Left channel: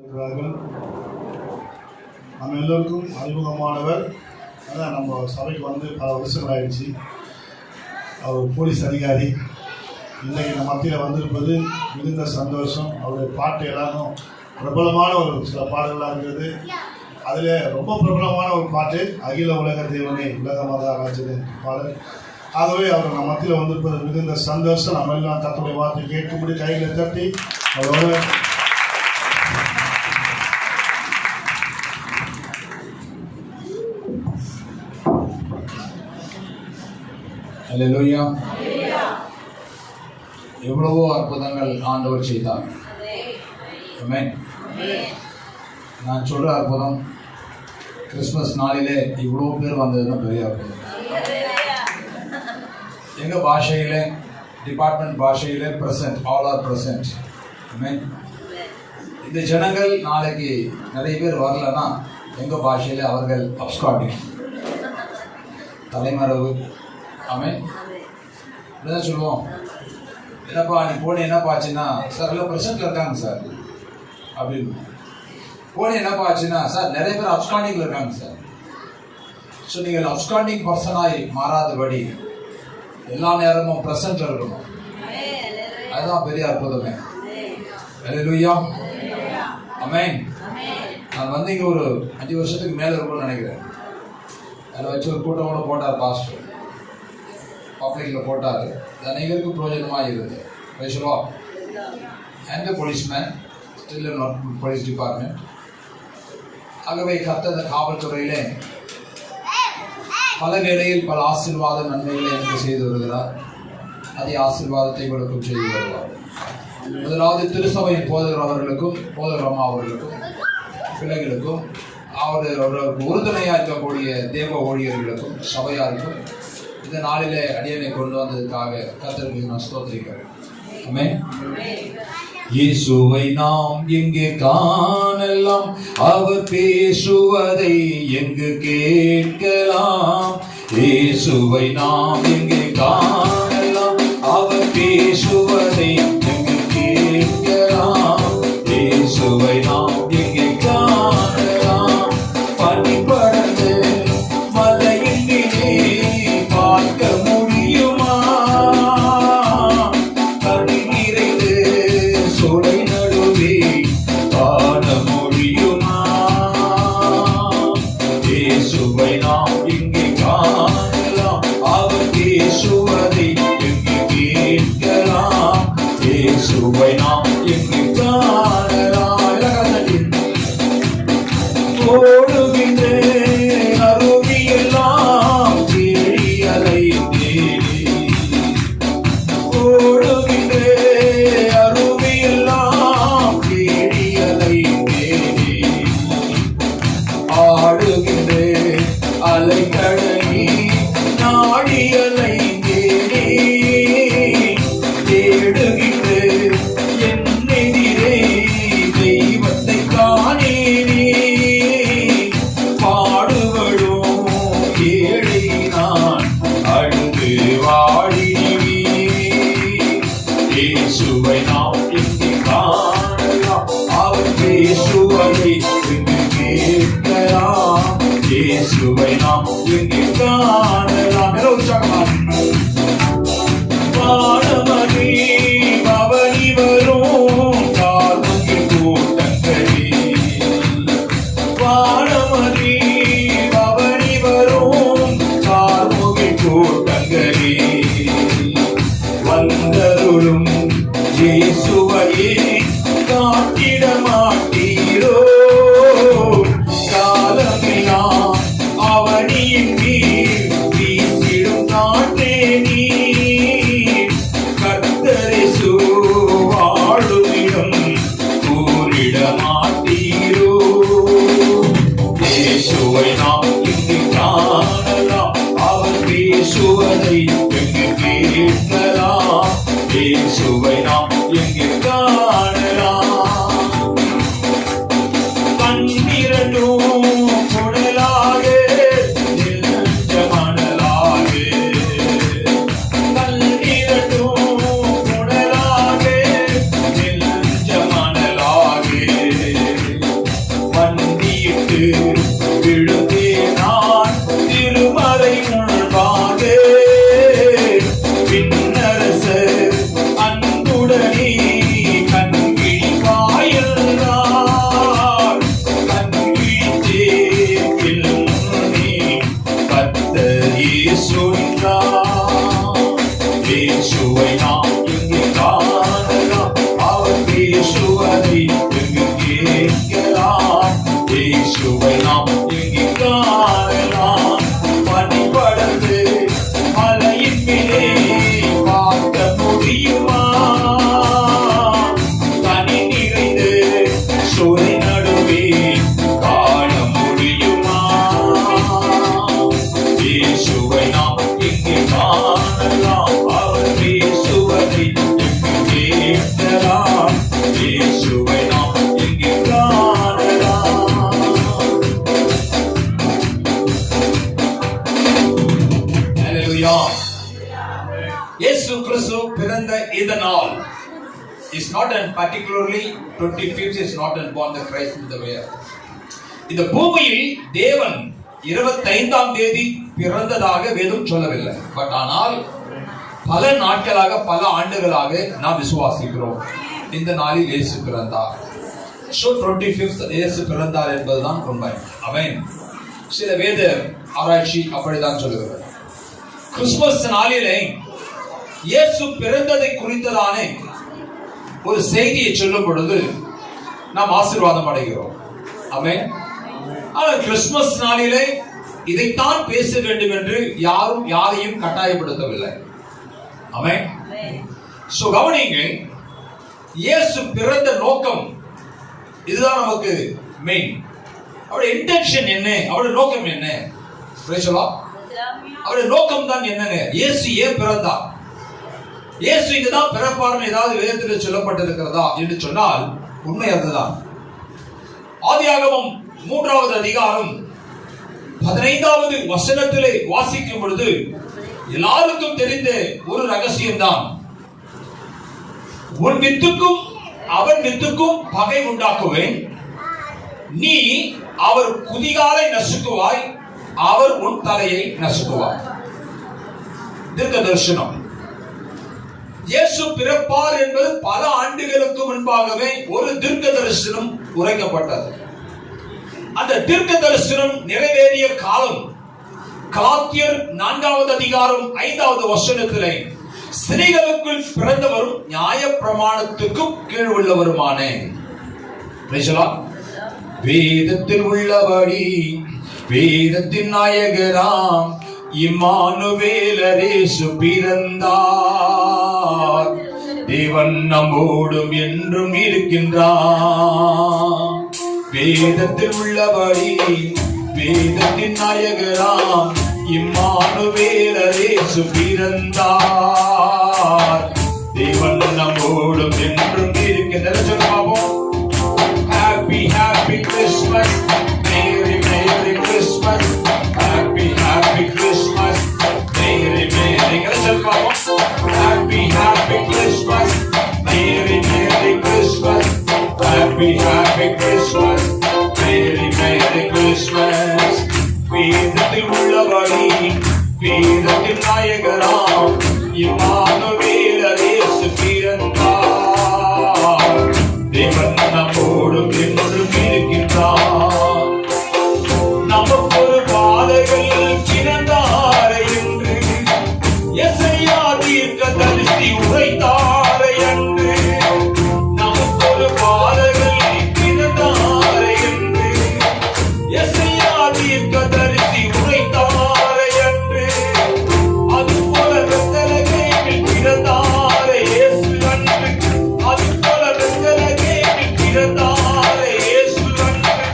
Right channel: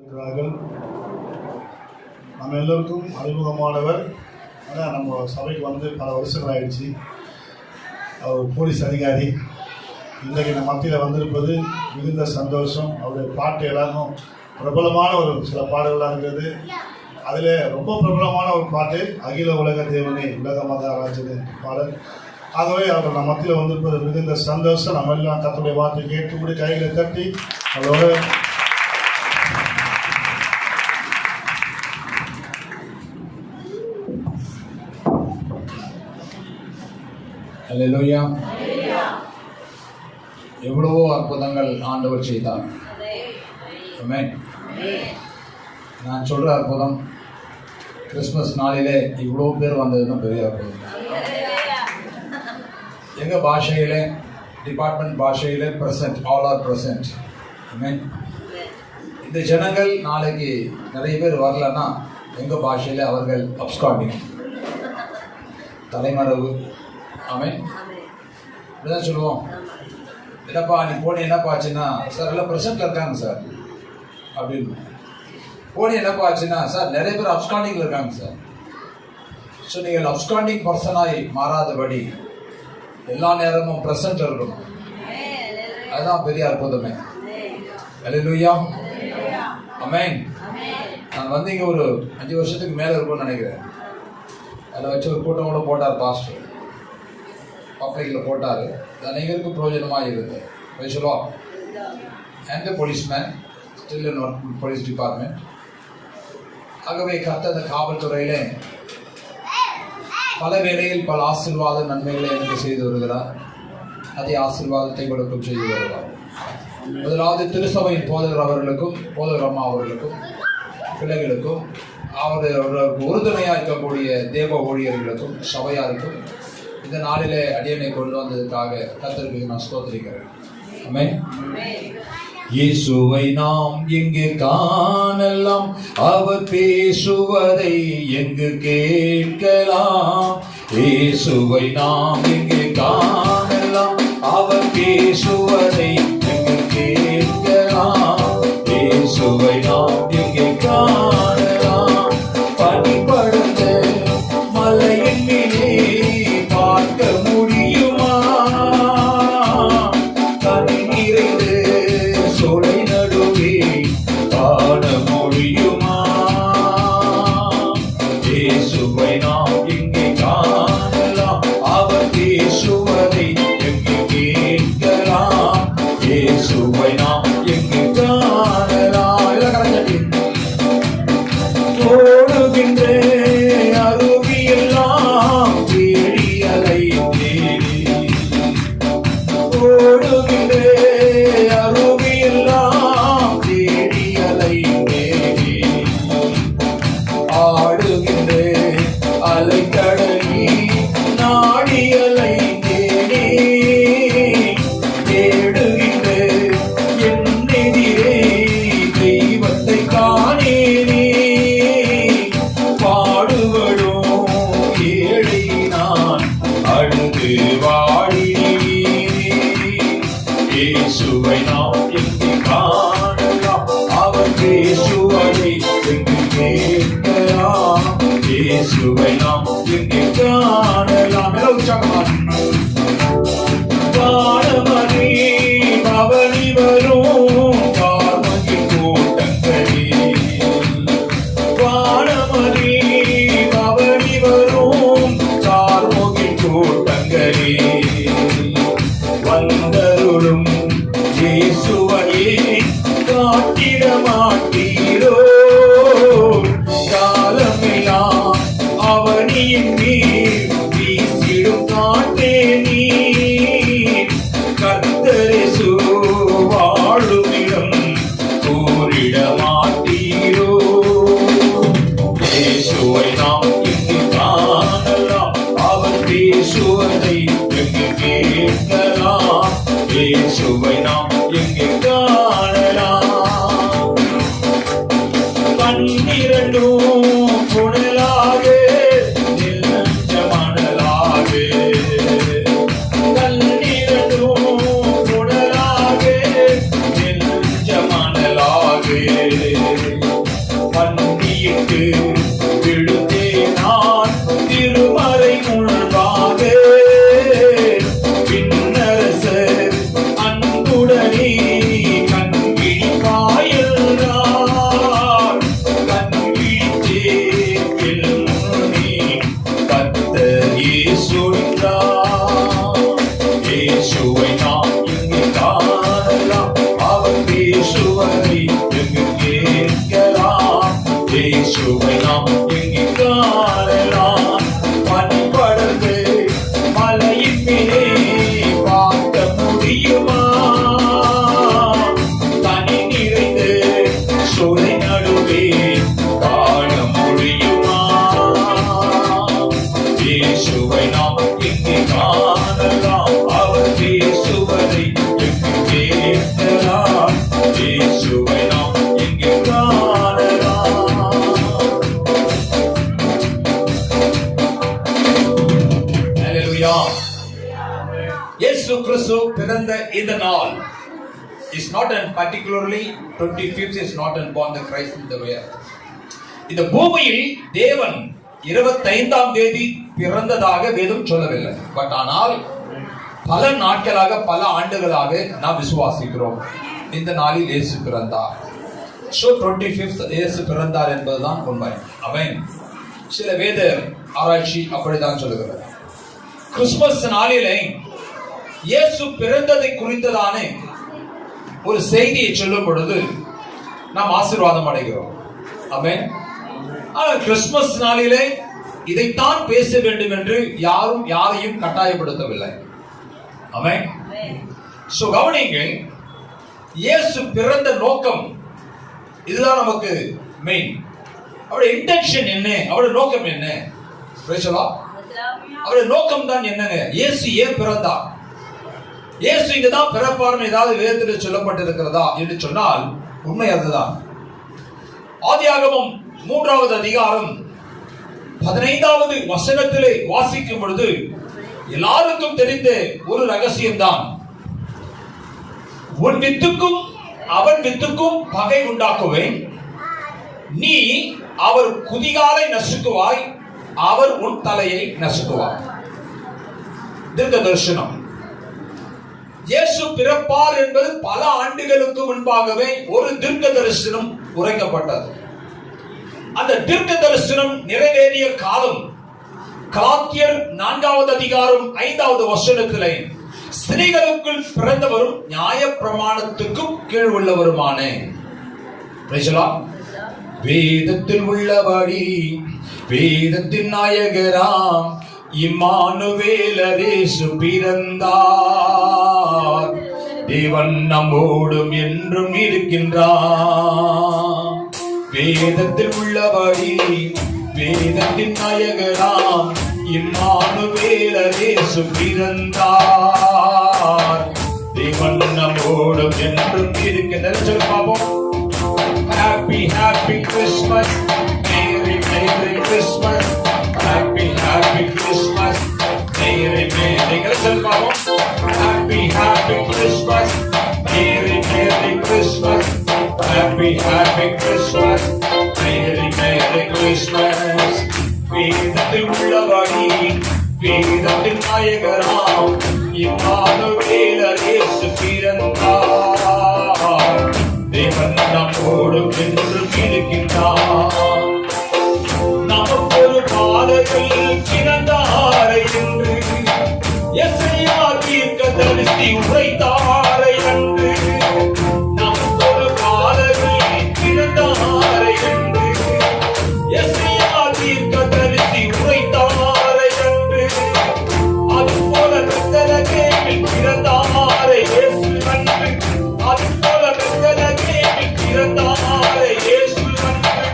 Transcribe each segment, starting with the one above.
இருக்கிறார்கள். நம்ம எல்லோருக்கும் அறிமுகமானவர். ஆனால் நம்ம சபைக்கு வந்து பல வருஷங்கள் ஆயிடுச்சு. அவர் போலீஸ் அதிகாரி. இன்றைக்கு நம்ம மத்தியில் வந்திருப்பது மிகுந்த சந்தோஷம். அவருடைய பாட்டு எல்லாரும் பிரபலமான ஒரு சில பாடல்களாக இருக்கிறது. அதில் ரொம்ப பிரபலமான ஒரு பாட்டு அகில உலக தேவனே உலக மத ராஜனே பாடல். ஆகவே அவர் நம்ம மத்தியில் வந்திருப்பது மிகுந்த சந்தோஷம். நம்ம எல்லாம் கர்த்தருடைய வார்த்தை கேட்கும்படி கைகளை தட்டி அவரோட அல்லேலூயா. எவ்வளவோ அற்புதங்கள் ஆண்டவர் செய்தார். ஆமென். நான் சொல்ற அற்புதம் கிறிஸ்மஸ் நாளிலே இவ்வளோ பேர் வந்ததுன்னு பெரிய அற்புதம். எங்கள் பாஷையில் டிபார்ட்மெண்ட் பாஷையில் ப்ரெசன்ட், ஆல் ஆர் ப்ரெசன்ட். ஆமென். இந்த ஜனங்கள் நாளைக்கு நிறைய பேர் வரலன்னா எங்கள் பாஷையில் அவர்கள் அப்ஸ்காண்டிங், தலைமறைவு. ஆமென். இப்படிதான் சொல்லுவோம். என்னப்பா நீ போனி என்னப்பா ஆச்சுன்னா, சார் எல்லாம் ப்ரெசென்ட்ல இருக்காங்க சார் அப்படின்னு. போனி என்னப்பா ஆச்சுன்னா, சார் நிறைய பேர் அப்ஸ்டாண்டிங்ல இருக்காங்க சார். ஸோ நீங்கள் அப்ஸ்டாண்டிங் பர்சனாய் மாறாதபடி எல்லா நேரமும் ப்ரெசென்ட்ல இருக்கணும். அதுதான் பெரிய அற்புதமே. அல்லேலூயா. ஆமென். நான் வந்து இங்கே ஒரு 5 வருஷத்துக்கு மேலே இருக்கும்னு நினைக்கிறேன். அதில் வச்சு ஒரு கூட்டம் கூட போட்டார் பாஸ்டர், பப்ளிக்கில் போட்டார். அனைவருக்கும் பிரயோஜனமாக இருந்தது. பேசுவா and the policeman still in work police department. ஆகவே கர்த்தர் இந்த காவல்துறையிலே பல வேளையில் பல ஆசீர்வாத நன்மைகளை எனக்கு செய்து வருகிறார். அதே ஆசீர்வாதத்தை கொடுக்கும் செய்து வருவார். முதலாவது திருசபையின் போதகர் அவர்களுக்கும், போதகர் அம்மா அவர்களுக்கும், பிள்ளைகளுக்கும், அவருக்கு உறுதுணையாக இருக்கக்கூடிய தேவ ஊழியர்களுக்கும், சபையாருக்கும் இந்த நாளிலே அடியனை கொண்டு வந்ததுக்காக கர்த்தருக்கு நான் ஸ்தோத்திரிக்கிறேன். ஆமென். இயேசுவை நாம் எங்கே காணலாம், அவர் பேசுவதை எங்கு கேட்கலாம். இயேசுவை நாம் எங்கே காணலாம், அவர் பேசுவதை எங்கு கேட்கலாம். இயேசுவை நாம் எங்கே காணலாம், பனிபடர்ந்த மலையின் மேலே பார்க்க முடியுமா, கனி நிறைந்து சோலை நடுவே காண முடியுமா. இயேசுவை நாம் எங்கே காணலாம், அவர் பேசுவதை எங்கே கேட்கலாம். இயேசுவை நாம் எங்கே காணலாம். ஓடுகின்ற அருவியெல்லாம் தேடி அலைந்தேன், ஓடுகின்ற அருவியெல்லாம் தேடி அலைந்தேன். ஆடுகின்ற அலைக்கடலி நாடி அலைந்தேனே, தேடுகின்ற என் எதிரே தெய்வத்தை காணேனே. பாடுபடும் ஏழை நான் அழுது வாடினேன். இயேசுவை நாம் எங்கே காணலாம், அவர் பேசுவதை எங்கு கேட்கலாம். இயேசுவை நாம் எங்கே காணலாம். வானமணி பவனி வரும் கார்முகில் கூட்டங்களே, வானமணி பவனி வரும் கார்முகில் கூட்டங்களே, வந்தருளும் இயேசுவையே காத்திட மாட்டீரோ. காலமெல்லாம் அவர் கிறிஸ்து பிறந்த இந்த நாள் is not and particularly 25th is not and born the Christ in the way. இந்த பூமியில் தேவன் 25ஆம் தேதி பிறந்ததாக வேதம் சொல்லவில்லை. பட் ஆனால் பல நாட்களாக பல ஆண்டுகளாக நாம் விசுவாசிக்கிறோம் இந்த நாளில் இயேசு பிறந்தார். So 25th இயேசு பிறந்தார் என்பதுதான் உண்மை. ஆமென். சில வேத ஆராய்ச்சி அப்படிதான் சொல்லுகிறது. கிறிஸ்துமஸ் நாளிலே இயேசு பிறந்ததை குறித்ததான ஒரு செய்தியை சொல்லும் பொழுது நாம் ஆசீர்வாதம் அடைகிறோம். ஆமென். ஆனால் கிறிஸ்துமஸ் நாளிலே இதைத்தான் பேச வேண்டும் என்று யாரும் யாரையும் கட்டாயப்படுத்தவில்லை. ஆமென். சோ கவனியுங்கள், இயேசு பிறந்த நோக்கம் இதுதான் நமக்கு மெயின். அவருடைய இன்டென்ஷன் என்ன, அவருடைய நோக்கம் என்ன? அவருடைய நோக்கம் தான் என்ன? இயேசு ஏன் பிறந்தார்? இயேசு இங்கதான் பிறப்பார்னு ஏதாவது வேதத்தில் சொல்லப்பட்டிருக்கிறதா என்று சொன்னால் உண்மை அதுதான். ஆதியாகமம் 3வது அதிகாரம் 15வது வசனத்திலே வாசிக்கும் பொழுது எல்லாருக்கும் தெரிந்த ஒரு ரகசியம் தான். உன் வித்துக்கும் அவன் வித்துக்கும் பகை உண்டாக்குவேன், நீ அவர் குதிகாலை நசுக்குவாய், அவர் உன் தலையை நசுக்குவார். தீர்க்க தரிசனம். இயேசு பிறப்பார் என்பது பல ஆண்டுகளுக்கு முன்பாகவே ஒரு தீர்க்க தரிசனம் உரைக்கப்பட்டது. அந்த தீர்க்க தரிசனம் நிறைவேறிய காலம் கலாத்தியர் 4வது அதிகாரம் 5வது வசனத்திலே ஸ்திரீகளுக்குள் பிறந்தவரும் நியாய பிரமாணத்துக்கும் கீழ் உள்ளவருமானே. வேதத்தில் உள்ளபடி வேதத்தின் நாயகராம் இம்மானுவேலர் இயேசு பிறந்தார், தேவன் நம்மோடும் என்றும் இருக்கின்றார். வேதத்தில் உள்ளபடி வேதத்தின் நாயகராம் இம்மானுவேலர் இயேசு பிறந்தார், தேவன் நம்மோடும் என்றும் இருக்கின்றார். Happy happy Christmas, Merry Merry Christmas, Happy happy Christmas, Merry Merry Christmas, Happy happy Christmas, Merry Merry Christmas, Happy happy Christmas, Merry Merry Christmas. வேதத்தில் உள்ளபடி வேதத்தின் நாயகராம் இம்மானுவேலர் இயேசு பிறந்தார், தேவன் நம்மோடும் என்றும் இருக்கின்றார். நமக்கு ஒரு பாலகன் பிறந்தார் என்று எசையா தீர்க்கதரிசி உரைத்தார் என்று. நமக்கு ஒரு பாலகன் பிறந்தார் என்று எசையா தீர்க்கதரிசி உரைத்தார் என்று. அதுபோல பெத்தலகேமில் பிறந்தார் இயேசு அன்று. அதுபோல பெத்தலகேமில் பிறந்தார் இயேசு அன்று.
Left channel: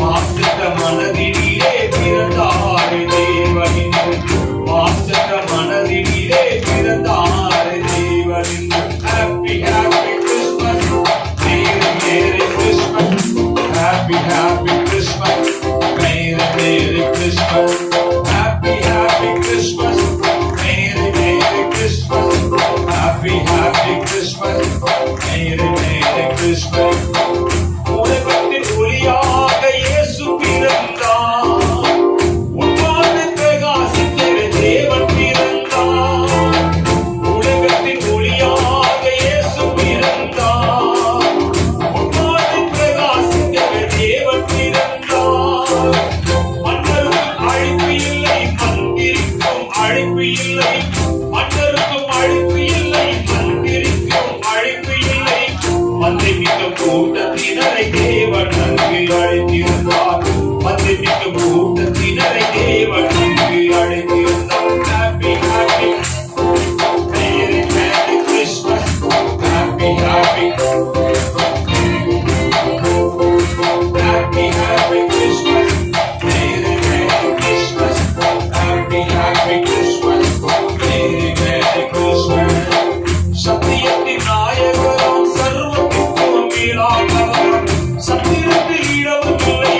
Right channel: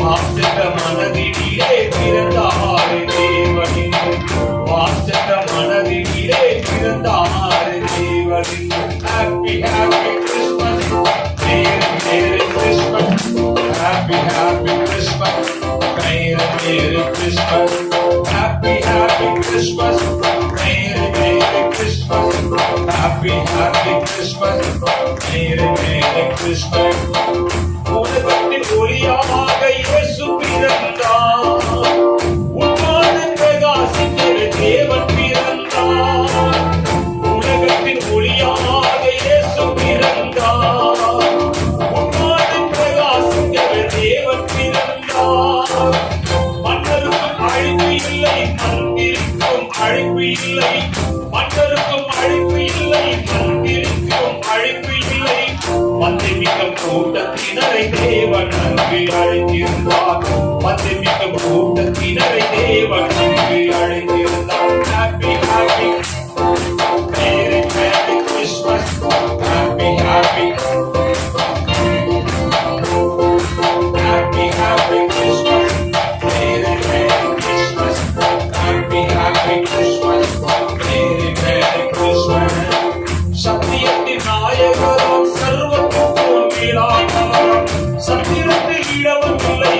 வாசக மனதினிலே பிறந்தார் தேவனின். வாசக மனதினிலே பிறந்தார் தேவனின். Happy happy Christmas, Merry Merry Christmas, Happy happy Christmas, Merry Merry Christmas, Happy happy Christmas, Merry Merry Christmas, Happy happy Christmas, Merry Merry Christmas. உலகத்தின் ஒளியாக இயேசு பிறந்தார், உன்வானில் பிரகாசிக்கிற தேவன் பிறந்தார். உலகத்தின் ஒளியாக இயேசு பிறந்தார், உன்வானில் பிரகாசிக்கிற தேவன் பிறந்தார். மன்னருக்கும் அழிப்பு இல்லை, மந்திரிக்கும் அழிப்பு இல்லை. மன்னருக்கும் அழிப்பு இல்லை, மந்திரிக்கும் அழிப்பு இல்லை. மந்திரிக்க கூட்டத்தினரை தேவன் நன்கு அழைத்திருந்தார். மந்திரிக்க கூட்டத்தினரை தேவன் நன்கு அழைத்திருந்தார். Happy happy Merry Merry Christmas, Happy happy Happy happy Christmas, Merry Merry Christmas, Happy happy Christmas, Merry Merry Christmas. சத்தியத்தின் நாயகரும் சர்வத்துக்கும் மேலானவரும், சத்திரத்தில் இடமும் இல்லை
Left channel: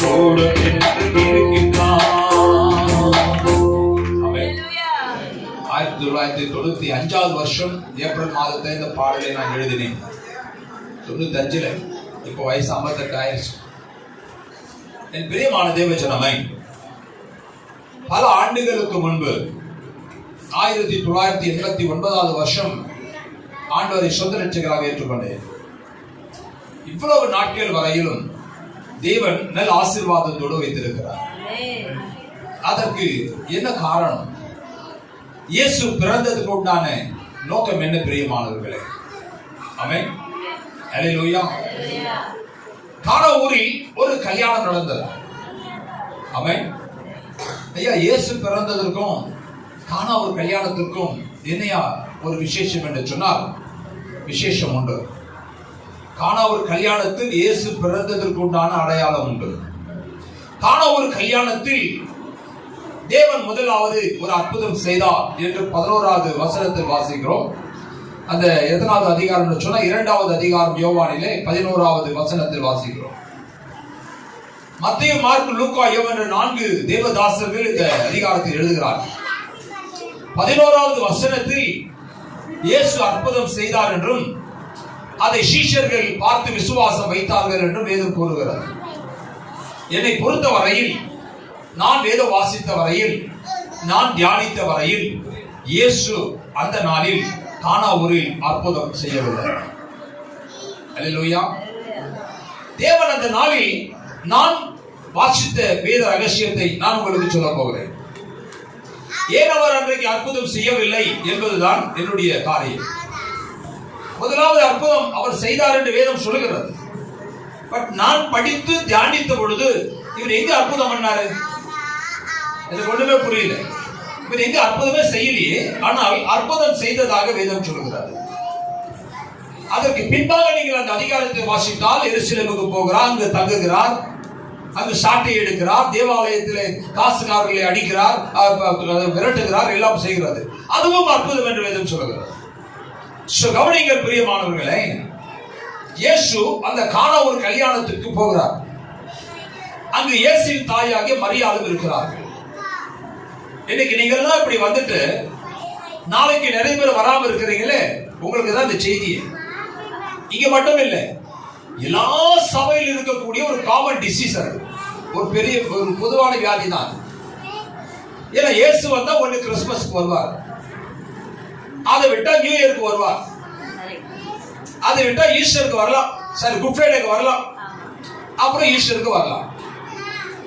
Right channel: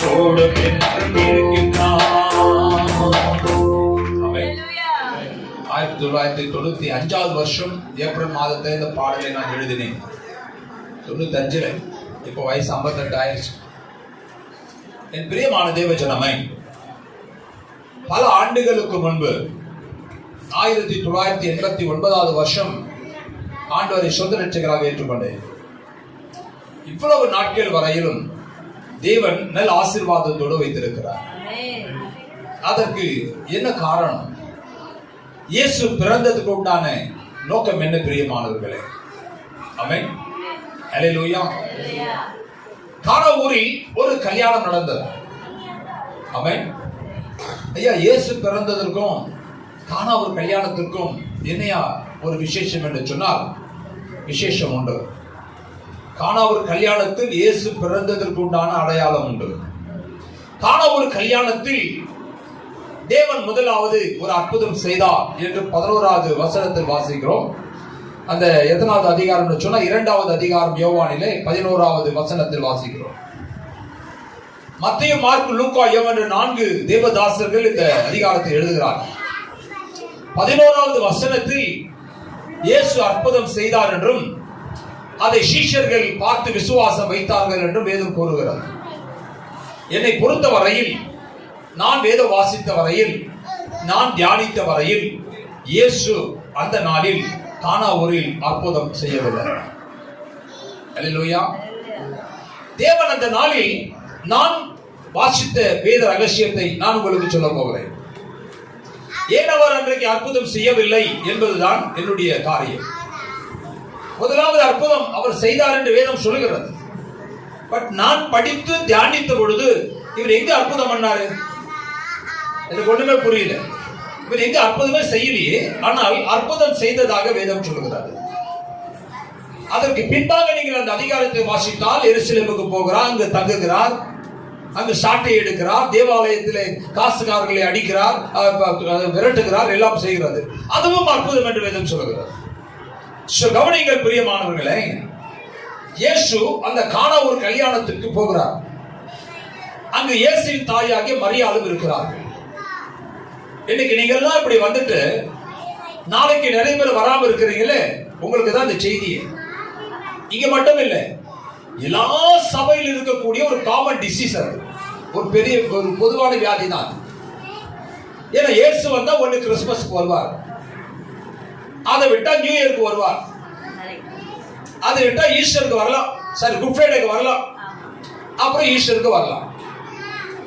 நம்மோடு இருக்கின்றார். 1995 வருஷம் ஏப்ரல் மாதத்தை இந்த பாடலை நான் எழுதினேன். 95 இப்போ வயசு 58 ஆயிடுச்சு. என் பிரியமான தேவஜனமே, பல ஆண்டுகளுக்கு முன்பு 1989 வருஷம் ஆண்டவரை சொந்த ரட்சகராக ஏற்றுக்கொண்டேன். இவ்வளவு நாட்கள் வரையிலும் தேவன் நல்ல ஆசீர்வாதத்தோடு வைத்திருக்கிறார். அதற்கு என்ன காரணம்? இயேசு பிறந்ததுக்கு உண்டான நோக்கம் என்ன பிரியமானவர்களே? ஆமென். அல்லேலூயா. கானா ஊரில் ஒரு கல்யாணம் நடந்தது. ஆமென். ஐயா, இயேசு பிறந்ததற்கும் கானா ஒரு கல்யாணத்திற்கும் என்னையா ஒரு விசேஷம் என்று சொன்னால், விசேஷம் உண்டு. கானா ஒரு கல்யாணத்தில் இயேசு பிறந்ததற்கு உண்டான அடையாளம் உண்டு. கானா ஒரு கல்யாணத்தில் தேவன் முதலாவது ஒரு அற்புதம் செய்தார் என்று 11வது வசனத்தில் வாசிக்கிறோம். அந்த எத்தனாவது அதிகாரம் சொன்னா 2வது அதிகாரம் யோவானிலே 11வது வசனத்தில் வாசிக்கிறோம். மத்தேயு, மார்க்கு, லூக்கா, யோவான் என்ற 4 தேவதாசர்கள் இந்த அதிகாரத்தை எழுதுகிறார். 11வது வசனத்தில் இயேசு அற்புதம் செய்தார் என்றும் அதை சீஷர்கள் பார்த்து விசுவாசம் வைத்தார்கள் என்றும் வேதம் கூறுகிறது. என்னை பொறுத்த வரையில், நான் வேதம் வாசித்த வரையில், நான் தியானித்த வரையில், இயேசு அந்த நாளில் கானா ஊரில் அற்புதம் செய்யவில்லை. அல்லேலூயா. தேவன் அந்த நாளில் நான் வாசித்த வேத ரகசியத்தை நான் உங்களுக்கு சொல்ல போகிறேன். ஏன் அவர் அன்றைக்கு அற்புதம் செய்யவில்லை என்பதுதான் என்னுடைய காரியம். முதலாவது அற்புதம் அவர் செய்தார் என்று வேதம் சொல்லுகிறது. பட் நான் படித்து தியானித்த பொழுது இவர் எங்க அற்புதம் பண்ணாரு? எனக்கு ஒண்ணுமே புரியல. இவர் எங்க அற்புதமே செய்யலையே, ஆனால் அற்புதம் செய்ததாக வேதம் சொல்லுகிறார். அதற்கு பின்பாக நீங்கள் அந்த அதிகாரத்தை வாசித்தால், எருசலேமுக்கு போகிறார், அங்கு தங்குகிறார், அங்கு சாட்டை எடுக்கிறார், தேவாலயத்திலே காசுகாரர்களை அடிக்கிறார், விரட்டுகிறார், எல்லாம் செய்கிறது. அதுவும் அற்புதம் என்று வேதம் சொல்லுகிறார். கவனிங்கள் பிரியமானவர்களே, இயேசு அந்த கானா ஒரு கல்யாணத்திற்கு போகிறார். அங்கு இயேசுவின் தாயாகிய மரியாளும் இருக்கிறார். இன்னைக்கு நீங்க எல்லாம் இப்படி வந்துட்டு நாளைக்கு நிறைய பேர் வராம இருக்கிறீங்களே, உங்களுக்கு தான் இந்த செய்தி. இங்க மட்டும் இல்லை, எல்லா சபையில் இருக்கக்கூடிய ஒரு காமன் டிசீஸ், ஒரு பெரிய ஒரு பொதுவான வியாதி தான். ஏன்னா இயேசு வந்தா ஒண்ணு கிறிஸ்துமஸ்க்கு வருவார், அதை விட்டா நியூ இயருக்கு வருவார், அதை விட்டா ஈஸ்டருக்கு வரலாம், சரி குட் ஃப்ரைடேக்கு வரலாம், அப்புறம் ஈஸ்டருக்கு வரலாம்.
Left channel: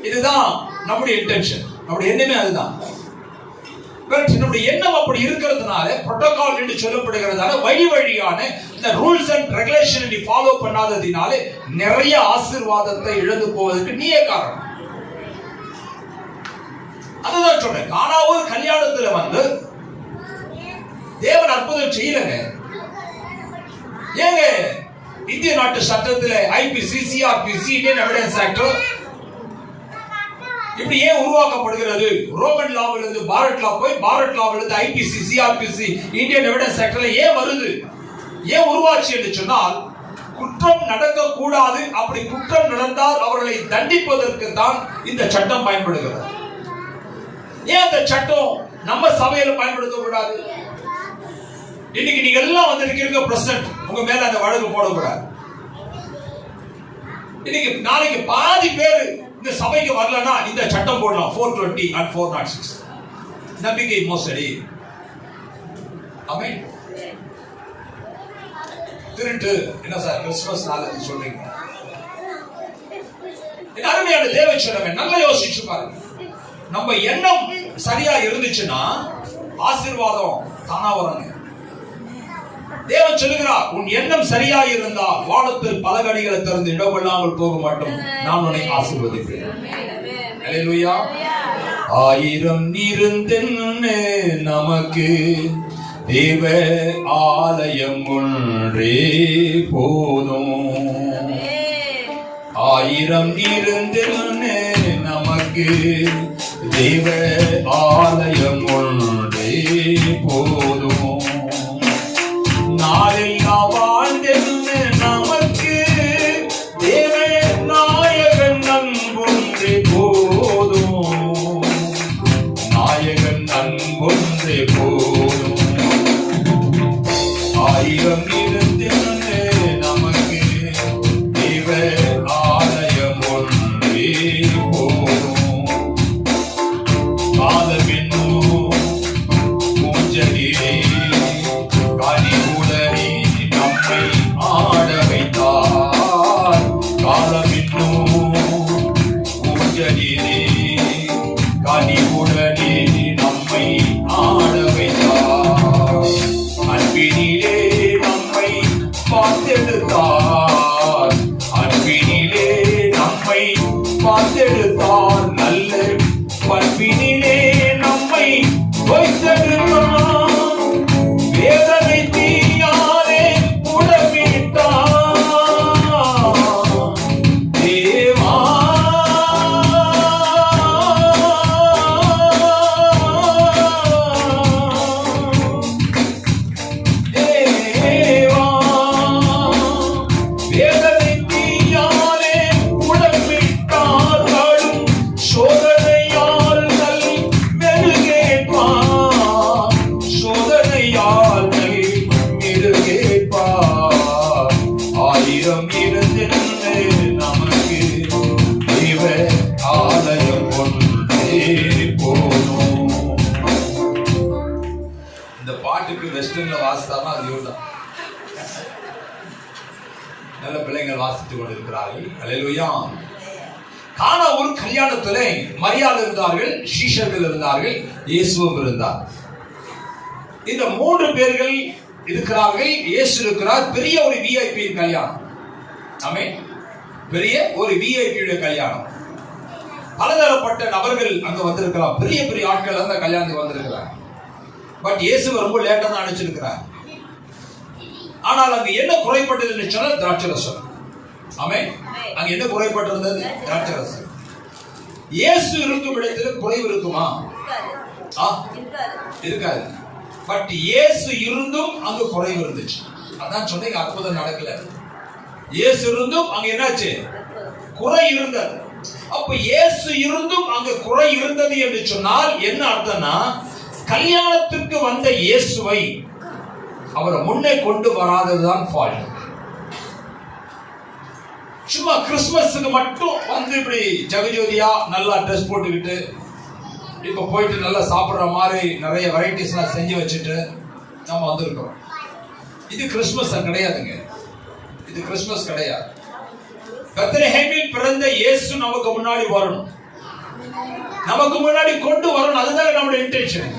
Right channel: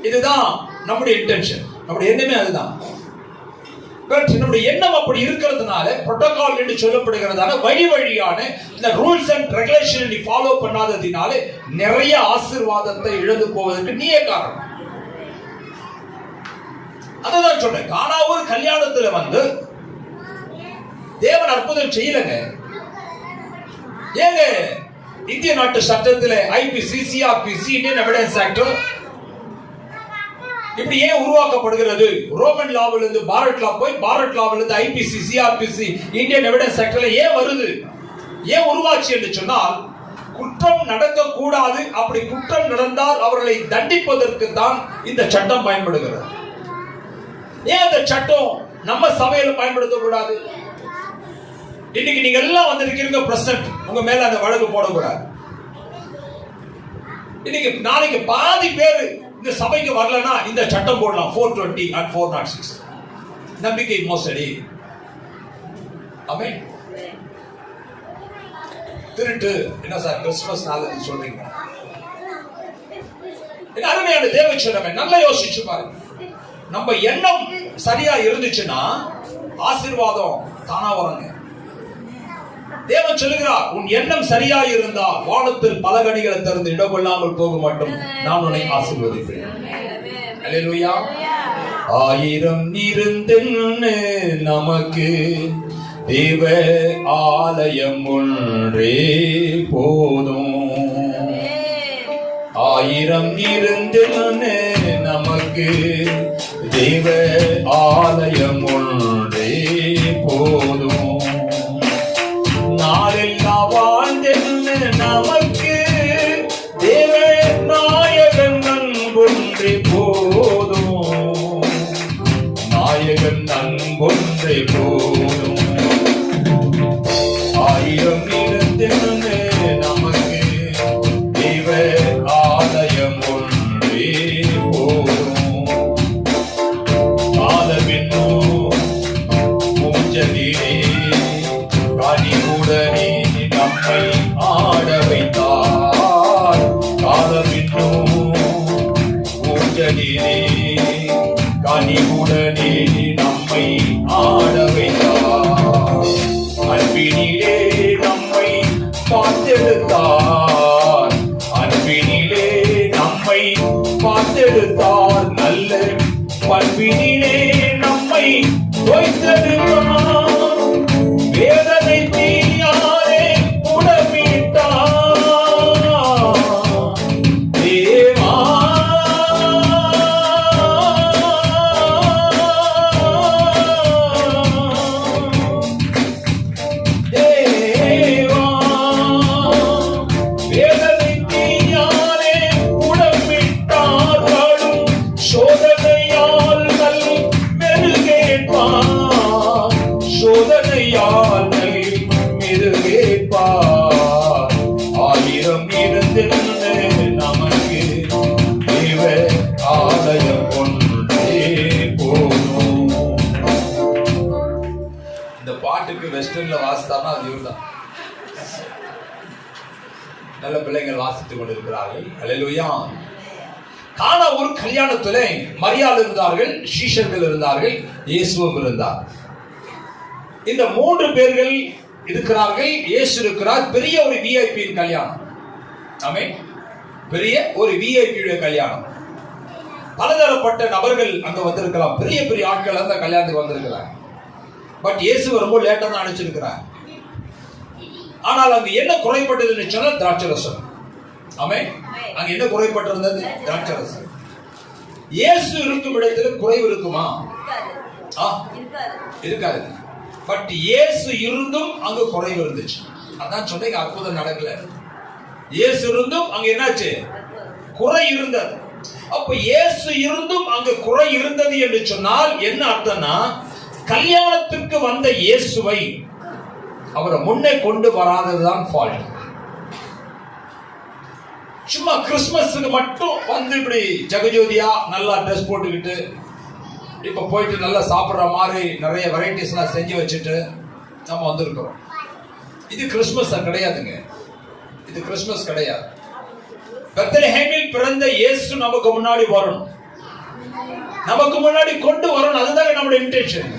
இதுதான் நம்முடைய இன்டென்ஷன், நம்முடைய எண்ணமே அதுதான். என்னுடைய எண்ணம் அப்படி இருக்கிறதுனால, புரோட்டோகால் என்று சொல்லப்படுகிறதால, வழியான இந்த ரூல்ஸ் அண்ட் ரெகுலேஷன் ஃபாலோ பண்ணாததினாலே நிறைய ஆசீர்வாதத்தை இழந்து போவதற்கு நீயே காரணம். அதுதான் சொன்னேன். கானா ஒரு கல்யாணத்துல வந்து தேவன் அற்புதம் செய்யலங்க. ஏங்க இந்திய நாட்டு சட்டத்தில் IPC, CrPC, Indian Evidence Act இப்படி ஏன் உருவாக்கப்படுகிறது? ரோமன் லாவில் இருந்து பாரத் லா போய், பாரத் லாவில் இருந்து ஐபிசி, சிஆர்பிசி, இந்தியன் எவிடன்ஸ் ஆக்ட்ல ஏன் வருது? ஏன் உருவாச்சு என்று சொன்னால், குற்றம் நடக்க கூடாது, அப்படி குற்றம் நடந்தால் அவர்களை தண்டிப்பதற்கு தான் இந்த சட்டம் பயன்படுகிறது. ஏன் இந்த சட்டம் நம்ம சபையில பயன்படுத்த கூடாது? இன்னைக்கு நீங்க எல்லாம் வந்திருக்கீங்க பிரசிடென்ட், உங்க மேல அந்த வழக்கு போடக்கூடாது. இன்னைக்கு நாளைக்கு பாதி பேர் இந்த சபைக்கு வரலன்னா இந்த சட்டம் போடலாம், 420 and 406 நம்பிக்கை மோசடி. ஆமென். திருட்டு என்ன சார் கிறிஸ்துமஸ் நாள் சொல்றீங்க? அருமையான தேவச்சனமே, நல்லா யோசிச்சு பாருங்க. நம்ம எண்ணம் சரியா இருந்துச்சுன்னா ஆசீர்வாதம் தானா வருங்க. தேவன் சொல்லுகிறார், உன் எண்ணம் சரியா இருந்தால் வானத்தில் பல கனிகளை திறந்து இடமில்லாமல் போக மாட்டோம், நான் உன்னை ஆசீர்வதிப்பேன். அல்லேலூயா. 1000 இருந்தென்ன நமக்கு தேவ ஆலயம் ஒன்றே போதும். 1000 இருந்தென்ன நமக்கு தேவ ஆலயம் ஒன்றே போதும். நாளெல்லாம் வாழ்ந்தென்ன நமக்கு தேவ நாயகன் அன்பும் அழகிலே கனிவுடனே நம்மை ஆட வைத்தார். அன்பினிலே நம்மை பார்த்தெடுத்தார். அன்பினிலே நம்மை பார்த்தெடுத்தார். நல்ல பண்பினிலே நம்மை வைத்தெடுத்தார். வேதனை தீயாரே உடம்பிட்டார். தேவா தேவா வேதனை தீயாரே உடம்பிட்டார். சோதனையால் நல் மெருகேற்பார். சோதனையால் நல் மெருகேற்பார். ஆயிரம் இருந்தென்று நமக்கு தேவ ஆலயம் கொண்டே போனோம். இந்த பாட்டுக்கு வெஸ்டர்ன்ல வாசித்தானா அது இவர்தான். நல்ல பிள்ளைகள் வாசித்துக் கொண்டிருக்கிறார்கள். அல்லேலூயா. கானா ஒரு கல்யாணத்திலே மரியாள் இருந்தார்கள், சீஷர்கள் இருந்தார்கள், இயேசுவும் இருந்தார். இந்த 3 பேர்கள் இருக்கிறார்கள். இயேசு இருக்கிறார். பெரிய ஒரு விஐபி கல்யாணம். ஆமென். பெரிய ஒரு விஐபி கல்யாணம். பலதரப்பட்ட நபர்கள் அங்க வந்திருக்கலாம். பெரிய பெரிய ஆட்கள் அந்த கல்யாணத்துக்கு வந்திருக்கிறார். பட் இயேசு ரொம்ப லேட்டா தான் அனுப்பிச்சிருக்கிறார். ஆனால் அங்க என்ன குறைப்பட்டதுன்னு சொன்னா திராட்சரசம். ஆமென். அங்க என்ன குறைப்பட்டிருந்தது? திராட்சரசம். இயேசு இருக்கும் இடத்துல குறைவு இருக்குமா? இருக்காது. பட் இயேசு இருந்தும் அங்க குறைவு இருந்துச்சு. அதான் சொன்னீங்க, அற்புதம் நடக்கல. இயேசு இருந்தும் அங்க என்னாச்சு? குறை இருந்தது. அப்ப இயேசு இருந்தும் அங்க குறை இருந்தது என்று சொன்னால் என்ன அர்த்தம்னா, கல்யாணத்துக்கு வந்த இயேசுவை அவரை முன்னே கொண்டு வராததுதான் ஃபால்ட். சும்மா கிறிஸ்துமஸுக்கு மட்டும் வந்து இப்படி ஜெகஜோதியா நல்லா ட்ரெஸ் போட்டுக்கிட்டு இப்ப போயிட்டு நல்லா சாப்பிடுற மாதிரி நிறைய வெரைட்டிஸ் எல்லாம் செஞ்சு வச்சுட்டு நம்ம வந்திருக்கிறோம். இது கிறிஸ்துமஸ் கிடையாதுங்க. இது கிறிஸ்துமஸ் கிடையாது. பெத்லஹேமில் பிறந்த இயேசு நமக்கு முன்னாடி வரணும், நமக்கு முன்னாடி கொண்டு வரணும். அதுதான் நம்முடைய இன்டென்ஷன்.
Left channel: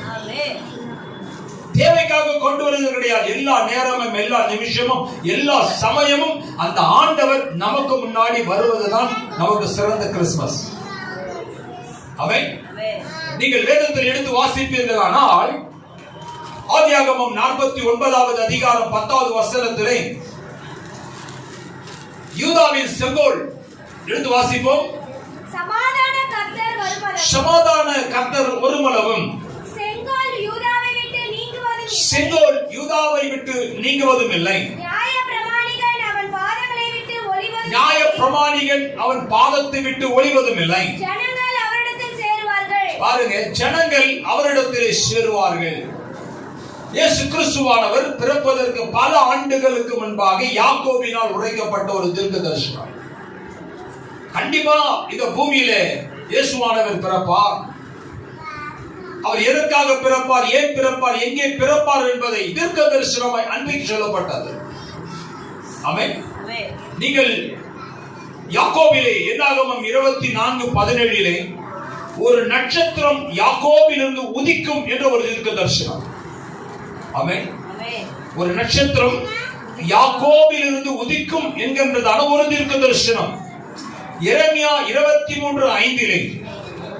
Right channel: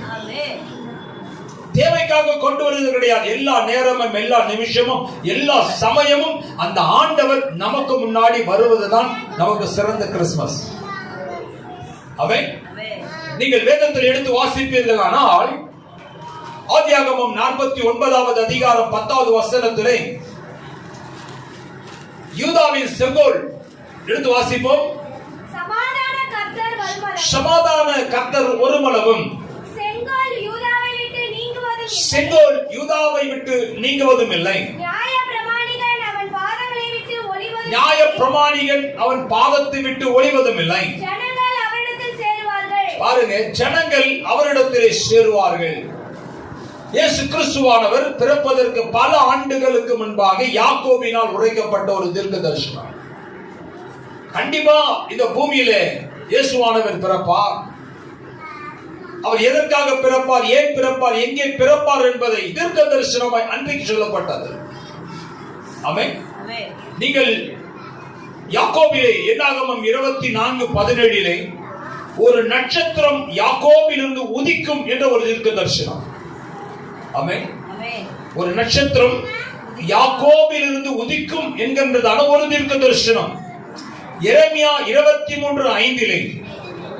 தேவைக்காக கொண்டு வருவது கிடையாது. எல்லா நேரமும், எல்லா நிமிஷமும், எல்லா சமயமும் அந்த ஆண்டவர் நமக்கு முன்னாடி வருவதுதான் நமக்கு சிறந்த கிறிஸ்துமஸ். ஆமென். நீங்கள் வேதத்தில் எடுத்து வாசிப்பீர்கள் ஆனால் ஆதியாகமம் 49வது அதிகாரம் 10வது வசனத்திலே யூதாவின் செங்கோல் எடுத்து வாசிப்போம். சமாதான கர்த்தர் ஒருமளவும் செங்கோல் யூதாவை விட்டு நீங்குவதும் இல்லை. நியாய பிரமாணிகன் அவன் பாதத்தை விட்டு ஒளிவதும் இல்லை. பாருங்க, ஜனங்கள் அவரிடத்திலே சேருவார்கள். இயேசு கிறிஸ்துவானவர் பிறப்பதற்கு பல ஆண்டுகளுக்கு முன்பாக யாக்கோபினால் உரைக்கப்பட்ட ஒரு தீர்க்க தரிசனம். கண்டிப்பா இந்த பூமியிலே இயேசுவானவர் பிறப்பார். அவர் எதற்காக பிறப்பார், ஏன் பிறப்பார், எங்கே பிறப்பார் என்பதை தீர்க்க தரிசனமாய் அன்றைக்கு சொல்லப்பட்டது. ஆமென். நீங்கள் யாக்கோபிலே என்னாகமம் 24:17 ஒரு நட்சத்திரம் யாக்கோபிலிருந்து உதிக்கும் என்ற ஒரு தீர்க்க தரிசனம். ஆமென். ஒரு நட்சத்திரம் யாக்கோபிலிருந்து உதிக்கும் என்கின்றதான ஒரு தீர்க்க தரிசனம். எரேமியா 23:5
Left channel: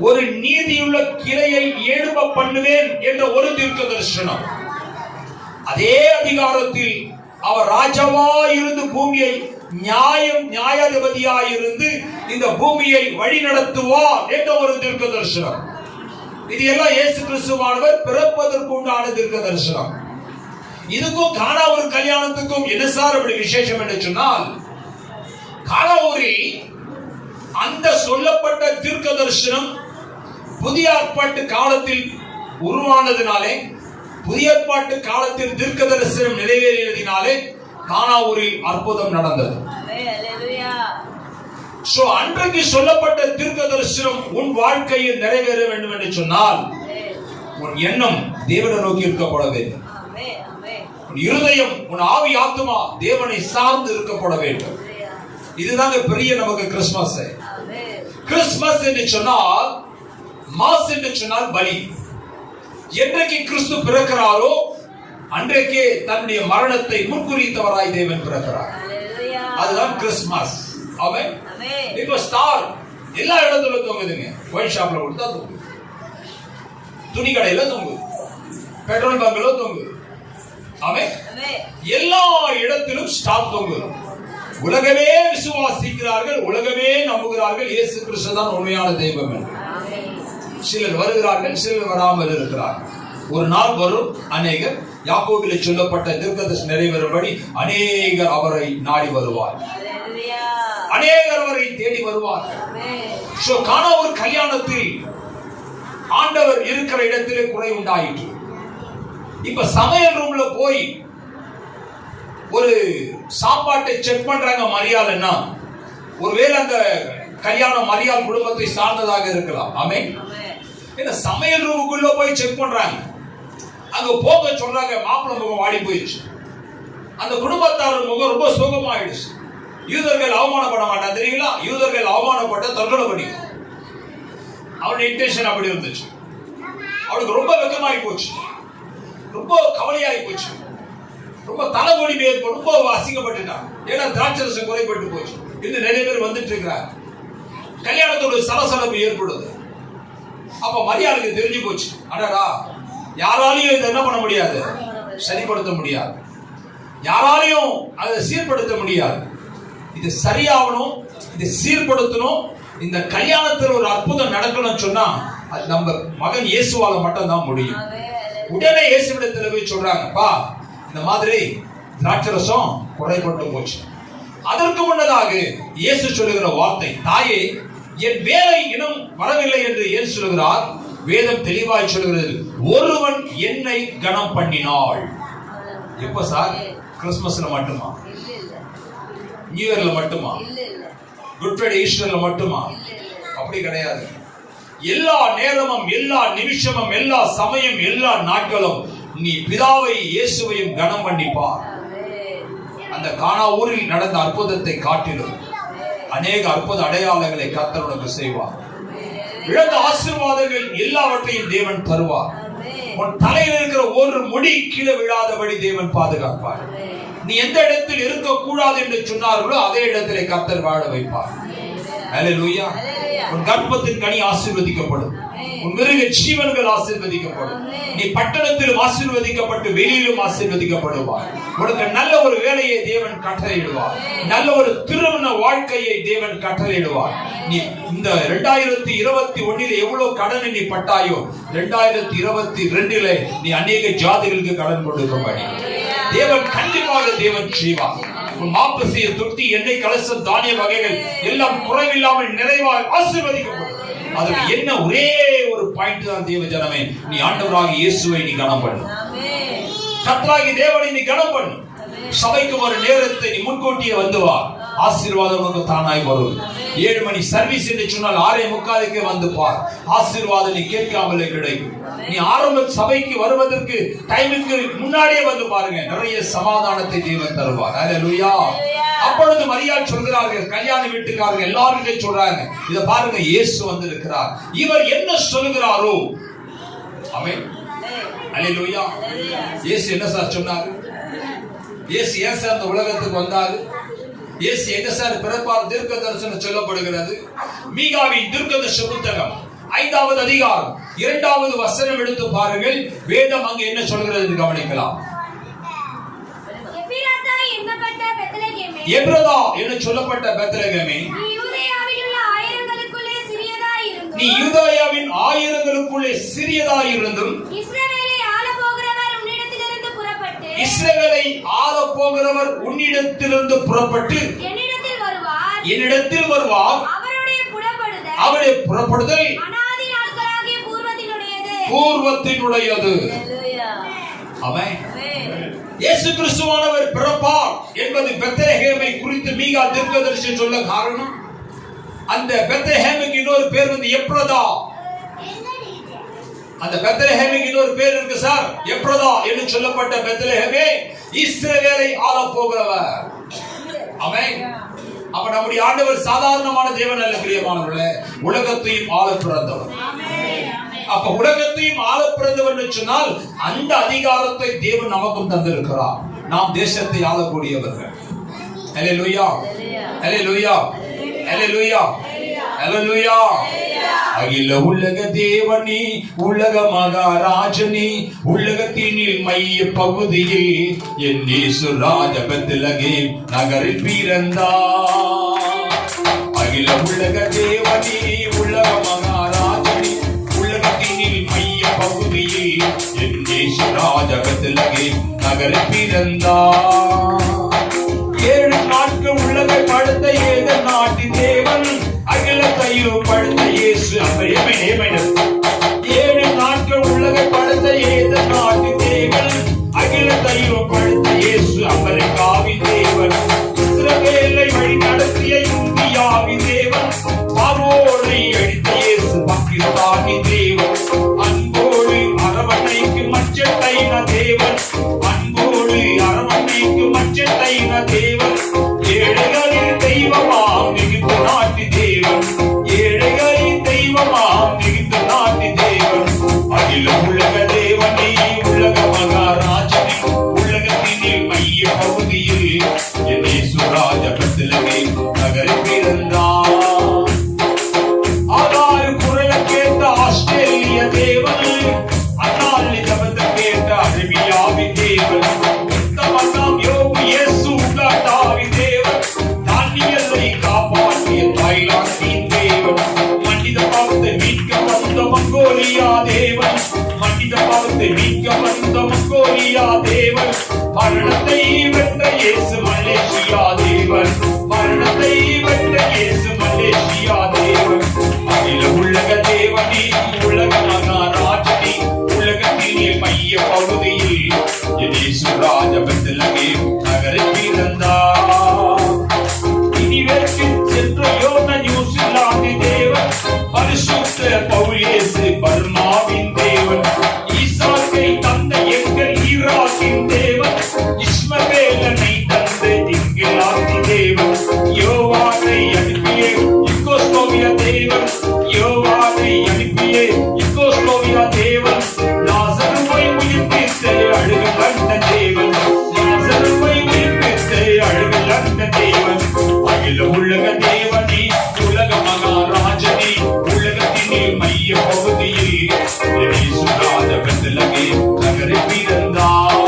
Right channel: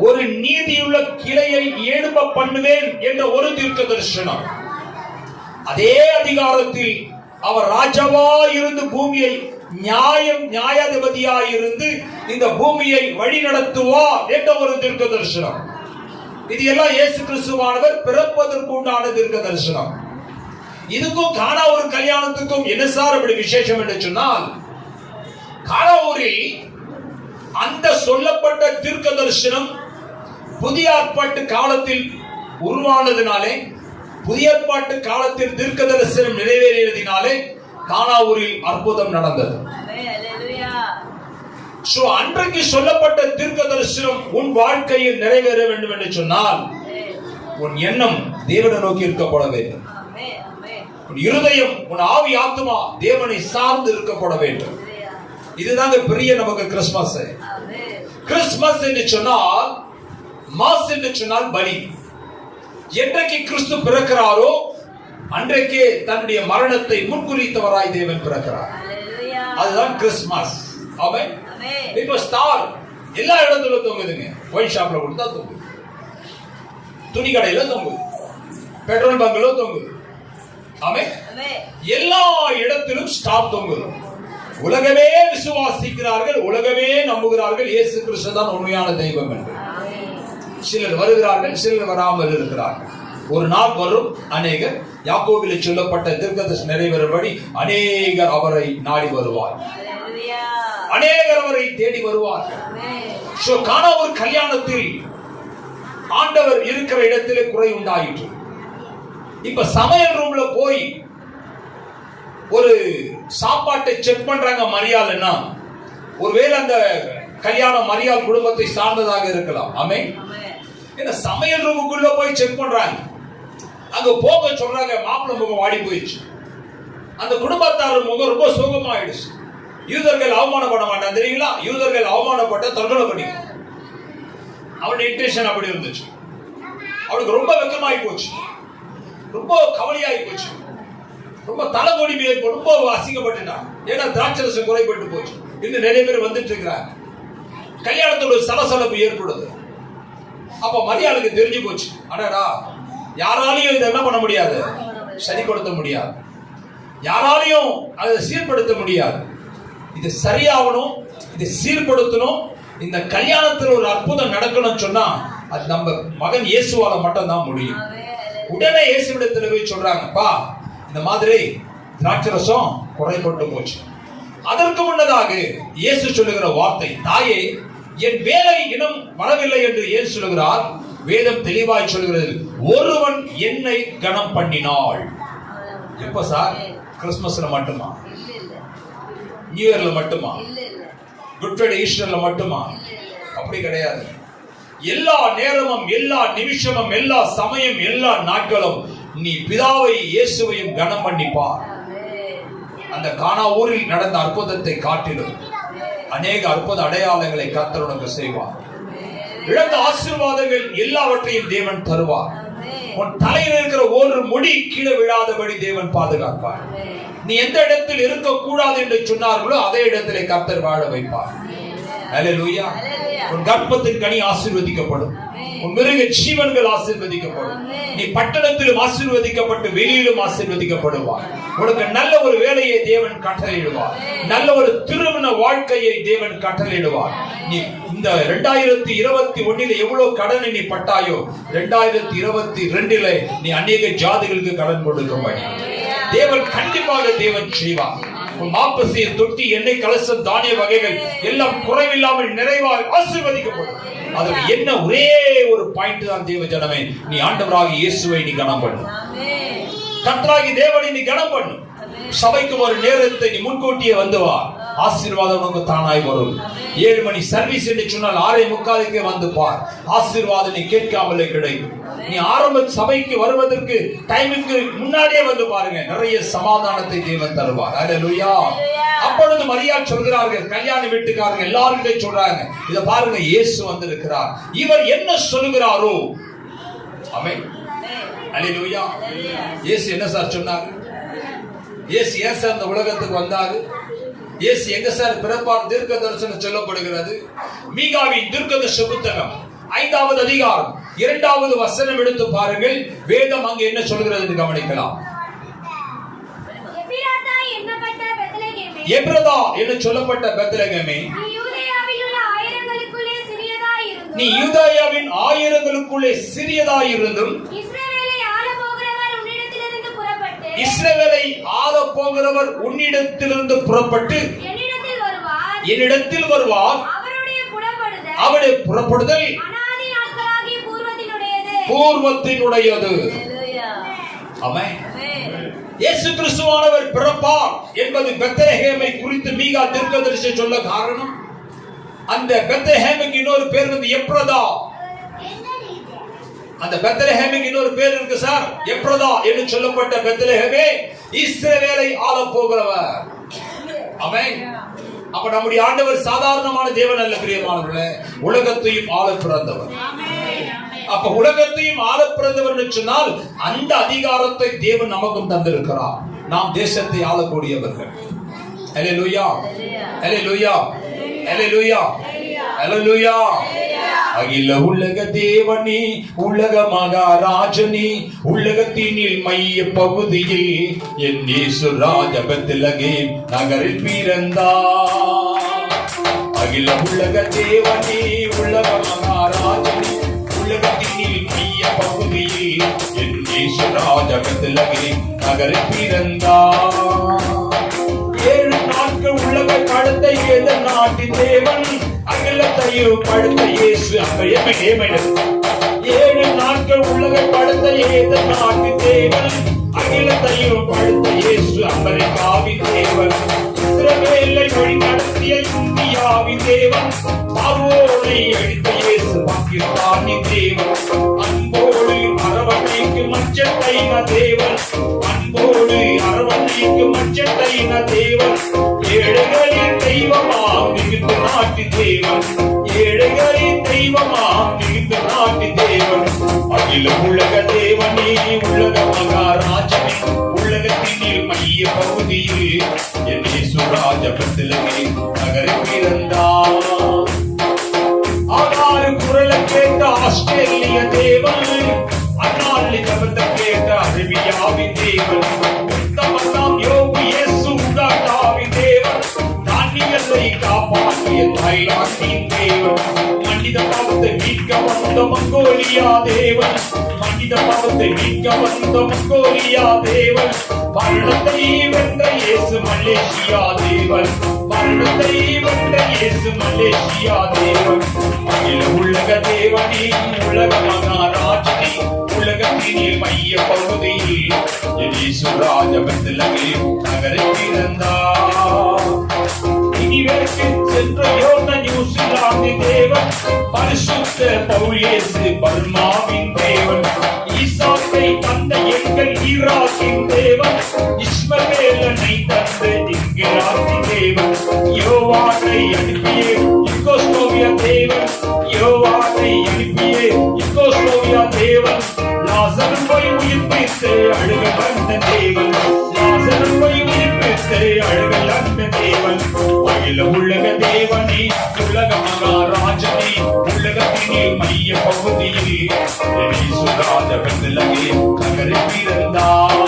ஒரு நீதியுள்ள கிளையை எழும்ப பண்ணுவேன் என்ற ஒரு தீர்க்க தரிசனம். அதே அதிகாரத்தில் அவர் ராஜாவாய் இருந்து பூமியை நியாயாதிபதியாய் இருந்து இந்த பூமியை வழி நடத்துவார் என்ற ஒரு தீர்க்க தரிசனம். இது எல்லாம் இயேசு கிறிஸ்துவானவர் பிறப்பதற்கு உண்டான தீர்க்க தரிசனம். இதுக்கும் கானா ஒரு கல்யாணத்துக்கும் என்ன சார் அப்படி விசேஷம் என்று சொன்னால், கானாவூரில் அந்த சொல்லப்பட்ட தீர்க்க தரிசனம் புதிய ஏற்பாட்டு காலத்தில் உருவானதினாலே, புதிய ஏற்பாட்டு காலத்தில் தீர்க்க தரிசனம் நிறைவேறியதினாலே கானாவூரில் அற்புதம் நடந்தது. அன்றைக்கு சொல்லப்பட்ட தீர்க்க தரிசனம் உன் வாழ்க்கையில் நிறைவேற வேண்டும் என்று சொன்னால் உன் எண்ணம் தேவனை நோக்கி இருக்கப்பட வேண்டும். உன் இருதயம், உன் ஆவி ஆத்துமா தேவனை சார்ந்து இருக்கப்பட வேண்டும். இதுதான் பெரிய நமக்கு கிறிஸ்துமஸ். கிறிஸ்துமஸ் என்று சொன்னால், மாஸ் என்று சொன்னால் பலி. என்றைக்கு கிறிஸ்து பிறக்கிறாரோ அன்றைக்கே தன்னுடைய மரணத்தை முன்குறித்தவராய் தேவன் பிறக்கிறார். அதுதான் கிறிஸ்துமஸ். ஆமென். இப்போ ஸ்டார் எல்லா இடத்துல தொங்குதுங்க. ஒயின் ஷாப்ல கொடுத்தா தொங்குது, துணி கடையில தொங்குது, பெட்ரோல் பங்க்ல தொங்குது. ஆமென். எல்லா இடத்திலும் ஸ்டார் தொங்குது. உலகமே விசுவாசிக்கிறார்கள், உலகமே நம்புகிறார்கள் இயேசு கிறிஸ்து தான் உண்மையான தெய்வம் என்று. சிலர் வருகிறார்கள், சிலர் வராமல் இருக்கிறார்கள். ஒரு நாள் வரும், அநேகர் யாக்கோபிலே சொல்லப்பட்ட தீர்க்கதரிசனம் நிறைவேறும்படி அநேகர் அவரை நாடி வருவார், அநேகர் அவரை தேடி வருவார்கள். கானா ஒரு கல்யாணத்தில் ஆண்டவர் இருக்கிற இடத்திலே குறை உண்டாயிற்று. இப்ப சமையல் ரூம்ல போய் ஒரு சாப்பாட்டை செக் பண்றாங்க மரியாதைன்னா, ஒருவேளை அந்த கல்யாணம் மரியாதை குடும்பத்தை சார்ந்ததாக இருக்கலாம். ஆமென். ஏன்னா சமையல் ரூமுக்குள்ள போய் செக் பண்றாங்க, அங்க போக சொல்றாங்க, மாப்பிள்ளை முகம் வாடி போயிடுச்சு, அந்த குடும்பத்தார் முகம் ரொம்ப சோகமாயிடுச்சு. யூதர்கள் அவமானப்பட மாட்டான் தெரியுங்களா? யூதர்கள் அவமானப்பட்ட தற்கொலை பண்ணிக்கணும். அவருடைய இன்டென்ஷன் அப்படி இருந்துச்சு. அவளுக்கு ரொம்ப வெக்கமாயி போச்சு, ரொம்ப கவலையாகி போச்சு, ரொம்ப தலைவலி ஏற்பட்டு ரொம்ப அசிங்கப்பட்டுட்டான். ஏன்னா திராட்சரசம் குறைபட்டு போச்சு. இன்னும் நிறைய பேர் வந்துட்டு இருக்கிறாங்க. கல்யாணத்தோட சலசலப்பு ஏற்படுது. அப்ப மரியாதைக்கு தெரிஞ்சு போச்சு, அடடா யாராலையும் இதை என்ன பண்ண முடியாது, சரிப்படுத்த முடியாது, யாராலையும் அதை சீர்படுத்த முடியாது. இது சரியாகணும், இது சீர்படுத்தணும், இந்த கல்யாணத்தில் ஒரு அற்புதம் நடக்கணும்னு சொன்னா அது நம்ம மகன் இயேசுவால மட்டும் தான் முடியும். உடனே இயேசுவிடத்தில் போய் சொல்றாங்க, பா இந்த மாதிரி திராட்சரசம் குறைபட்டு போச்சு. அதற்கு முன்னதாக இயேசு சொல்லுகிற வார்த்தை, தாயே என் வேலை இன்னும் வரவில்லை என்று ஏன் சொல்லுகிறார்? வேதம் தெளிவாய் சொல்கிறது, ஒருவன் என்னை கனம் பண்ணினாள். எப்ப சார்? கிறிஸ்துமஸ்ல மட்டுமா? நியூ இயர்ல மட்டுமா? குட் ஃப்ரைடே ஈஸ்டர்ல மட்டுமா? அப்படி கிடையாது. எல்லா நேரமும், எல்லா நிமிஷமும், எல்லா சமயம், எல்லா நாட்களும் நீ பிதாவை இயேசுவையும் கனம் பண்ணிப்பார். அந்த கானா ஊரில் நடந்த அற்புதத்தை காட்டிலும் அநேக அற்புத அடையாளங்களை கர்த்தர் உனக்கு செய்வார். இழந்த ஆசீர்வாதங்கள் எல்லாவற்றையும் தேவன் தருவார். உன் தலையில் இருக்கிற ஒரு முடி கீழே விழாதபடி தேவன் பாதுகாப்பார். நீ எந்த இடத்தில் இருக்கக்கூடாது என்று சொன்னார்களோ அதே இடத்திலே கர்த்தர் வாழ வைப்பார். அல்லேலூயா. உன் கர்ப்பத்தின் கனி ஆசீர்வதிக்கப்படும், உன் மிருக ஜீவன்கள் ஆசீர்வதிக்கப்படும், நீ பட்டணத்திலும் ஆசீர்வதிக்கப்பட்டு வெளியிலும் ஆசீர்வதிக்கப்படுவார். உனக்கு நல்ல ஒரு வேலையை தேவன் கட்டளையிடுவார், நல்ல ஒரு திருமண வாழ்க்கையை தேவன் கட்டளையிடுவார். நீ இந்த 2021 எவ்வளவு கடனை நீ பட்டாயோ 2022 நீ அநேக ஜாதிகளுக்கு கடன் கொடுக்க தேவன் கண்டிப்பாக தேவன் செய்வார். மாப்பசிய தொட்டி, எண்ணெய் கலசம், தானிய வகைகள் எல்லாம் குறைவில்லாமல் நிறைவாக ஆசீர்வதிக்கப்படும். அதுல என்ன ஒரே ஒரு பாயிண்ட் தான், தேவ ஜனமே, நீ ஆண்டவராகிய இயேசுவை நீ கனம் பண்ணு, கர்த்தராகிய தேவனை நீ கனம் பண்ணு. சபைக்கு ஒரு நேரத்தை நீ முன்கூட்டியே வந்து வா, ஆசீர்வாதம் வந்து தானாய் வரும். 7 மணி சர்வீஸ் என்று சொன்னால் 6:45 வந்து பார், ஆசீர்வாதம் நீ கேட்காமலே கிடைக்கும். நீ ஆரம்ப சபைக்கு வருவதற்கு டைமுக்கு முன்னாடியே வந்து பாருங்க, நிறைய சமாதானத்தை தேவன் தருவார். அல்லேலூயா. அப்பொழுது மரியா சொல்கிறார்கள், கல்யாண வீட்டுக்காரங்க எல்லாருமே சொல்றாங்க, இத பாருங்க இயேசு வந்து இருக்கிறார், இவர் என்ன சொல்லுகிறாரோ. ஆமென். அல்லேலூயா. இயேசு என்ன சார் சொன்னார்? இயேசு ஏன் சார் அந்த உலகத்துக்கு வந்தாரு? இயேசு எங்க சார் பிறப்பார்? தீர்க்க தரிசனம் சொல்லப்படுகிறது. மீகாவின் தீர்க்கதரிசன புத்தகம் 5வது அதிகாரம் 2வது வசனம் எடுத்து பாருங்கள். வேதம் அங்கே என்ன சொல்கிறது கவனிக்கலாம். எப்ரதா என்று சொல்லப்பட்ட பெத்லகேமே, நீ யூதேயாவின் ஆயிரங்களுக்குள்ளே சிறியதாயிருந்தும் இஸ்ரவேலை ஆள போகிறவர் உன்னிடத்திலிருந்து புறப்பட்டு என்னிடத்தில் வருவார். அவருடைய புறப்படுதல் பூர்வத்தினுடையது. ஆமென். இயேசு கிறிஸ்துவானவர் பிறப்பார் என்பது பெத்லகேமை குறித்து மீகா தீர்க்கதரிசி சொல்ல காரணம், அந்த பெத்லகேமுக்கு இன்னொரு பேர் வந்து எப்ரதா. அந்த பெத்லகேமுக்கு இன்னொரு பேர் இருக்கு சார், எப்ரதா என்று சொல்லப்பட்ட பெத்லகேமே இஸ்ரவேலை ஆள போகிறவர். ஆமென். அப்ப நம்முடைய ஆண்டவர் சாதாரணமான தேவன் அல்ல பிரியமானவர்களே, உலகத்தையும் ஆள பிறந்தவர். அப்ப உலகத்தையும் ஆள பிறந்தவர் சொன்னால் அந்த அதிகாரத்தை தேவன் நமக்கும் தந்திருக்கிறார். நாம் தேசத்தை ஆளக்கூடியவர்கள். அல்லேலூயா, அல்லேலூயா, அல்லேலூயா, அல்லேலூயா. அகில உலக தேவனே, உலக மகாராஜனே, உலகத்தினில் மைய பகுதியில் என் இயேசு ராஜா பெத்லகேம் நகரில் பிறந்தார். அகில உலக தேவனே, உலக மகாராஜனே, உலகத்தினில் மைய பகுதியில் என் இயேசு ராஜா பெத்லகேம் நகரில் பிறந்தார். 7 நாட்கள் உலக படுத்த ஏத நாட்டின் தேவன் அகிலத்தையும் படுத்த இயேசு அந்த 7 நாட்கள் உலக படுத்த ஏத நாட்டின் தேவன் அகிலத்தையும் படுத்த இயேசு அமெரிக்காவின் தேவன். இஸ்ரவேலை வழி நடத்திய இந்தியாவின் தேவன். பார்வோனை அழித்த இயேசு பாகிஸ்தானின் தேவன். அன்போடு அரவணைக்கு மச்சத்தைன தேவன். அன்போடு அரவணைக்கு மச்சத்தைன தேவன். ஏழைகளின் தெய்வமாம் மிகுந்த நாட்டு தேவன். ஏழைகளின் தெய்வமாம் மிகுந்த நாட்டு தேவன். அகில உலக தேவனே, உலக மகாராஜனே, உலகத்தினில் மைய பகுதியில் என் இயேசு ராஜா பெத்லகேம் நகரில் பிறந்தார். ஆனாலும் குரலை கேட்ட ஆஸ்திரேலிய தேவன், அந்நாளில் ஜபத்தை கேட்ட அரேபியாவின் தேவன். யோகு இயேசு உகாண்டாவின் தேவன். தானியலை காப்பாற்றிய தாய்லாந்தின் தேவன். மனித பாவத்தை மீட்க வந்த மங்கோலியா தேவன். மனித பாவத்தை மீட்க வந்த மங்கோலியா தேவன். மரணத்தை வென்ற இயேசு மலேசியா தேவன். மரணத்தை வென்ற இயேசு மலேசியா தேவன். அகில உலக தேவனே, உலக மகாராஜனே, உலகத்திலே மைய பகுதியில் என் இயேசு ராஜா பெத்லகேம் நகரில் பிறந்தார். இனிவரைக்கும் சென்ற யோர்தான் நியூசிலாந்தின் தேவன். பரிசுத்த பவுல் இயேசு பர்மாவின் தேவன். ஈசாக்கை தந்த எங்கள் ஈராக்கின் தேவன். இஸ்மவேலனை தந்த இங்கிலாந்தின் தேவன். யோவானை அனுப்பிய யுகோஸ்லோவியா தேவன். யோவானை அனுப்பிய யுகோஸ்லோவியா தேவன். லாசருவை உயிர்ப்பித்த அழுகல் அந்த தேவன். லாசருவை உயிர்ப்பித்த அழுகல் அந்த தேவன். அகில உலக தேவனே, உலக மகாராஜனே, உலகத்தினே மைய பகுதியில் என் இயேசு ராஜா பெத்லகேம் நகரில் பிறந்தார்.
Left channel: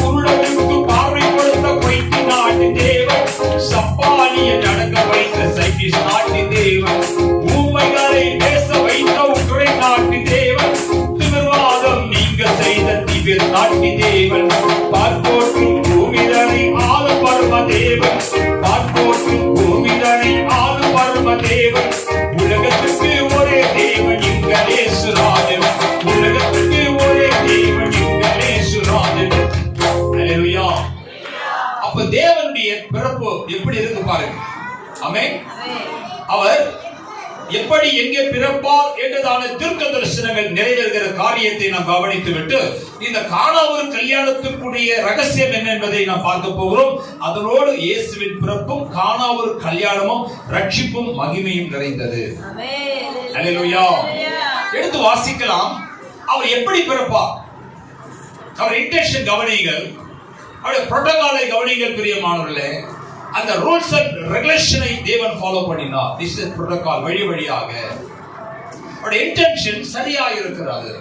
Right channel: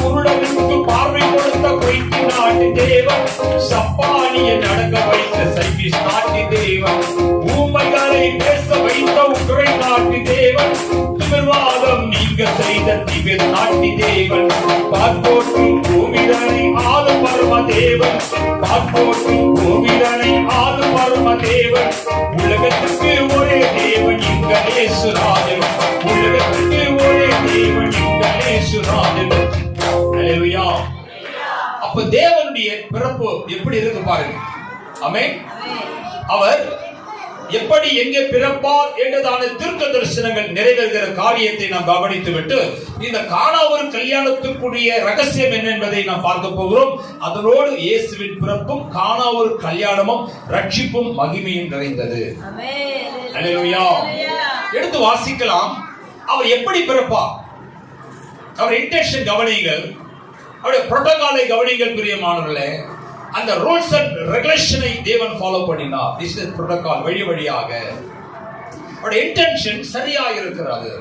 குருடனுக்கு பார்வை கொடுத்த கொய்தி நாட்டு தேவன். சப்பானிய நடக்க வைத்த சைனீஸ் நாட்டு தேவன். ஊமைகளை பேச வைத்த உக்ரைன் நாட்டு தேவன். திமிர்வாதம் நீங்க செய்த திபிர் நாட்டு தேவன். பார்ப்போட்டும் பூமிதனை ஆளு பரம தேவன். பார்ப்போட்டும் பூமிதனை ஆளு பரம தேவன். உலகத்துக்கு ஒரே தேவன் எங்கள் இயேசு ராஜன். உலகத்துக்கு ஒரே தேவன் எங்கள் இயேசு ராஜன். அல்லேலூயா. அப்ப தேவனுடைய பிறப்பு எப்படி இருக்கு பாருங்க. ஆமென். அவர் எப்படி எங்கே பிறப்பார் என்றதான தீர்க்க தரிசனங்கள் நிறைவேறுகிற காரியத்தை நாம் கவனித்து விட்டு இந்த கானாவூர் கல்யாணத்துக்குரிய ரகசியம் என்ன என்பதை நாம் பார்க்க போகிறோம். அதனோடு இயேசுவின் பிறப்பும் கானாவூர் கல்யாணமும் ரட்சிப்பும் மகிமையும் நிறைந்தது. அல்லேலூயா. எடுத்து வாசிக்கலாம். அவர் எப்படி பிறப்பார், அவர் இன்டென்ஷன் கவனிங்கள், அவருடைய புரோட்டோகாலை கவனிங்கள் பிரியமானவர்களே. அந்த ரூல்ஸ் அண்ட் ரெகுலேஷனை தேவன் ஃபாலோ பண்ணினார். This is protocol. வழி வழியாக அவருடைய இன்டென்ஷன் சரியாக இருக்கிறது.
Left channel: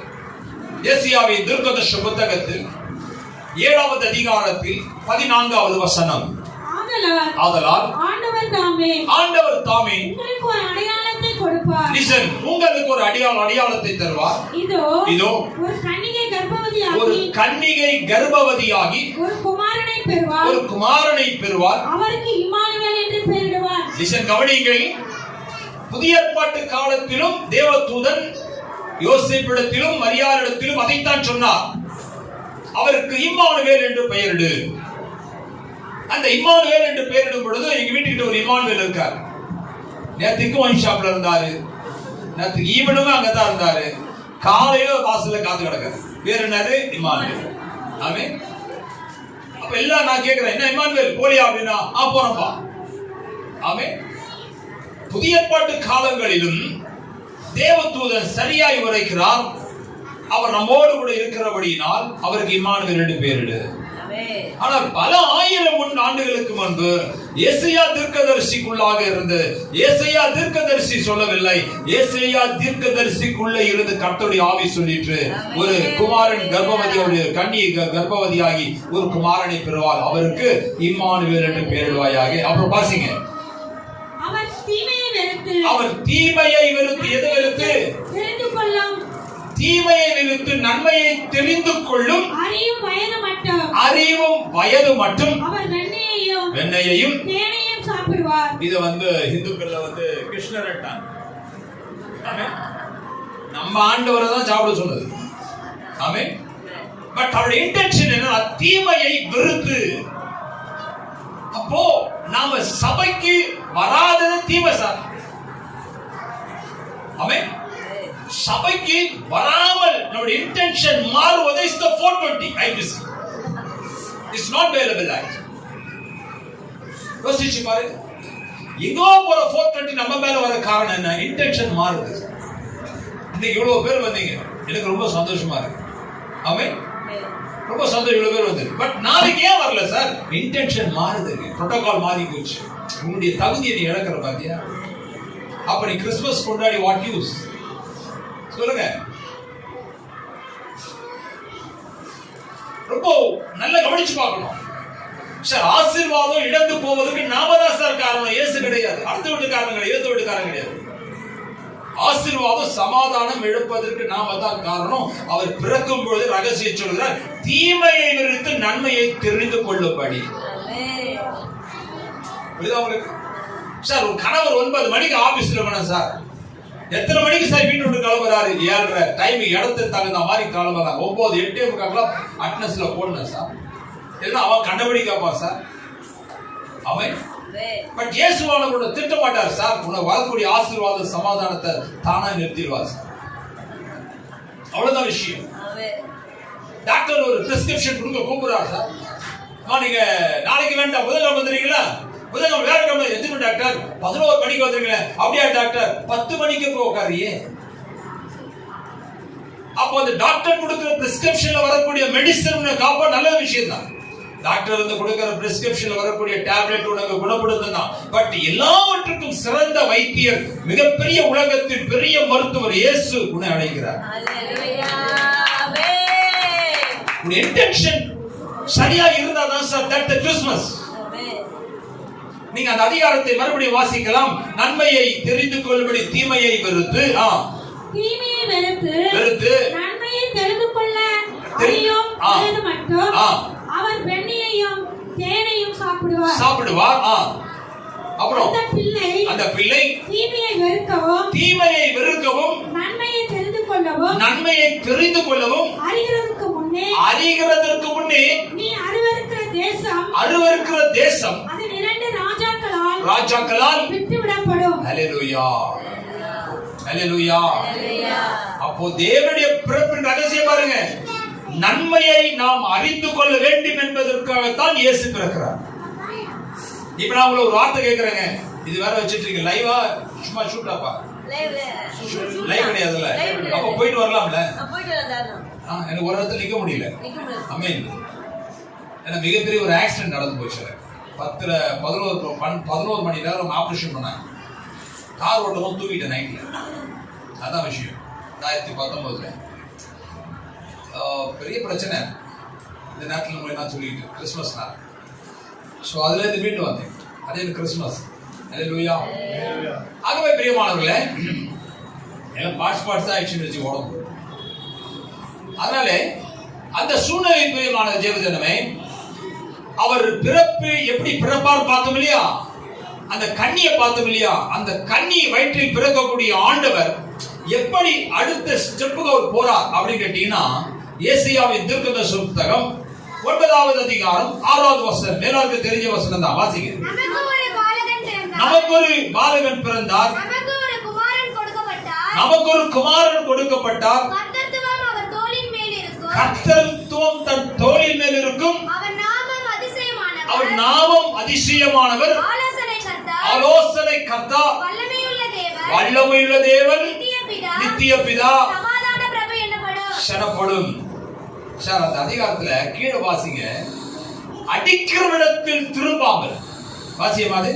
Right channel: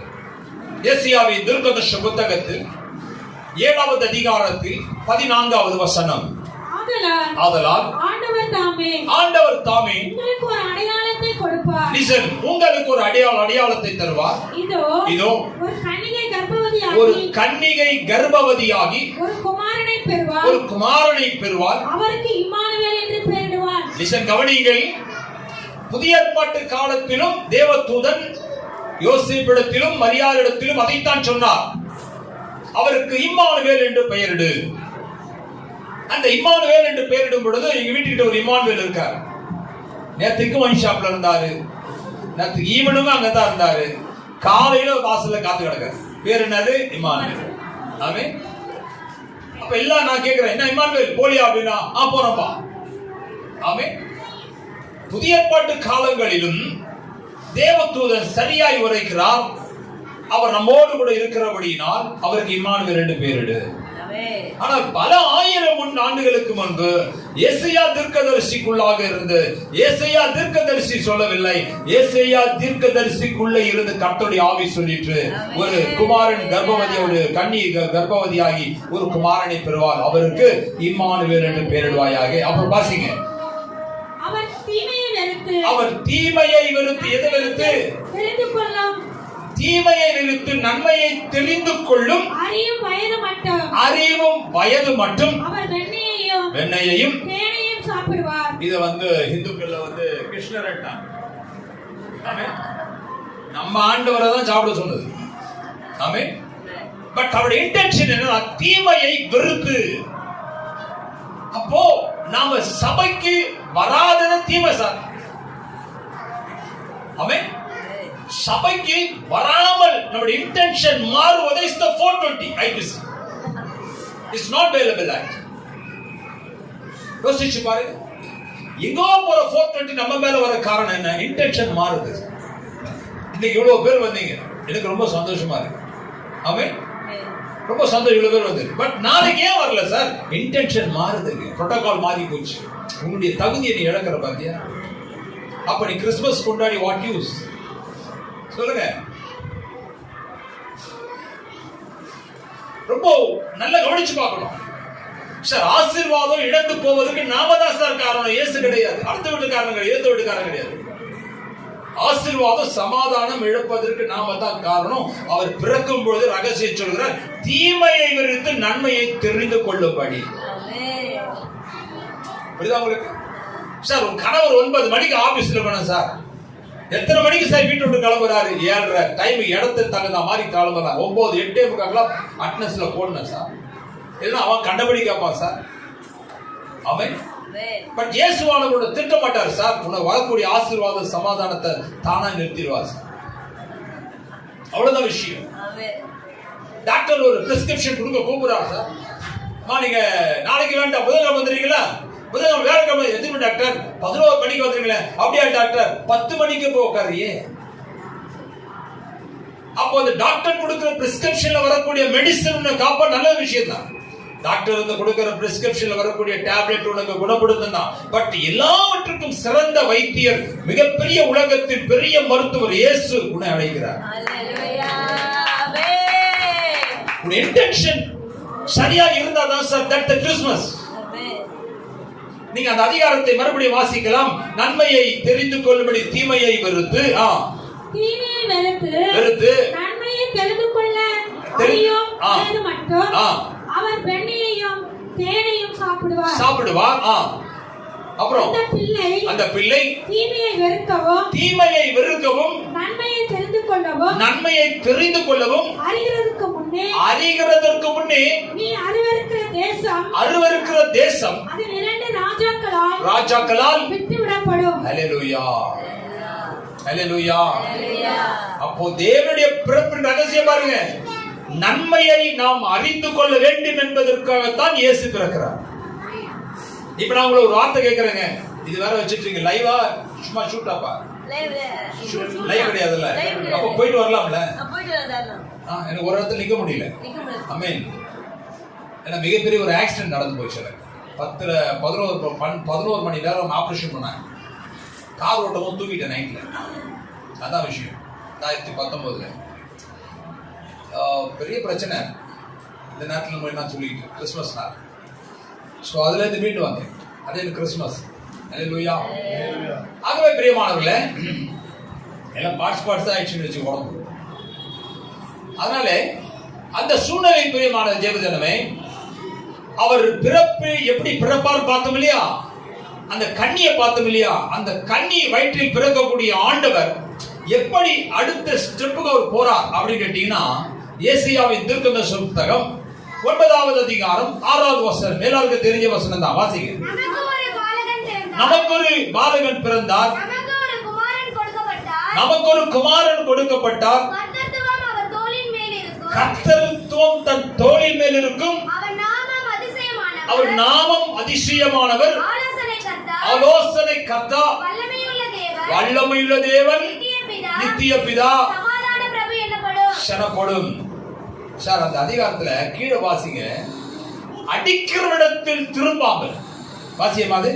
ஏசாயாவின் தீர்க்கதரிசன புத்தகத்தில் 7வது அதிகாரத்தில் 14வது வசனம். ஆதலால் ஆண்டவர் தாமே உங்களுக்கு ஒரு அடையாளத்தை கொடுப்பார். லிசன், உங்களுக்கு ஒரு அடையாளத்தை தருவார். இதோ ஒரு கன்னிகை கர்ப்பவதியாகி ஒரு குமாரனை பெறுவார். அவருக்கு இம்மானுவேல் என்று பெயரிடுவார். லிசன், கவனியுங்கள். புதிய ஏற்பாட்டு காலத்திலும் தேவதூதன் யோசேப்பிடத்திலும் மரியாளிடத்திலும் அதைத்தான் சொன்னார். அவருக்கு இம்மானுவேல் என்று பெயரிடு. அந்த இம்மானுவேல் என்று பெயரிடும் பொழுது எங்க வீட்டுக்கிட்ட ஒரு இம்மானுவேல் இருக்கார். நேற்றுக்கும் ஒயின் ஷாப்ல இருந்தாரு, நேற்று ஈவனும் அங்கதான் இருந்தாரு. காலையில வாசல்ல காத்து கிடக்காரு. பேர் என்னது? இம்மானுவேல். ஆமென். அப்ப எல்லாம் நான் கேட்கிறேன், என்ன இம்மானுவேல் போலியா அப்படின்னா போறப்பா. ஆமென். புதிய ஏற்பாட்டு காலங்களிலும் தேவதூதன் சரியாய் உரைக்கிறார். அவர் நம்மோடு கூட இருக்கிறபடியினால் அவருக்கு இம்மானுவேல் என்று பெயரிடு. ஆனால் பல ஆயிரம் ஆண்டுகளுக்கு முன்பு ஏசாயா தீர்க்கதரிசிக்குள்ளாக இருந்து, ஏசாயா தீர்க்கதரிசி சொல்லவில்லை, ஏசாயா தீர்க்கதரிசிக்குள்ளே இருந்து கர்த்தருடைய ஆவி சொல்லிற்று, ஒரு குமாரன் கர்ப்பவதி, ஒரு கன்னி கர்ப்பவதியாகி ஒரு குமாரனை பெறுவார், அவருக்கு இம்மானுவேல் என்று பெயரிடுவாயாக. அப்புறம் பாசிங்க, அவர் தீமையை வெறுத்து, எதை வெறுத்து? தீமையை வெறுத்து நன்மையை தெரிந்து கொள்ளும் அறிவும் வயது மட்டும் வெண்ணையையும் சாப்பிடுவார். இது இந்துக்கள்ல கிருஷ்ணர் நம்ம ஆண்டவரை தான் சாப்பிட சொன்னது. ஆமென். பட் அவருடைய இன்டென்ஷன் என்ன? தீமையை வெறுத்து. அப்போ நாம சபைக்கு வராதது தீமை சார். ஆமென். சபைக்கு வராமல் நம்முடைய இன்டென்ஷன் மாறுவதை is the 420 IPC. It's not available act. யோசிச்சு பாருங்க, எங்கோ போற 420 நம்ம மேல வர காரணம் என்ன? இன்டென்ஷன் மாறுது. இன்னைக்கு இவ்வளவு பேர் வந்தீங்க, எனக்கு ரொம்ப சந்தோஷமா இருக்கு. ஆமென். ரொம்ப சந்தோஷம், இவ்வளவு பேர் வந்து. பட் நாளைக்கு ஏன் வரல சார்? இன்டென்ஷன் மாறுதுங்க, புரோட்டோகால் மாறி போச்சு. உங்களுடைய தகுதியை நீ இழக்கிற பாத்தியா? அப்ப நீ கிறிஸ்துமஸ் கொண்டாடி வாட் யூஸ்? சொல்லுங்க. ரொம்ப நல்லா கவனிச்சு பார்க்கணும் சார். ஆசீர்வாதம் இழந்து போவதற்கு நாம தான் சார் காரணம், இயேசு கிடையாது. அடுத்த வீட்டுக்காரங்க கிடையாது, ஏத்த வீட்டுக்காரங்க கிடையாது. ஆசீர்வாதம் சமாதானம் இழப்பதற்கு நாம தான் காரணம். அவர் பிறக்கும் பொழுது ரகசியம் சொல்கிறார், தீமையை வெறுத்து நன்மையை தெரிந்து கொள்ளும்படி. புரியுதா உங்களுக்கு சார்? ஒரு கணவர் 9 மணிக்கு ஆபீஸ்ல இருக்கணும் சார். எத்தனை மணிக்கு சார் வீட்டு விட்டு கிளம்புறாரு? 7:30 டைம், இடத்துக்கு தகுந்த மாதிரி கிளம்புறாரு. 9, 8:45 அட்டனன்ஸ்ல போடணும் சார். இல்லைன்னா அவன் கண்டபடி கேட்பான் சார். அவன் பட் இயேசுவானவரோட திட்ட மாட்டார் சார். உனக்கு வரக்கூடிய ஆசீர்வாத சமாதானத்தை தானா நிறுத்திடுவார் சார். அவ்வளவுதான் விஷயம். டாக்டர் ஒரு பிரிஸ்கிரிப்ஷன் கொடுக்க கூப்பிடுறாரு சார். நீங்க நாளைக்கு வேண்டாம், புதன்கிழமை வந்துடுறீங்களா? புதன்கிழமை வியாழக்கிழமை எத்தனை டாக்டர்? 11 மணிக்கு வந்துருங்களேன். அப்படியா டாக்டர்? 10 மணிக்கு போகாரியே. அப்போ அந்த டாக்டர் கொடுக்கிற பிரிஸ்கிரிப்ஷன்ல வரக்கூடிய மெடிசன் காப்பா நல்ல விஷயம் தான். டாக்டர் வந்து கொடுக்கிற பிரிஸ்கிரிப்ஷன்ல வரக்கூடிய டேப்லெட் உனக்கு குணப்படுத்தும். பட் எல்லாவற்றுக்கும் சிறந்த வைத்தியர், மிகப்பெரிய உலகத்தின் பெரிய மருத்துவர் இயேசு உன்னை அழைக்கிறார். இன்டென்ஷன் சரியா இருந்தா தான் சார் தட் கிறிஸ்துமஸ். நீங்க அந்த அதிகாரத்தை மறுபடியும் வாசிக்கலாம். நன்மையை தெரிந்து கொள்ளும்படி தீமையை வெறுத்து, நன்மையை தெரிந்து கொள்ள அறியும் வயது மட்டும் அவர் வெண்ணையையும் தேனையும் சாப்பிடுவார். அப்புறம் அந்த பிள்ளை தீமையை வெறுக்கவும் நன்மையை தெரிந்து கொள்ளவும் அறிகிறதற்கு முன்னே நீ அருவருக்கிற தேசம் அதன் 2 ராஜாக்களால் விட்டுவிடப்படும். ஹல்லேலூயா, ஹல்லேலூயா. அப்போ தேவனுடைய பிறப்பின் ரகசியம் பாருங்க. நன்மையை நாம் அறிந்து கொள்ள வேண்டும் என்பதற்காகத்தான் இயேசு பிறக்கிறார். இப்ப நான் உங்களை ஒரு வார்த்தை கேட்கிறேங்க. இது வேற வச்சிருக்கீங்க லைவா? சும்மா ஷூட்டாப்பா? லைவ் கிடையாதுல்ல. அப்ப போயிட்டு வரலாம்ல? எனக்கு ஒரு இடத்துல நிக்க முடியல. ஆமென். எனக்கு மிகப்பெரிய ஒரு ஆக்சிடென்ட் நடந்து போச்சு. 11 மணி நேரம் ஆபரேஷன் பண்ணாங்க. கார் ஓட்டவும் தூக்கிட்டேன் நைட்ல. அதான் விஷயம். 2019 பெரிய பிரச்சனை இந்த நேரத்தில் நான் சொல்லிட்டு கிறிஸ்துமஸ் நாள். ஸோ அதுல இருந்து மீண்டு வந்தேன். அதே கிறிஸ்துமஸ். ஹல்லேலூயா. ஆகவே பிரியமானவர்களே, எல்லாம் பார்ட்ஸ் ஆயிடுச்சுன்னு வச்சு உடம்பு. அதனால அந்த சூழ்நிலை பிரியமான ஜெபஜனமே, அவர் பிறப்பு எப்படி பிறப்பார் பார்த்தோம் இல்லையா? அந்த கன்னியை பார்த்தோம் இல்லையா? அந்த கன்னி வயிற்றில் பிறக்கக்கூடிய ஆண்டவர் எப்படி அடுத்த ஸ்டெப்புக்கு அவர் போறார் அப்படின்னு கேட்டீங்கன்னா, ஏசாயாவின் தீர்க்கதரிசன புத்தகம் 9வது அதிகாரம் 6வது வசனம். எல்லாருக்கும் தெரிஞ்ச வசனம் தான், வாசிங்க. நமக்கு ஒரு பாலகன் பிறந்தார், நமக்கு ஒரு குமாரன் கொடுக்கப்பட்டார், கர்த்தத்துவம் தன் தோளின் மேல் இருக்கும், அவர் நாமம் அதிசயமானவர், ஆலோசனை கர்த்தா, வல்லமையுள்ள தேவன், நித்திய பிதா எனப்படும். சார் அந்த அதிகாரத்துல கீழே வாசிங்க. அடிக்கிறவிடத்தில் திரும்பாமல் வாசியமாது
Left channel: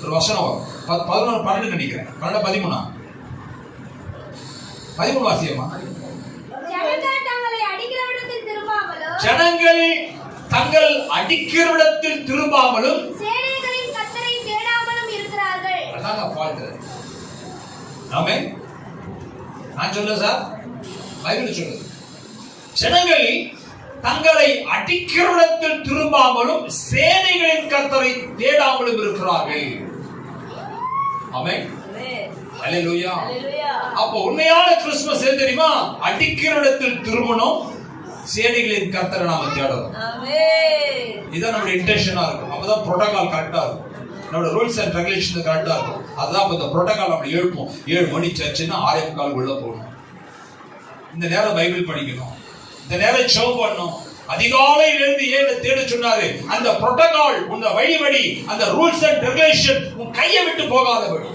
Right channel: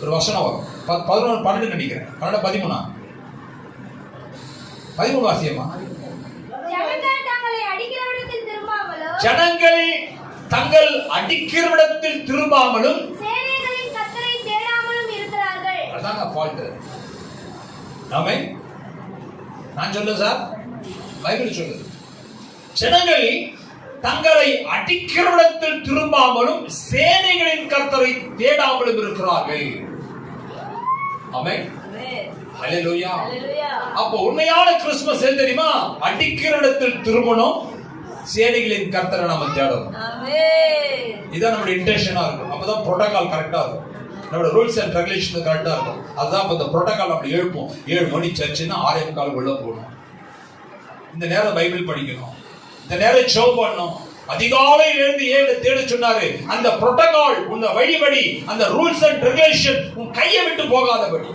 ஒரு வசனம் வரும். 11 12 நினைக்கிறேன். 13 வாசியமா. ஜனங்கள் தங்கள் அடிக்கிறவிடத்தில் திரும்பாமலும் அதாங்க ஃபால்ட். ஆமென். நான் சொல்றேன் சார், பைபிள் சொல்லுது. ஜனங்கள் தங்களை அடிக்கிறவிடத்தில் திரும்பாமலும் சேனைகளின் கர்த்தரை தேடாமலும் இருக்கிறார்கள். ஆமென். ஹல்லேலூயா. அப்போ உண்மையான கிறிஸ்துமஸ் எது தெரியுமா? அடிக்கிறவிடத்தில் திரும்பணும், சேனைகளின் கர்த்தரை நாம தேடணும். இதுதான் நம்மளுடைய இன்டென்ஷனா இருக்கும். அப்பதான் புரோட்டோகால் கரெக்டா இருக்கும். நம்மளோட ரூல்ஸ் அண்ட் ரெகுலேஷன் கரெக்டா இருக்கும். அதுதான் இந்த புரோட்டோகால் அப்படி எழுப்போம். 7 மணி சர்ச்சுன்னா 6:45 உள்ள போகணும். இந்த நேரம் பைபிள் படிக்கணும், இந்த நேரம் ஜெபம் பண்ணணும். அதிகாலையில் இருந்து 7 தேட சொன்னாரு. அந்த புரோட்டோகால் உங்க வழி அந்த ரூல்ஸ் அண்ட் ரெகுலேஷன் உன் கையை விட்டு போகாதபடி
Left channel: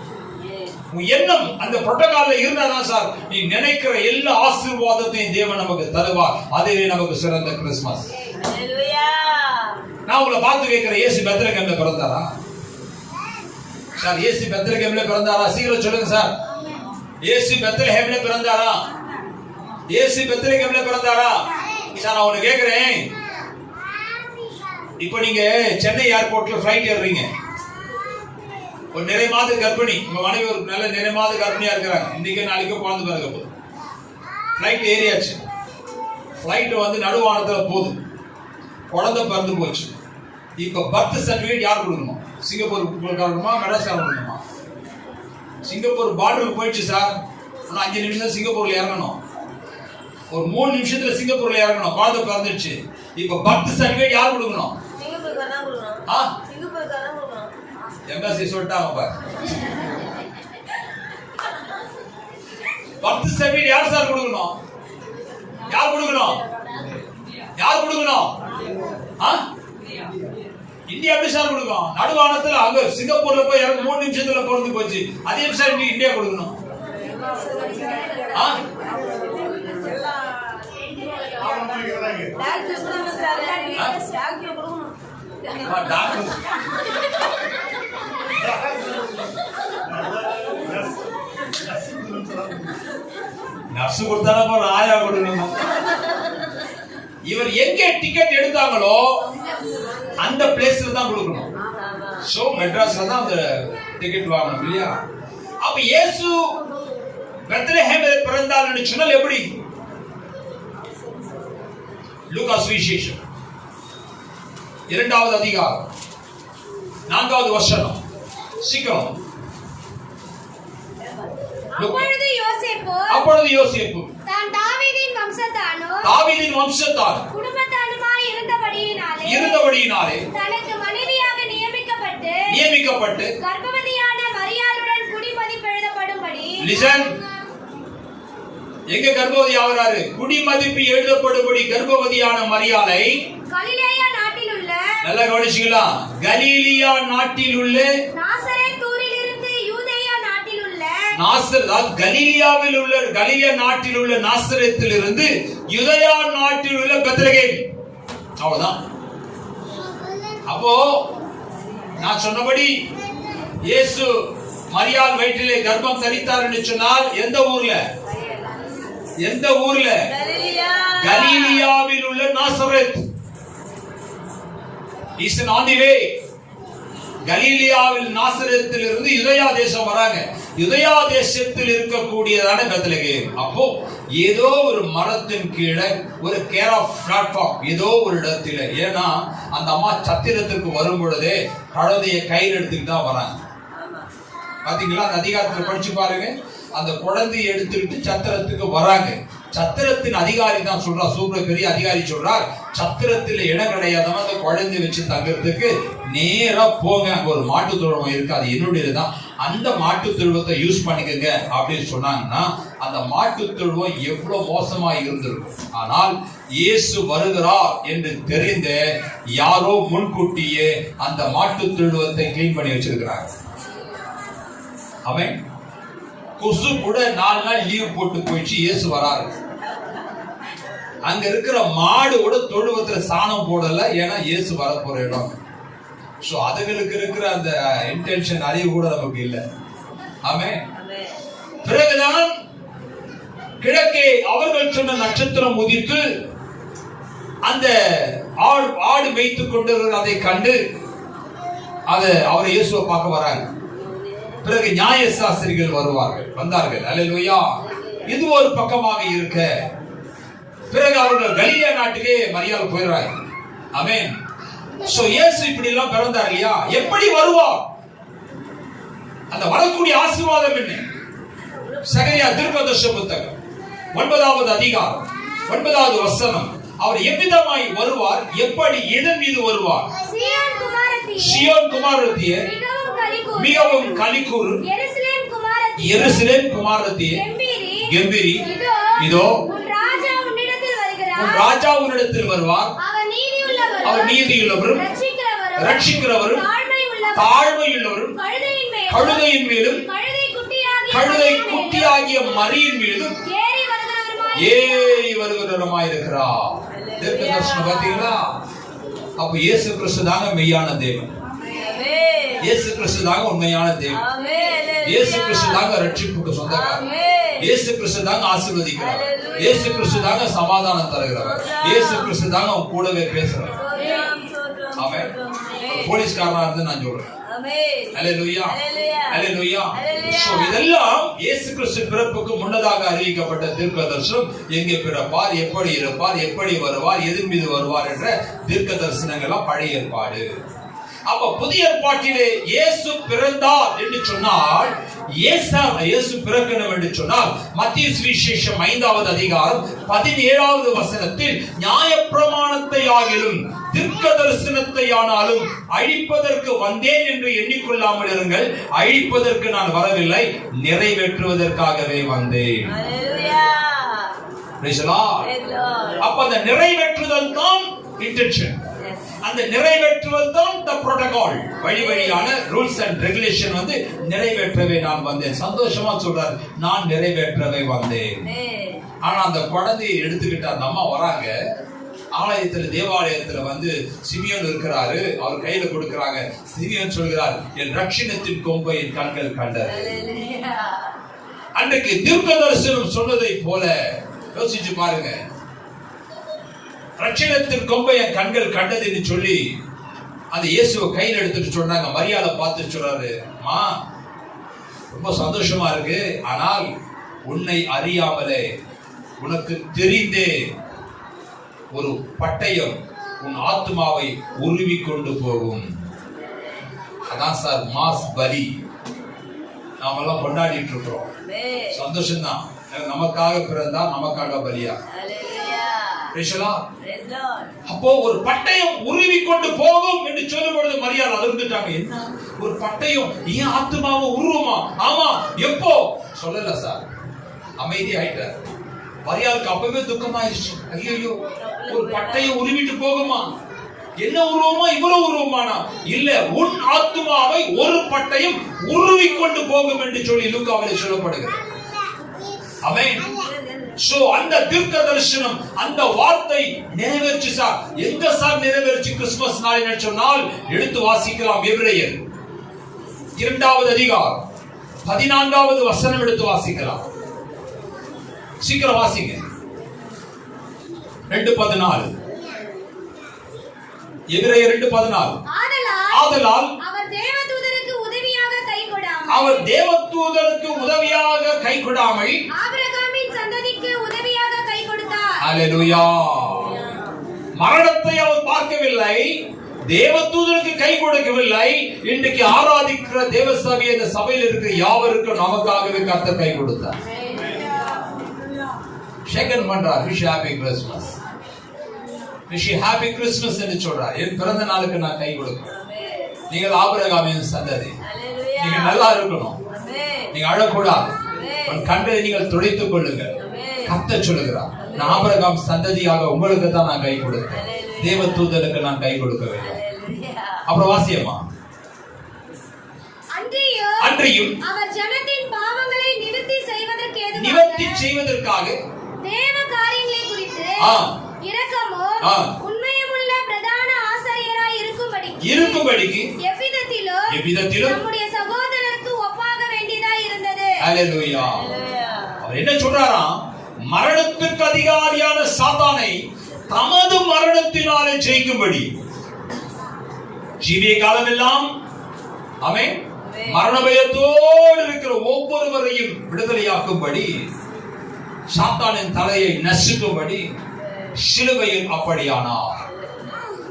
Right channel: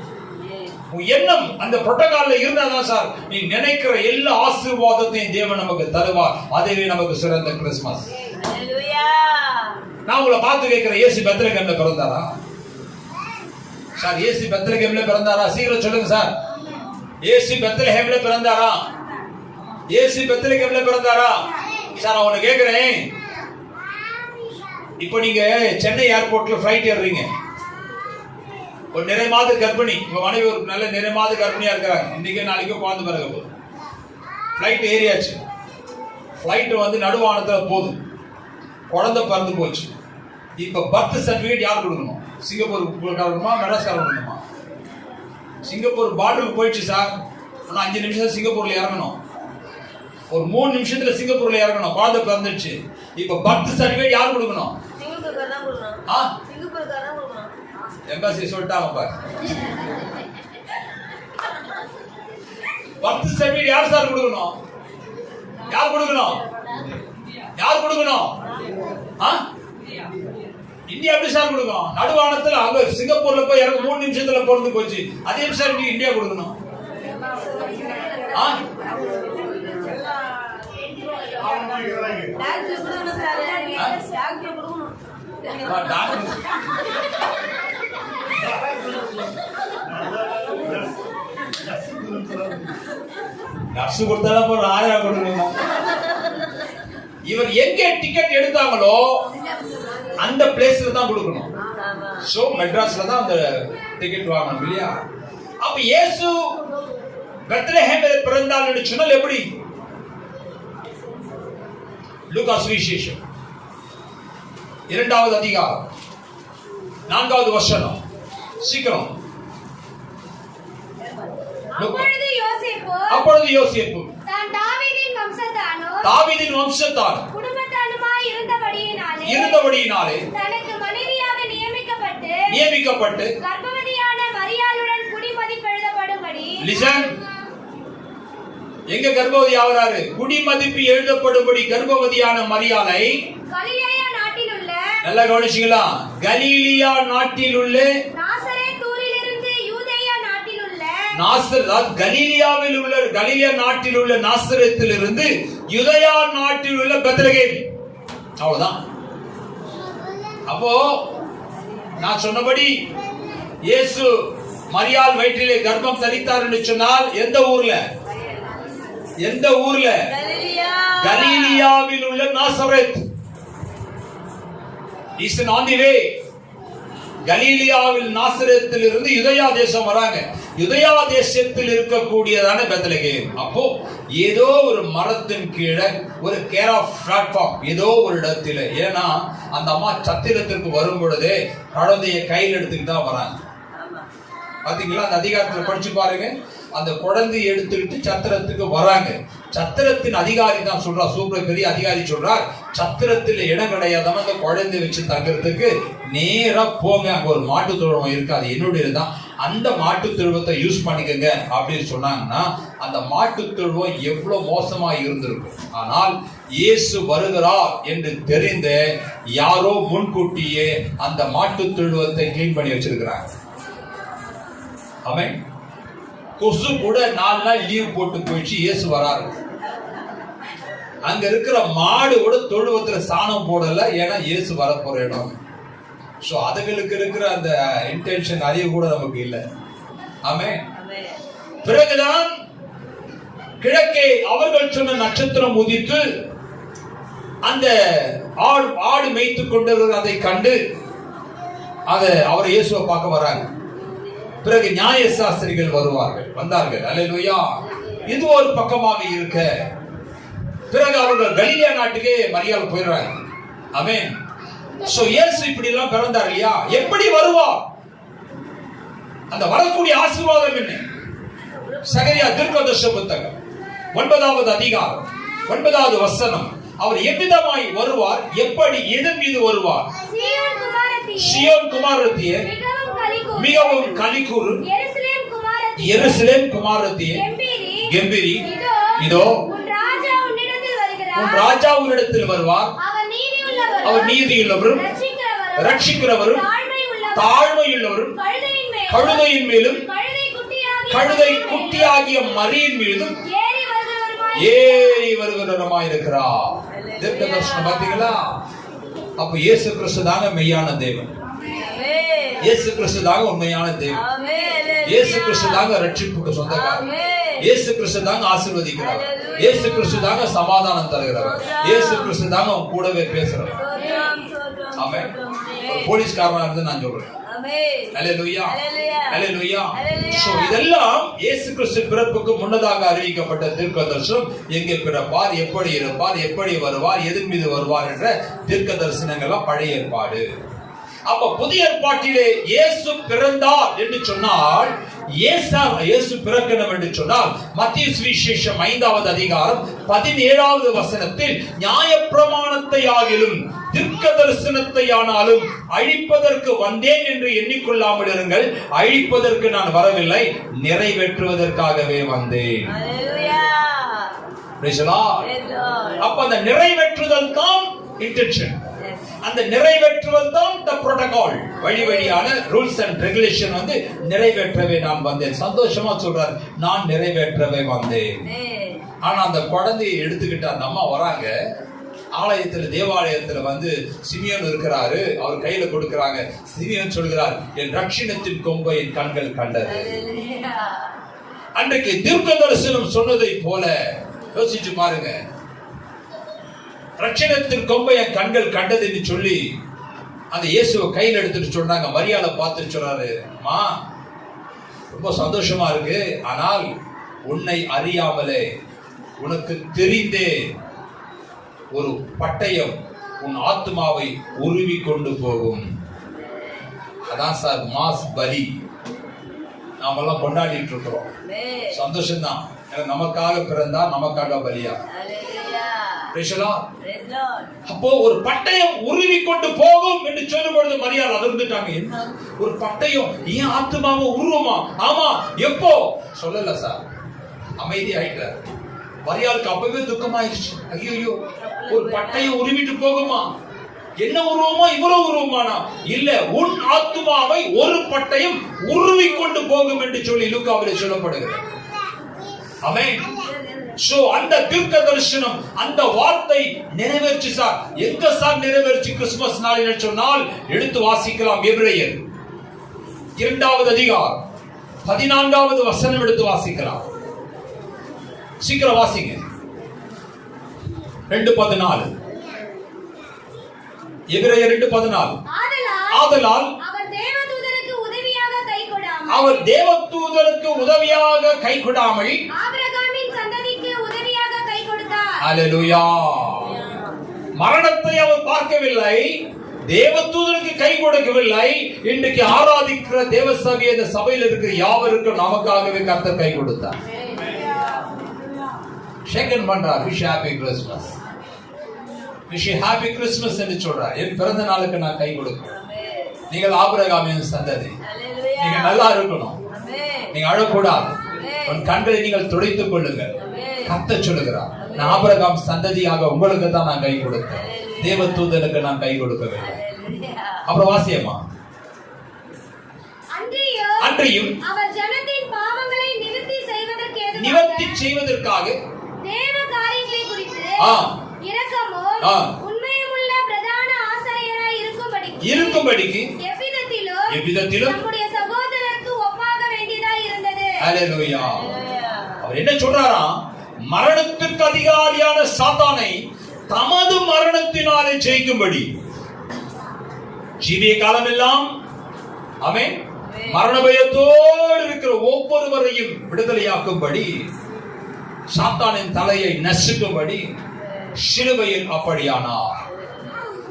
உன் எண்ணம் அந்த புரோட்டோகால்ல இருந்தாதான் சார் நீ நினைக்கிற எல்லா ஆசீர்வாதத்தையும் தேவன் நமக்கு தருவார். அதுவே நமக்கு சிறந்த கிறிஸ்துமஸ். நான் உங்களை பார்த்து கேட்கிறேன், இயேசு பெத்லகேம்ல பிறந்தாரா சார்? இயேசு பெத்லகேம்ல பிறந்தாரா? சீக்கிரம் சொல்லுங்க சார். இயேசு பெத்லகேம்ல பிறந்தாரா? இயேசு பெத்லகேம்ல பிறந்தாரா? சார் நான் உன்னை கேட்கிறேன், இப்போ நீங்க சென்னை ஏர்போர்ட்ல ஃபிளைட் ஏறுறீங்க. ஒரு நிறை மாத கர்ப்பிணி, உங்க மனைவி ஒரு நல்ல நிறை மாத கர்ப்பிணியா இருக்கிறாங்க. இன்னைக்கு நாளைக்கு குழந்தை பிறக்க போகுது. ஃபிளைட் ஏறியாச்சு. ஃபிளைட் வந்து நடுவானத்துல போகுது. குழந்தை பிறந்து போச்சு. இப்ப பர்த் சர்டிபிகேட் யார் கொடுக்கணும்? சிங்கப்பூர் கொடுக்கணுமா, மடகாஸ்கர் கொடுக்கணுமா? சிங்கப்பூர் பார்டருக்கு போயிடுச்சு சார். ஆனா 5 நிமிஷம் சிங்கப்பூர்ல இறங்கணும். ஒரு 3 நிமிஷத்துல சிங்கப்பூர்ல இறங்கணும். குழந்தை பிறந்துச்சு. இப்ப பர்த் சர்டிபிகேட் யார் கொடுக்கணும்? எம்பசி சொல்லிட்டாங்க. பர்த் சர்டிபிகேட் யார் சார் கொடுக்கணும்? யார் கொடுக்கணும்? இந்தியா எப்படி சார் கொடுக்கும்? நடுவானத்துல அங்க சிங்கப்பூர்ல போய் இறங்க 3 நிமிஷத்துல பிறந்து போச்சு. அதே சார் இந்தியா கொடுக்கணும். நர்ஸ் கொடுத்தாலும் போல ஆயா கொடுக்கணும். இவர் எங்க டிக்கெட் எடுத்தாங்களோ அந்த பிளேஸ்ல தான் கொடுக்கணும். சோ மெட்ராஸ்ல தான் அந்த டிக்கெட் வாங்கணும் இல்லையா? அப்ப இயேசு பெத்லகேமில் பிறந்தார்னு சொன்னால் எப்படி? லூக்கா சுவிசேஷம் 2வது அதிகாரம் 4வது வசனம். சீக்கிரம். அப்பொழுது யோசேப்பு தாவீதின் வம்சத்தார் இருந்தபடியினாலே தனக்கு மனைவியாக நியமிக்கப்பட்டு கர்ப்பவதியான மரியாளுடன் குடிமதிப்பு எழுதப்படும்படி. லிசன். எங்க கர்ப்பவதி ஆகிறாரு? குடிமதிப்பு எழுதப்படும்படி கர்ப்பவதியான மரியாளை கலிலேயா நாட்டில் உள்ள, நல்லா கவனிச்சீங்களா? கலீலியா நாட்டில் உள்ள, நாசரேத்தூரிலிருந்து யூதேயா நாட்டில் உள்ள, கலீலியாவில் உள்ள, கலீலியா நாட்டில் உள்ள நாசரேத்திலிருந்து யூதேயா நாட்டில் உள்ள பெத்லகேம். அவ்வளவுதான். அப்போ நான் சொன்னபடி இயேசு மரியாள் வயிற்றிலே கர்ப்பம் தரித்தார் என்று சொன்னால் எந்த ஊர்ல? கலீலியாவில் உள்ள நாசரேத். கலீலியாவில் நாசரேத்தில் இருந்து யூதேயா தேசம் வராங்க. யூதேயா தேசத்தில் இருக்கக்கூடியதான பெத்லகேம். அப்போ ஏதோ ஒரு மரத்தின் கீழே ஒரு கேர் ஆஃப் பிளாட்ஃபார்ம் ஏதோ ஒரு இடத்துல. ஏன்னா அந்த அம்மா சத்திரத்திற்கு வரும் பொழுதே குழந்தைய கையில் எடுத்துக்கிட்டு தான் வராங்க. பாத்தீங்களா? அந்த அதிகாரத்துல படிச்சு பாருங்க. அந்த குழந்தையை எடுத்துக்கிட்டு சத்திரத்துக்கு வராங்க. சத்திரத்தின் அதிகாரி தான் சொல்றா, சூப்பர் பெரிய அதிகாரி சொல்றார், சத்திரத்தில் இடம் கிடையாதவன் அந்த குழந்தைய வச்சு தங்குறதுக்கு நேரா போங்க, அங்க ஒரு மாட்டு தொழுவம் இருக்கு, அது என்னுடையதுதான், அந்த மாட்டு தொழுவத்தை யூஸ் பண்ணிக்கங்க அப்படின்னு சொன்னாங்கன்னா அந்த மாட்டு தொழுவம் எவ்வளவு மோசமா இருந்திருக்கும். ஆனால் இயேசு வருகிறார் என்று தெரிந்த யாரோ முன்கூட்டியே அந்த மாட்டு தொழுவத்தை கிளீன் பண்ணி வச்சிருக்கிறாங்க. ஆமென். கொசு கூட 4 நாள் லீவ் போட்டு போயிடுச்சு, இயேசு வராரு. அங்க இருக்கிற மாடு கூட தொழுவத்துல சாணம் போடல, ஏன்னா இயேசு வர போற இடம். சோ அதுகளுக்கு இருக்கிற அந்த இன்டென்ஷன் அறிவு கூட நமக்கு இல்லை. ஆமென். பிறகுதான் கிழக்கே அவர்கள் சொன்ன நட்சத்திரம் உதித்து அந்த ஆடு மேய்த்து கொண்டிருக்கிற அதை கண்டு அவரை இயேசுவை பார்க்க வராங்க. பிறகு நியாய சாஸ்திரிகள் வந்தார்கள். அல்லேலூயா. இது ஒரு பக்கமாக இருக்க, பிறகு அவர்கள் கலிலேயா நாட்டுக்கே மரியாதை போயிடுறாங்க. ஆமென். சோ இயேசு இப்படி எல்லாம் பிறந்தார் இல்லையா? எப்படி வருவார்? அந்த வரக்கூடிய ஆசீர்வாதம் என்ன? சகரியா தீர்க்கதரிசி புத்தகம் 9வது அதிகாரம் 9வது வசனம். அவர் எவ்விதமாய் வருவார்? எப்படி? எதன் மீது வருவார்? சீயோன் குமாரத்தியே மிகவும் களிகூர், எருசலேம் குமாரத்தியே கெம்பீரி, இதோ உன் ராஜா உன்னிடத்தில் வருவார். அவர் நீதியுள்ளவரும் ரட்சிக்கிறவரும் தாழ்மையுள்ளவரும் கழுதையின் மேலும் கழுதை குட்டியாகிய மரியின் மீதும் ஏறி வருகிறவருமாய் இருக்கிறார். தீர்க்க தரிசனம் பார்த்தீங்களா? அப்ப இயேசு கிறிஸ்து தாங்க மெய்யான தேவன். இயேசு கிறிஸ்து தாங்க உண்மையான தேவன். இயேசு கிறிஸ்து தாங்க ரட்சிப்புக்கு சொந்தக்காரர். இயேசு கிறிஸ்து தாங்க ஆசீர்வதிக்கிறார். இயேசு கிறிஸ்து தாங்க சமாதானம் தருகிறவர். இயேசு கிறிஸ்து தாங்க அவன் கூடவே பேசுறார். ஆமென். போலீஸ்காரனா இருந்து நான் சொல்றேன். அல்லேலூயா, அல்லேலூயா. சோ இதெல்லாம் இயேசு கிறிஸ்து பிறப்புக்கு முன்னதாக அறிவிக்கப்பட்ட தீர்க்கதரிசனம். எங்கே பிறப்பார், எப்படி இருப்பார், எப்படி வருவார், எதன் மீது வருவார் என்ற தீர்க்க தரிசனங்கள்லாம் பழைய ஏற்பாடு. அப்ப புதிய ஏற்பாட்டிலே இயேசு பிறந்தார் என்று சொன்னால், இயேசு பிறக்கணும் என்று சொன்னால், மத்தேயு சுவிசேஷம் 5வது அதிகாரம் 17வது வசனத்தில் நியாயப்பிரமாணத்தை ஆகிலும் தீர்க்க தரிசனத்தை ஆனாலும் அழிப்பதற்கு வந்தேன் என்று எண்ணிக்கொள்ளாமல் இருங்கள், அழிப்பதற்கு நான் வரவில்லை, நிறைவேற்றுவதற்காகவே வந்தேன். அப்ப அந்த நிறைவேற்றுதல் தான் இன்டென்ஷன். அந்த நிறைவேற்றுவது தான் the protocol. வழிவழியான ரூல்ஸ் அண்ட் ரெகுலேஷன் வந்து நிறைவேற்றவே நான் வந்தேன். சந்தோஷமா சொல்றார், நான் நிறைவேற்றவே வந்தேன். ஆனா அந்த குழந்தையை எடுத்துக்கிட்டு அந்த அம்மா வராங்க. ஆலயத்துல தேவாலயத்துல வந்து சிமியோன் இருக்கிறாரு, அவர் கையில கொடுக்கிறாங்க. சிமியோன் சொல்கிறார், என் ரட்சணத்தின் கொம்பை என் கண்கள் கண்டது. அன்றைக்கு தீர்க்க தரிசனம் சொன்னதை போல யோசிச்சு பாருங்க. ரட்சணத்தின் கொம்பை என் கண்கள் கண்டது என்று சொல்லி அந்த இயேசுவை கையில் எடுத்துட்டு சொன்னாங்க. மரியாதை பார்த்து சொல்றாரு, அம்மா ரொம்ப சந்தோஷமா இருக்கு, ஆனால் உன்னை அறியாமலே உனக்கு தெரிந்தே ஒரு பட்டயம் உன் ஆத்மாவை உருவி கொண்டு போகும். அதான் சார் மாஸ் பலி நாமெல்லாம் கொண்டாடிட்டு இருக்கிறோம். சந்தோஷம்தான். நமக்காக பிறந்தா நமக்காக பலியா. அப்போ ஒரு பட்டயம் உருவி கொண்டு போகும் என்று சொல்லும் பொழுது மரியாதை அதிர்ந்துட்டாங்க. என்ன ஒரு பட்டயம், ஏன் ஆத்மாவை உருவமா? ஆமா, எப்போ சொல்லல சார். அமைதி ஆயிட்டார். மரியாதைக்கு அப்பவே துக்கமாயிருச்சு. ஐயோ, ஒரு பட்டயம் உருவிட்டு போகுமா? என்ன உருவமா? இவ்வளவு உருவமானா? இல்ல, உன் ஆத்மாவை ஒரு பட்டயம் உருவி கொண்டு போகும் என்று சொல்லி லூக்காவிலே சொல்லப்படுகிறது. ஆமென். சோ அந்த தீர்க்க தரிசனம், அந்த வார்த்தை நிறைவேற்றி சார். எங்க சார் நிறைவேற்றி? கிறிஸ்துமஸ் நாளில் சொன்னால் எடுத்து வாசிக்கலாம். எபிரேயர் 2வது அதிகாரம் 14வது வசனம் எடுத்து வாசிக்கலாம். சீக்கிரம் வாசிங்க. 2:14. எபிரேயர் 2:14. ஆதலால் அவர் தேவதூதருக்கு உதவியாக கை கொடாமல் அல்லேலூயா, மரணத்தை அவர் பார்க்கவில்லை, தேவதூதருக்கு கை கொடுக்கவில்லை. இன்றைக்கு ஆராதிக்கிற தேவசபை இந்த சபையில் இருக்கிற யாவருக்கும் நமக்காகவே கர்த்தர் கை கொடுத்தார். ஷேக்கன் பண்றார். Wish happy Christmas, wish happy Christmas என்று சொல்றார். என் பிறந்த நாளுக்கு நான் கை கொடுக்கிறேன். நீங்கள் ஆபிரகாமின் சந்ததி, நீங்க நல்லா இருக்கணும், நீங்க அழக்கூடாது, உன் கண்களை நீங்கள் துடைத்துக் கொள்ளுங்கள். கர்த்தர் சொல்லுகிறார், நான் ஆபிரகாம் சந்ததியாக உங்களுக்கு தான் நான் கை கொடுத்தேன், தேவதூதருக்கு நான் கை கொடுக்கவில்லை. அப்புறம் வாசியமா, அன்றியும் அவர் நிவர்த்தி செய்வதற்காக தேவ காரியங்களை குறித்து ஆ. இரக்கமும் ஆ. உண்மையுமுள்ள பிரதான ஆசாரியராய் இருக்கும்படிக்கு எவ்விதத்திலும் நம்முடைய சகோதரருக்கு ஒப்பாக வேண்டியதாய் இருந்தது. ஹல்லேலூயா. அவர் என்ன சொல்றாராம்? மரணத்துக்கு அதிகாரியான சாத்தானை தமது மரணத்தினாலே ஜெயிக்கும்படி ஜீவிய காலமெல்லாம் ஆமென் மரண பயத்தோடு இருக்கிற ஒவ்வொருவரையும் விடுதலையாக்கும்படி சாத்தானின் தலையை நசுக்கும்படி சிலுவையில் அப்படியானார்.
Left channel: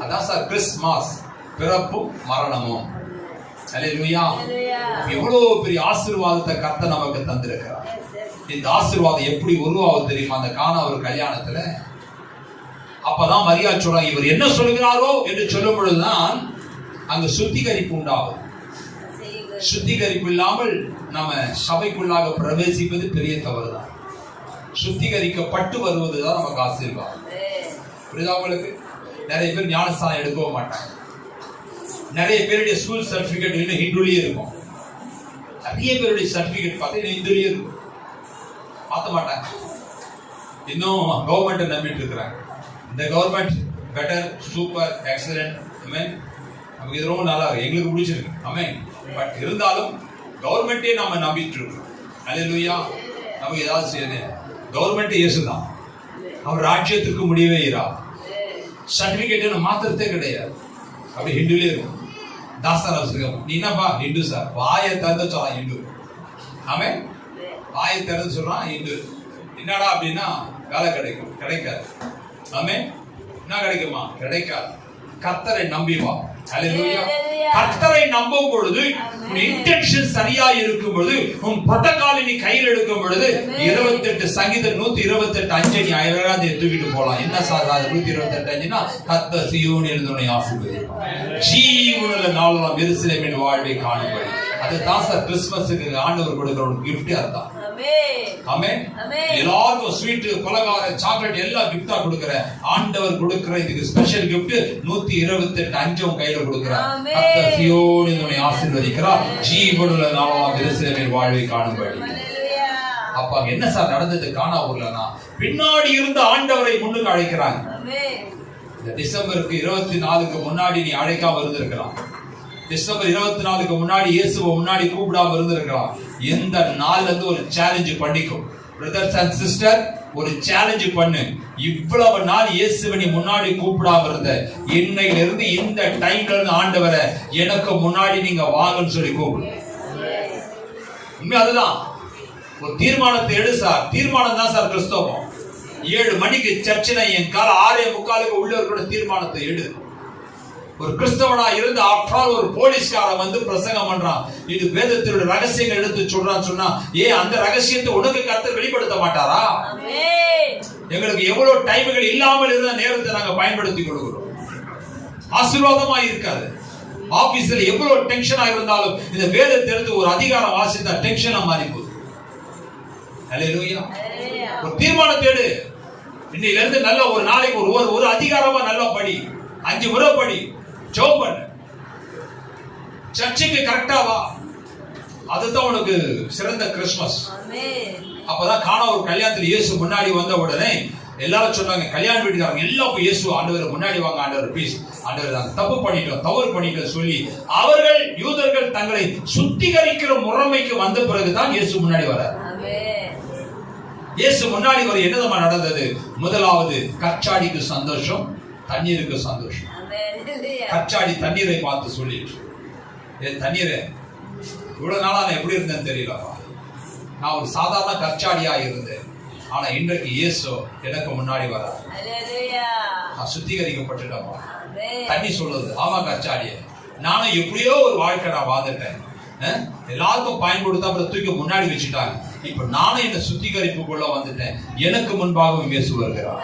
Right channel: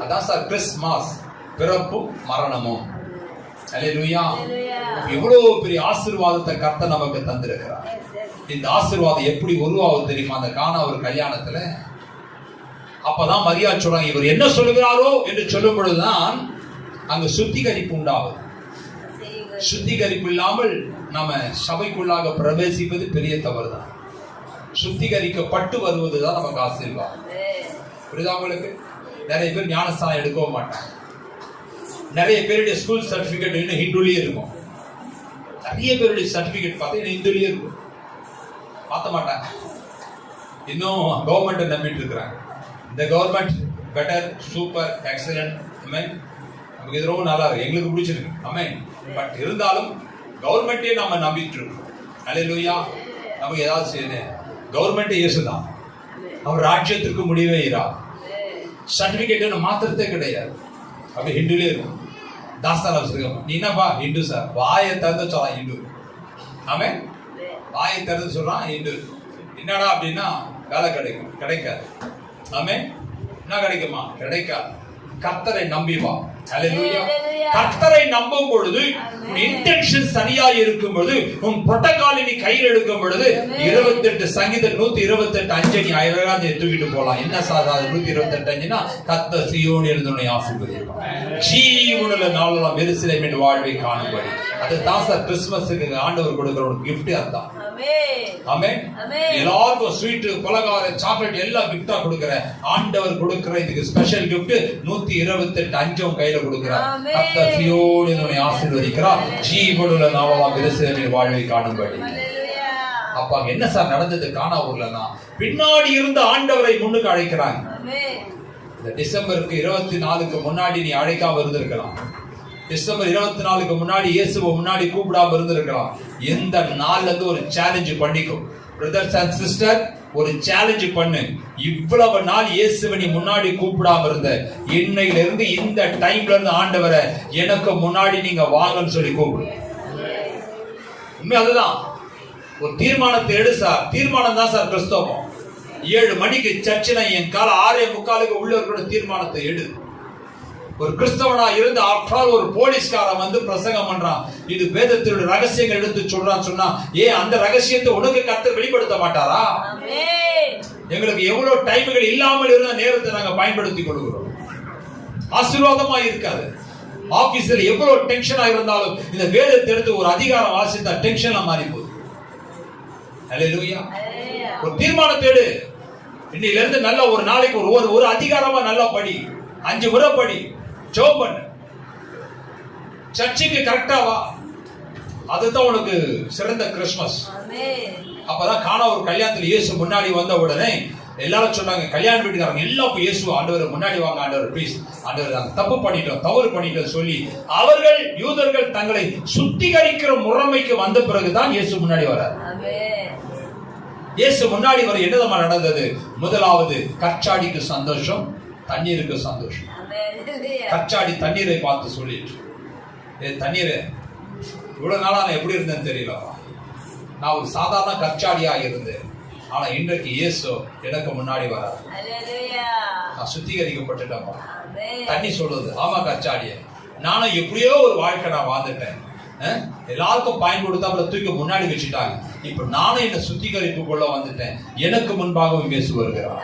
அதான் சார் கிறிஸ்துமஸ், பிறப்பும் மரணமும். ஹல்லேலூயா. எவ்வளவு பெரிய ஆசீர்வாதத்தை கர்த்தர் நமக்கு தந்திருக்கிறார். இந்த ஆசீர்வாதம் எப்படி உருவாகும் தெரியுமா? அந்த கானா ஒரு கல்யாணத்துல அப்பதான் மரியாள் சொல்றாங்க, இவர் என்ன சொல்லுகிறாரோ என்று சொல்லும் பொழுதுதான் அங்க சுத்திகரிப்பு உண்டாகும். சுத்திகரிப்பு இல்லாமல் நம்ம சபைக்குள்ளாக பிரவேசிப்பது பெரிய தவறுதான். சுத்திகரிக்கப்பட்டு வருவதுதான் நமக்கு ஆசீர்வாதம். புரியுதா உங்களுக்கு? நிறைய பேர் ஞானஸ்தானம் எடுக்கவும் மாட்டாங்க. நிறைய பேருடைய ஸ்கூல் சர்டிபிகேட் இன்னும் ஹிந்துலயே இருக்கும். நிறைய பேருடைய சர்டிபிகேட் பார்த்தா ஹிந்துலயே இருக்கும், பார்த்த மாட்டாங்க. இன்னும் கவர்மெண்ட் நம்பிட்டு இருக்கிறாங்க. இந்த கவர்மெண்ட் பெட்டர், சூப்பர், எக்ஸலன்ட், நமக்கு இது ரொம்ப நல்லா இருக்கு, எங்களுக்கு பிடிச்சிருக்கு, ஆமென். பட் இருந்தாலும் கவர்மெண்ட்டே நாம நம்பிட்டு இருக்கோம். ஹல்லேலூயா. நமக்கு ஏதாவது செய்யணும், கவர்மெண்ட் இயேசுதான், அவர் ராஜ்யத்துக்கு முடிவே இரா. சர்டிபிகேட் மாத்திரத்தே கிடையாது, அப்படி ஹிந்துலே இருக்கும். தாஸ்தான நீ என்னப்பா ஹிந்து சார், வாயை திறந்து சொல்றான் ஹிந்து, ஆமென். வாயை திறந்து சொல்றான் ஹிந்து. என்னடா அப்படின்னா வேலை கிடைக்கும், கிடைக்காது, ஆமென். என்ன கிடைக்குமா? கிடைக்காது. கர்த்தரை நம்பி வா. ஹல்லேலூயா. கர்த்தரை நம்பும் பொழுது இன்டென்ஷன் சரியா இருக்கும் பொழுது, உன் புரோட்டோகால் நீ கையில் எடுக்கும் பொழுது 28 சங்கீதம் 128:5 நீ அழகாக தூக்கிட்டு போலாம். என்ன சாதா 128:5னா கர்த்தர் சீயோனில் இருந்து உன்னை ஆசீர்வதிப்பார், ஜீவனுள்ள நாளெல்லாம் எருசலேமின் வாழ்வை காணும்படி. அதுதான் சார் கிறிஸ்துமஸுக்கு ஆண்டவர் கொடுக்கிற ஒரு கிஃப்ட். அதான் ஆமென். எல்லாருக்கும் ஸ்வீட், பலகாரம், சாக்லேட் எல்லாம் கிஃப்டா கொடுக்கிற ஆண்டவர் கொடுக்கிற இதுக்கு ஸ்பெஷல் கிஃப்ட் 128:5 கையில கொடுக்கிறார். கர்த்தர் சீயோனில் உன்னை ஆசீர்வதிக்கிறார், ஜீவனுள்ள நாளெல்லாம் எருசலேமின் வாழ்வை காணும்படி. அப்ப என்ன சார் நடந்தது கானா ஊர்லனா? பின்னாடி இருந்து ஆண்டவரை முன்னுக்கு அழைக்கிறாங்க. இந்த டிசம்பருக்கு 24க்கு முன்னாடி நீ அழைக்காம இருந்திருக்கலாம். டிசம்பர் 24க்கு முன்னாடி இயேசுவை முன்னாடி கூப்பிடாம இருந்திருக்கலாம். எந்த நாள்ல இருந்து ஒரு சேலஞ்ச் பண்ணிக்கும் பிரதர்ஸ் அண்ட் சிஸ்டர், ஒரு சேலஞ்ச் பண்ணு. இவ்வளவு நாள் இயேசுவை நீ முன்னாடி கூப்பிடாம இருந்த, இன்னையில இருந்து இந்த டைம்ல இருந்து ஆண்டவரை எனக்கு முன்னாடி நீங்க வாங்கன்னு சொல்லி கூப்பிடு. உண்மை அதுதான். ஒரு தீர்மானத்தை எடு சார். தீர்மானம் தான் சார் கிறிஸ்தவம். 7 மணிக்கு சர்ச்சினா என் கால 6:45 உள்ள இருக்கிற தீர்மானத்தை எடு. ஒரு கிறிஸ்தவனா இருந்து ஆஃப்டர் ஒரு போலீஸ்காரன் வந்து பிரசங்கம் பண்றான், இது வேதத்தினுடைய ரகசியங்கள் எடுத்து சொல்றான்னு சொன்னா, அந்த ரகசியத்தை உனக்கு கர்த்தர் வெளிப்படுத்த மாட்டாரா? எங்களுக்கு எவ்வளவு டைம்கள் இல்லாமல் இருந்த நேரத்தை நாங்க பயன்படுத்திக் கொள்கிறோம். ஆசீர்வாதமா இருக்காது. ஆபீஸ்ல எவ்வளவு டென்ஷனா இருந்தாலும் இந்த வேதத்தை எடுத்து ஒரு அதிகாரம் வாசித்தா டென்ஷனா மாறி போகுது. ஹல்லேலூயா. ஒரு தீர்மானத்தை எடு. இன்னையில இருந்து நல்ல ஒரு நாளைக்கு ஒரு அதிகாரமா நல்லா படி, 5 முறை படி, ஜெபம் பண்ணு, சர்ச்சுக்கு கரெக்டா வா. அதுதான் உனக்கு சிறந்த கிறிஸ்துமஸ். அப்பதான் காண ஒரு கல்யாணத்துல இயேசு முன்னாடி வந்த உடனே எல்லாரும் சொன்னாங்க, கல்யாண வீட்டுக்காரங்க எல்லாம் இயேசு ஆண்டவர் முன்னாடி வாங்க, ஆண்டவர் ப்ளீஸ், ஆண்டவர் நாங்க தப்பு பண்ணிட்டோம், தவறு பண்ணிட்டோம் சொல்லி அவர்கள் யூதர்கள் தங்களை சுத்திகரிக்கிற முறைமைக்கு வந்த பிறகுதான் இயேசு முன்னாடி வரார். இயேசு முன்னாடி வர என்னதமா நடந்தது? முதலாவது கச்சாடிக்கு சந்தோஷம், தண்ணீருக்கு சந்தோஷம். கச்சாடி தண்ணீரை பார்த்து சொல்லிட்டு, தண்ணீரை இவ்வளவு நாளா நான் எப்படி இருந்தேன்னு தெரியலப்பா, நான் ஒரு சாதாரண கச்சாடியா இருந்தேன், ஆனா இன்றைக்கு இயேசு எனக்கு முன்னாடி வர, நான் சுத்திகரிக்கப்பட்டுட்டேன். தண்ணி சொல்லுது, ஆமா கச்சாடிய, நானும் எப்படியோ ஒரு வாழ்க்கை நான் வாழ்ந்துட்டேன், எல்லாருக்கும் பயன்படுத்த அப்புறம் தூக்கி முன்னாடி வச்சுட்டாங்க, இப்ப நானும் என்ன சுத்திகரிப்புக்குள்ள வந்துட்டேன், எனக்கு முன்பாகவும் இயேசு வருகிறார்.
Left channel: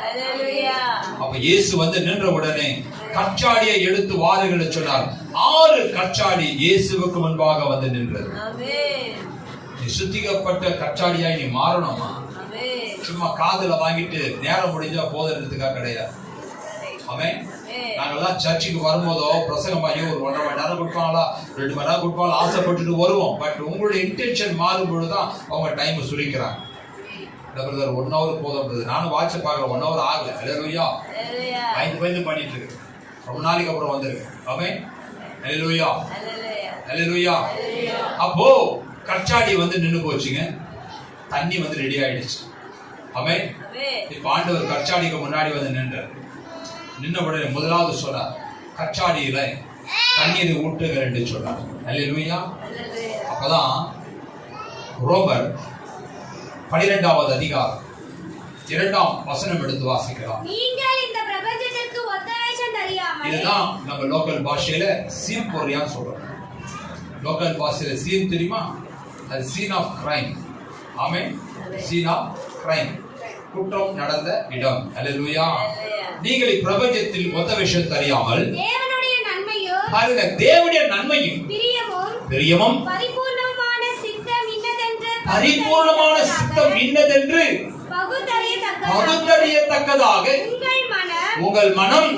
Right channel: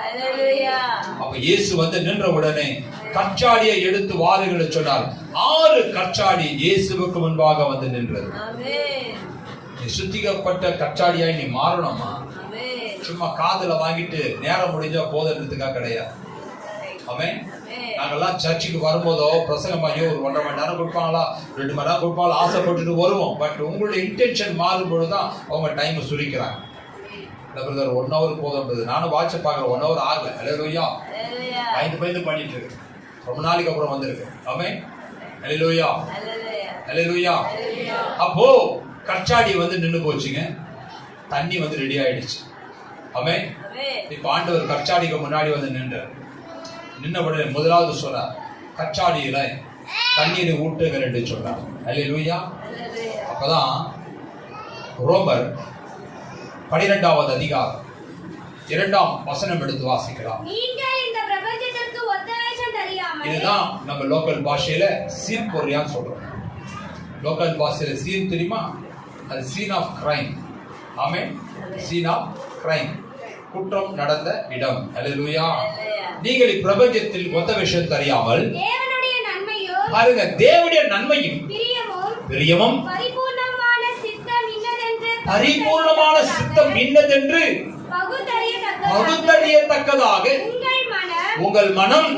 அப்ப இயேசு வந்து நின்ற உடனே கச்சாடியை எடுத்து வாருங்கள் சொன்னார். 6 கச்சாடி இயேசுவுக்கு முன்பாக வந்து நின்றது. நீ சுத்திகப்பட்ட கச்சாடியாய் நீ மாறணுமா? சும்மா காதுல வாங்கிட்டு நேரம் முடிஞ்சா போதுன்றதுக்காக கிடையாது. ஆமென். நாங்கெல்லாம் சர்ச்சுக்கு வரும்போதோ பிரசங்கம் பண்ணி ஒரு 1.5 மணி நேரம் கொடுப்பாங்களா, 2 மணி நேரம் கொடுப்பாங்களா, ஆசைப்பட்டுட்டு வருவோம். பட் உங்களுடைய இன்டென்ஷன் மாறும் பொழுதுதான் அவங்க டைம் சுழிக்கிறாங்க. பிரதர் 1 hour போதும். நானும் வாட்ச பார்க்கல, 1 hour ஆகல. அல்லேலூயா. பயந்து பண்ணிட்டு இருக்கு. ரொம்ப நாளைக்கு அப்புறம் வந்திருக்கு. ஆமென். அல்லேலூயா. அல்லேலூயா. அப்போ கச்சாடி வந்து நின்னு போச்சுங்க. தண்ணி வந்து ரெடி ஆயிடுச்சு. ஆமென். இப்ப ஆண்டவர் கச்சாடிக்கு முன்னாடி வந்து நின்ன உடனே முதலாவது சொல்றார், கச்சாடியில தண்ணீரை ஊட்டுங்க என்று சொல்றார். அல்லேலூயா. அப்பதான் ரோமர் 12வது அதிகாரம் 2ஆம் வசனம் எடுத்து வாசிக்கலாம். நீங்கள் இந்த பிரபஞ்சத்திற்கு ஒத்த வேஷம் தெரியாமல். இதுதான் நம்ம லோக்கல் பாஷையில சீன் பொறியான்னு சொல்றோம். லோக்கல் பாஷையில சீன் தெரியுமா? அது சீன் ஆஃப் கிரைம். ஆமென். சீன் ஆஃப் கிரைம், குற்றம் நடந்த இடம். அல்லேலூயா. நீங்கள் பிரபஞ்சத்தில் ஒத்த வேஷம் தெரியாமல் தேவனுடைய நன்மையும் பாருங்க, தேவனுடைய நன்மையும் பிரியமும் பரிபூர்ணமான சித்தம் இன்னதென்று பகுத்தறியத்தக்கதாக உங்கள் மனம்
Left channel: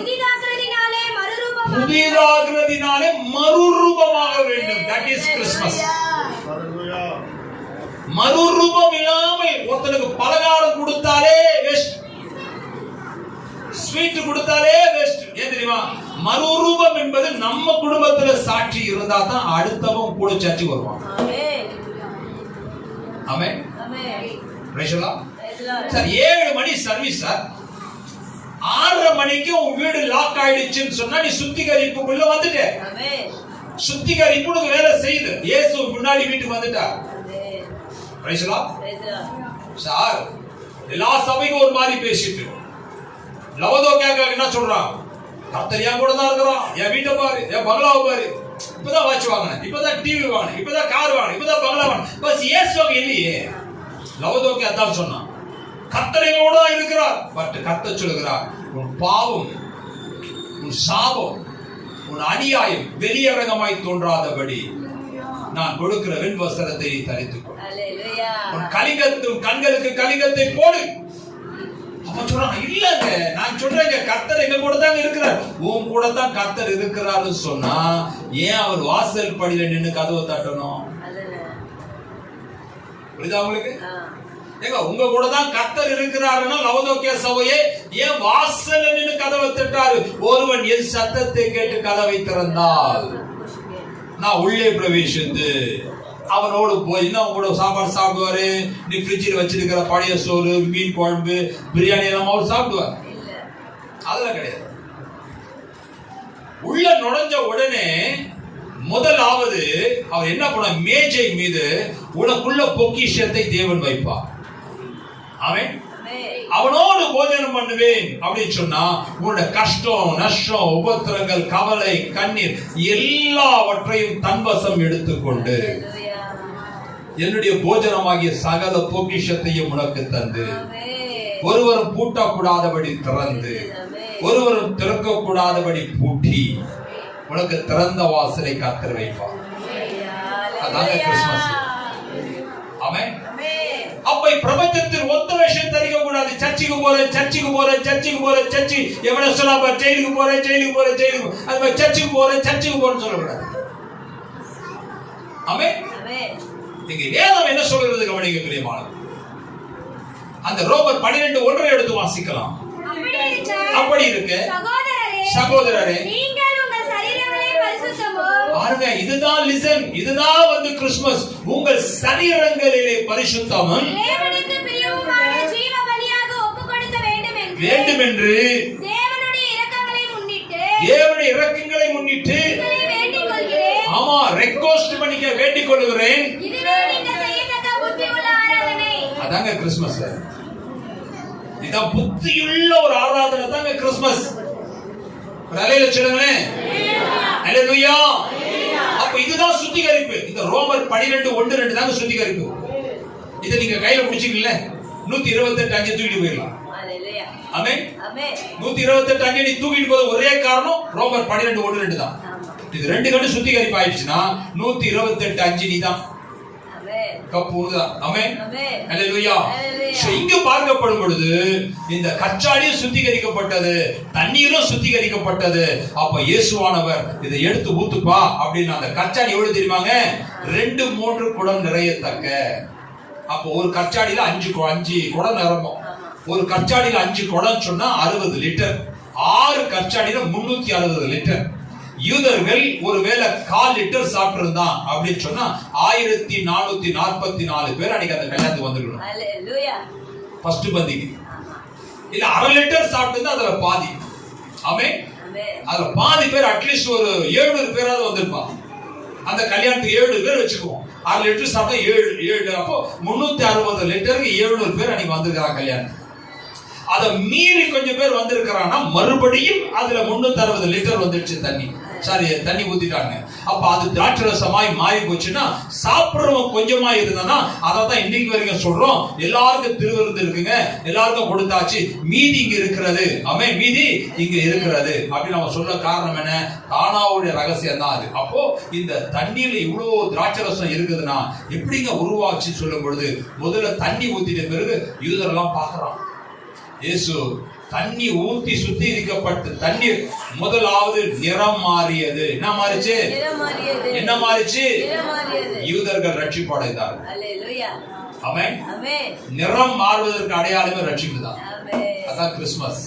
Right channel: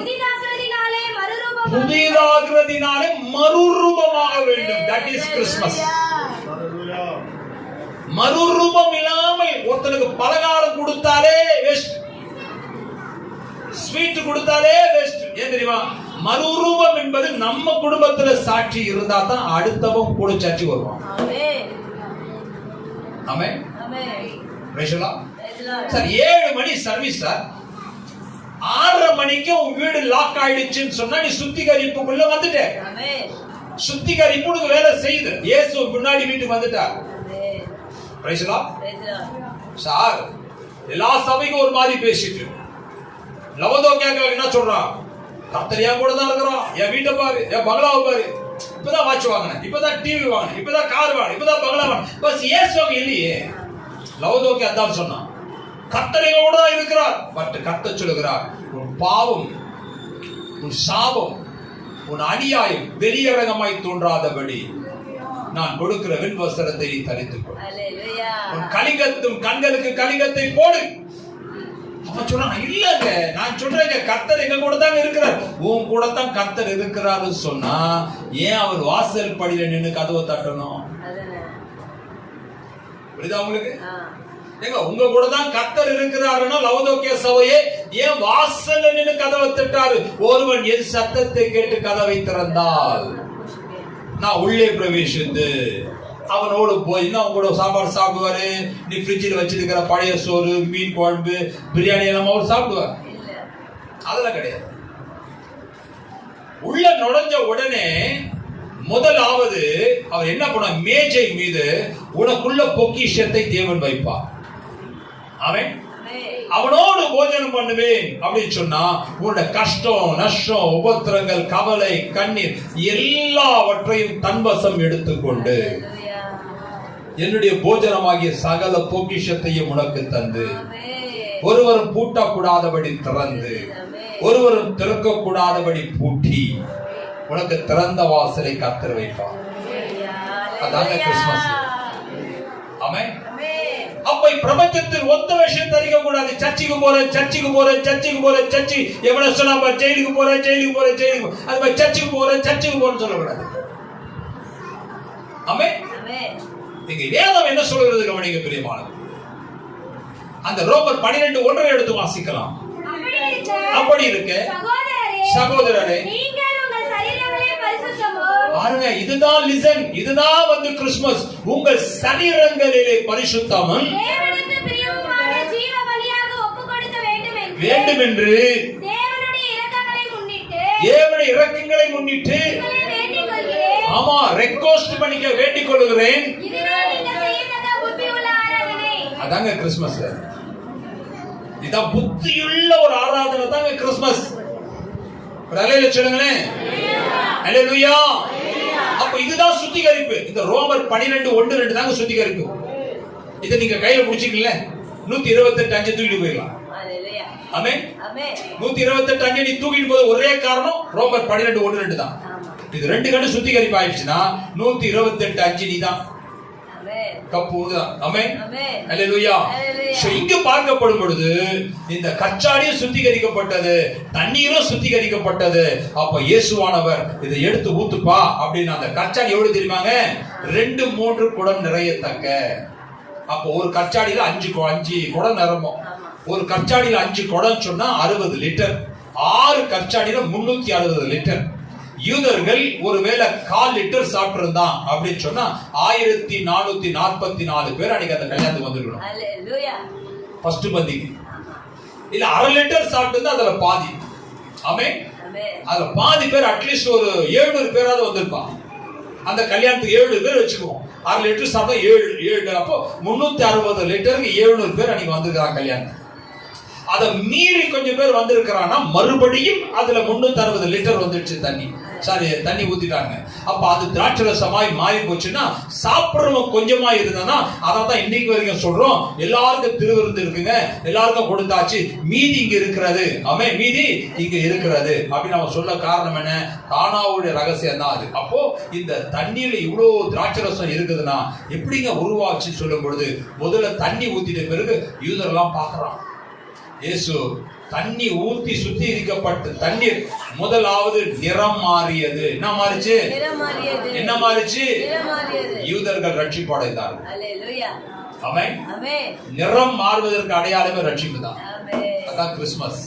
புதிதாகிறதினாலே மறுரூபமாக வேண்டும். That is Christmas. மறுரூபம் இல்லாமல் ஒருத்தனுக்கு பலகாரம் கொடுத்தாலே வேஸ்ட், ஸ்வீட் கொடுத்தாலே வேஸ்ட். ஏன் தெரியுமா? மறுரூபம் என்பது நம்ம குடும்பத்துல சாட்சி இருந்தா தான் அடுத்தவன் கூட சாட்சி வருவான். ஆமென். சார் 7 மணி சர்வீஸ் சார், 6:30 மணிக்கு உன் வீடு லாக் ஆயிடுச்சுன்னு சொன்னா நீ சுத்திகரிப்புக்குள்ள வந்துட்ட. சுத்திகரிப்பு உனக்கு வேலை செய்யுது. இயேசு முன்னாடி வீட்டுக்கு வந்துட்டார். சார் எல்லா சபைக்கும் ஒரு மாதிரி பேசிட்டு லவதோக்கியாக என்ன சொல்றான்? கர்த்தர் என் கூட தான் இருக்கிறான், என் வீட்டை பாரு, என் பங்களாவை பாரு, இப்பதான் வாட்ச் வாங்கினேன், இப்பதான் டிவி வாங்கினேன், இப்பதான் கார் வாங்கினேன், இப்பதான் பங்களா வாங்கினேன். பஸ் இயேசுக்கு இல்லையே. லவதோக்கி அதான் சொன்னான், கர்த்தர் எங்களோட தான் இருக்கிறார். பட் கர்த்தர் சொல்லுகிறார், உன் பாவம், உன் சாபம், உன் அநியாயம் வெளியரங்கமாய் தோன்றாதபடி நான் கொடுக்கிற வெண் வஸ்திரத்தை தரித்துக்கொள். உன் கலிங்கத்தும் கண்களுக்கு கலிங்கத்தை போடு. அவன் சொல்றான், இல்லங்க நான் சொல்றேன் கர்த்தர் எங்க கூட தான் இருக்கிறார். உன் கூட தான் கர்த்தர் இருக்கிறாருன்னு சொன்னா ஏன் அவர் வாசல் படியில நின்னு கதவை தட்டணும்? புரியுதா உங்களுக்கு? ஏங்க உங்க கூட தான் கர்த்தர் இருக்கிறாருன்னா லவதோக்கிய சபையே ஏன் வாசல்ல நின்னு கதவை தட்டாரு? ஒருவன் என் சத்தத்தை கேட்டு கதவை திறந்தால் நான் உள்ளே பிரவேசித்து அவனோடு போய் அவன் கூட சாப்பாடு சாப்பிடுவாரு. நீ ஃப்ரிட்ஜில் வச்சிருக்கிற பழைய சோறு, மீன் குழம்பு, பிரியாணி எல்லாம் அவர் சாப்பிடுவார். அதெல்லாம் கிடையாது. உள்ள நுழைஞ்ச உடனே முதலாவது அவர் என்ன பண்ண, மேஜை மீது உனக்குள்ள பொக்கிஷத்தை தேவன் வைப்பார். அவன் அவனோடு போஜனம் பண்ணுவேன் அப்படின்னு சொன்னா உன்னோட கஷ்டம், நஷ்டம், உபத்திரங்கள், கவலை, கண்ணீர் எல்லாவற்றையும் தன்வசம் எடுத்துக்கொண்டு என்னுடைய போஜனமாகிய சகல பொக்கிஷத்தையும் உனக்கு தந்து ஒருவரும் பூட்டக்கூடாதபடி திறந்து ஒருவரும் திறக்கக்கூடாதபடி பூட்டி உனக்கு திறந்த வாசலை கர்த்தர் வைப்பார். அதாங்க கிறிஸ்துமஸ். ஆமென். அப்ப பிரபஞ்சத்தில் ஒத்த வேஷம் தரிக்க கூடாது. சர்ச்சுக்கு போறேன், சர்ச்சுக்கு போறேன், சர்ச்சுக்கு போறேன், சர்ச்சு எவ்வளவு சொல்லாம ஜெயிலுக்கு போறேன், ஜெயிலுக்கு போறேன், ஜெயிலுக்கு அது மாதிரி சர்ச்சுக்கு போறேன், சர்ச்சுக்கு போறேன்னு சொல்லக்கூடாது. ஆமென். இங்க வேதம் என்ன சொல்றது கவனிங்க பிரியமானவர்களே. அந்த ரோமர் 12:1 எடுத்து வாசிக்கலாம். அப்படி இருக்கு சகோதரரே, பாருங்க, இதுதான் லிசன், இதுதான் வந்து கிறிஸ்துமஸ். உங்கள் சரீரங்களிலே பரிசுத்தமும் வேண்டும் என்று தேவனுடைய இரக்கங்களை முன்னிட்டு ஆமா ரெக்வெஸ்ட் பண்ணிக்க வேண்டிக் கொள்கிறேன். அதாங்க கிறிஸ்துமஸ். இதான் புத்தியுள்ள ஒரு ஆராதனை தாங்க கிறிஸ்துமஸ். அல்லேலூயா சொல்லுங்களேன். அல்லேலூயா. அப்ப இதுதான் சுத்திகரிப்பு. இந்த ரோமர் 12:1-2 தாங்க சுத்திகரிப்பு. இதை நீங்க கையில பிடிச்சிக்கல 128 அஞ்சு தூக்கிட்டு போயிடலாம். ஆமென். 128 அஞ்சு நீ தூக்கிட்டு போக ஒரே காரணம் ரோமர் 12:1-2 தான். இது 2 கண்டு சுத்திகரிப்பு ஆயிடுச்சுன்னா 128 அஞ்சு நீ தான் கப்புதான். ஆமென். அல்லேலூயா. இங்கு பார்க்கப்படும் பொழுது இந்த கச்சாடியும் சுத்திகரிக்கப்பட்டது, தண்ணீரும் சுத்திகரிக்கப்பட்டது. அப்ப இயேசுவானவர் இதை எடுத்து ஊத்துப்பா அப்படின்னு அந்த கச்சாடி எவ்வளவு தெரியுமாங்க? 2-3 குடம் நிறையத்தக்க. அப்போ ஒரு கச்சாடியில 5 குடம் நிரம்பும். ஒரு கச்சாடியில 5 குடம் சொன்னா 60 லிட்டர். 6 கச்சாடியில 360 லிட்டர். யூதர்கள் ஒருவேளை 1/4 லிட்டர் சாப்பிட்டு இருந்தான் அப்படின்னு சொன்னா 1444 பேர் அன்னைக்கு அந்த கல்யாணத்துக்கு வந்துருக்கணும். ஃபர்ஸ்ட் பந்திக்கு இல்ல 1/2 லிட்டர் சாப்பிட்டு அதுல பாதி. ஆமென். அதுல பாதி பேர் அட்லீஸ்ட் ஒரு 700 பேராவது வந்திருப்பான். அந்த கல்யாணத்துக்கு 700 பேர் வச்சுக்குவோம். 6 லிட்டர் சாப்பிட்டா 7 அப்போ 360 லிட்டருக்கு 700 பேர் அன்னைக்கு வந்திருக்காங்க கல்யாணம். அதை மீறி கொஞ்சம் பேர் வந்திருக்கிறான்னா மறுபடியும் அதுல 360 லிட்டர் வந்துடுச்சு தண்ணி ஊத்திட்டாங்க. அப்ப அது திராட்சரசமாய் மாறி போச்சுன்னா சாப்பிடுறவங்க கொஞ்சமா இருந்தனா அதான் இன்னைக்கு வரைக்கும் சொல்றோம், எல்லாருக்கும் திருவிருந்து இருக்குங்க, எல்லாருக்கும் கொடுத்தாச்சு, மீதி இங்க இருக்கிறது. ஆமென். மீதி இங்க இருக்கிறது அப்படின்னு அவன் சொல்ல காரணம் என்ன? தானாவுடைய ரகசியம் தான் அது. அப்போ இந்த தண்ணீர்ல இவ்வளவு திராட்சரசம் இருக்குதுன்னா எப்படிங்க உருவாச்சு சொல்லும் பொழுது முதல்ல தண்ணி ஊத்திட்ட பிறகு யூதரெல்லாம் பாக்குறான். இயேசு தண்ணி ஊத்தி சுத்திகரிக்கப்பட்ட தண்ணீர் முதலாவது நிறம் மாறியது. என்ன மாறிச்சு? என்ன மாறிச்சு? யூதர்கள் ரட்சிப்பு அடைந்தார்கள். ஆமென். நிறம் மாறுவதற்கு அடையாளமே ரட்சிப்பு தான். அதான் கிறிஸ்துமஸ்.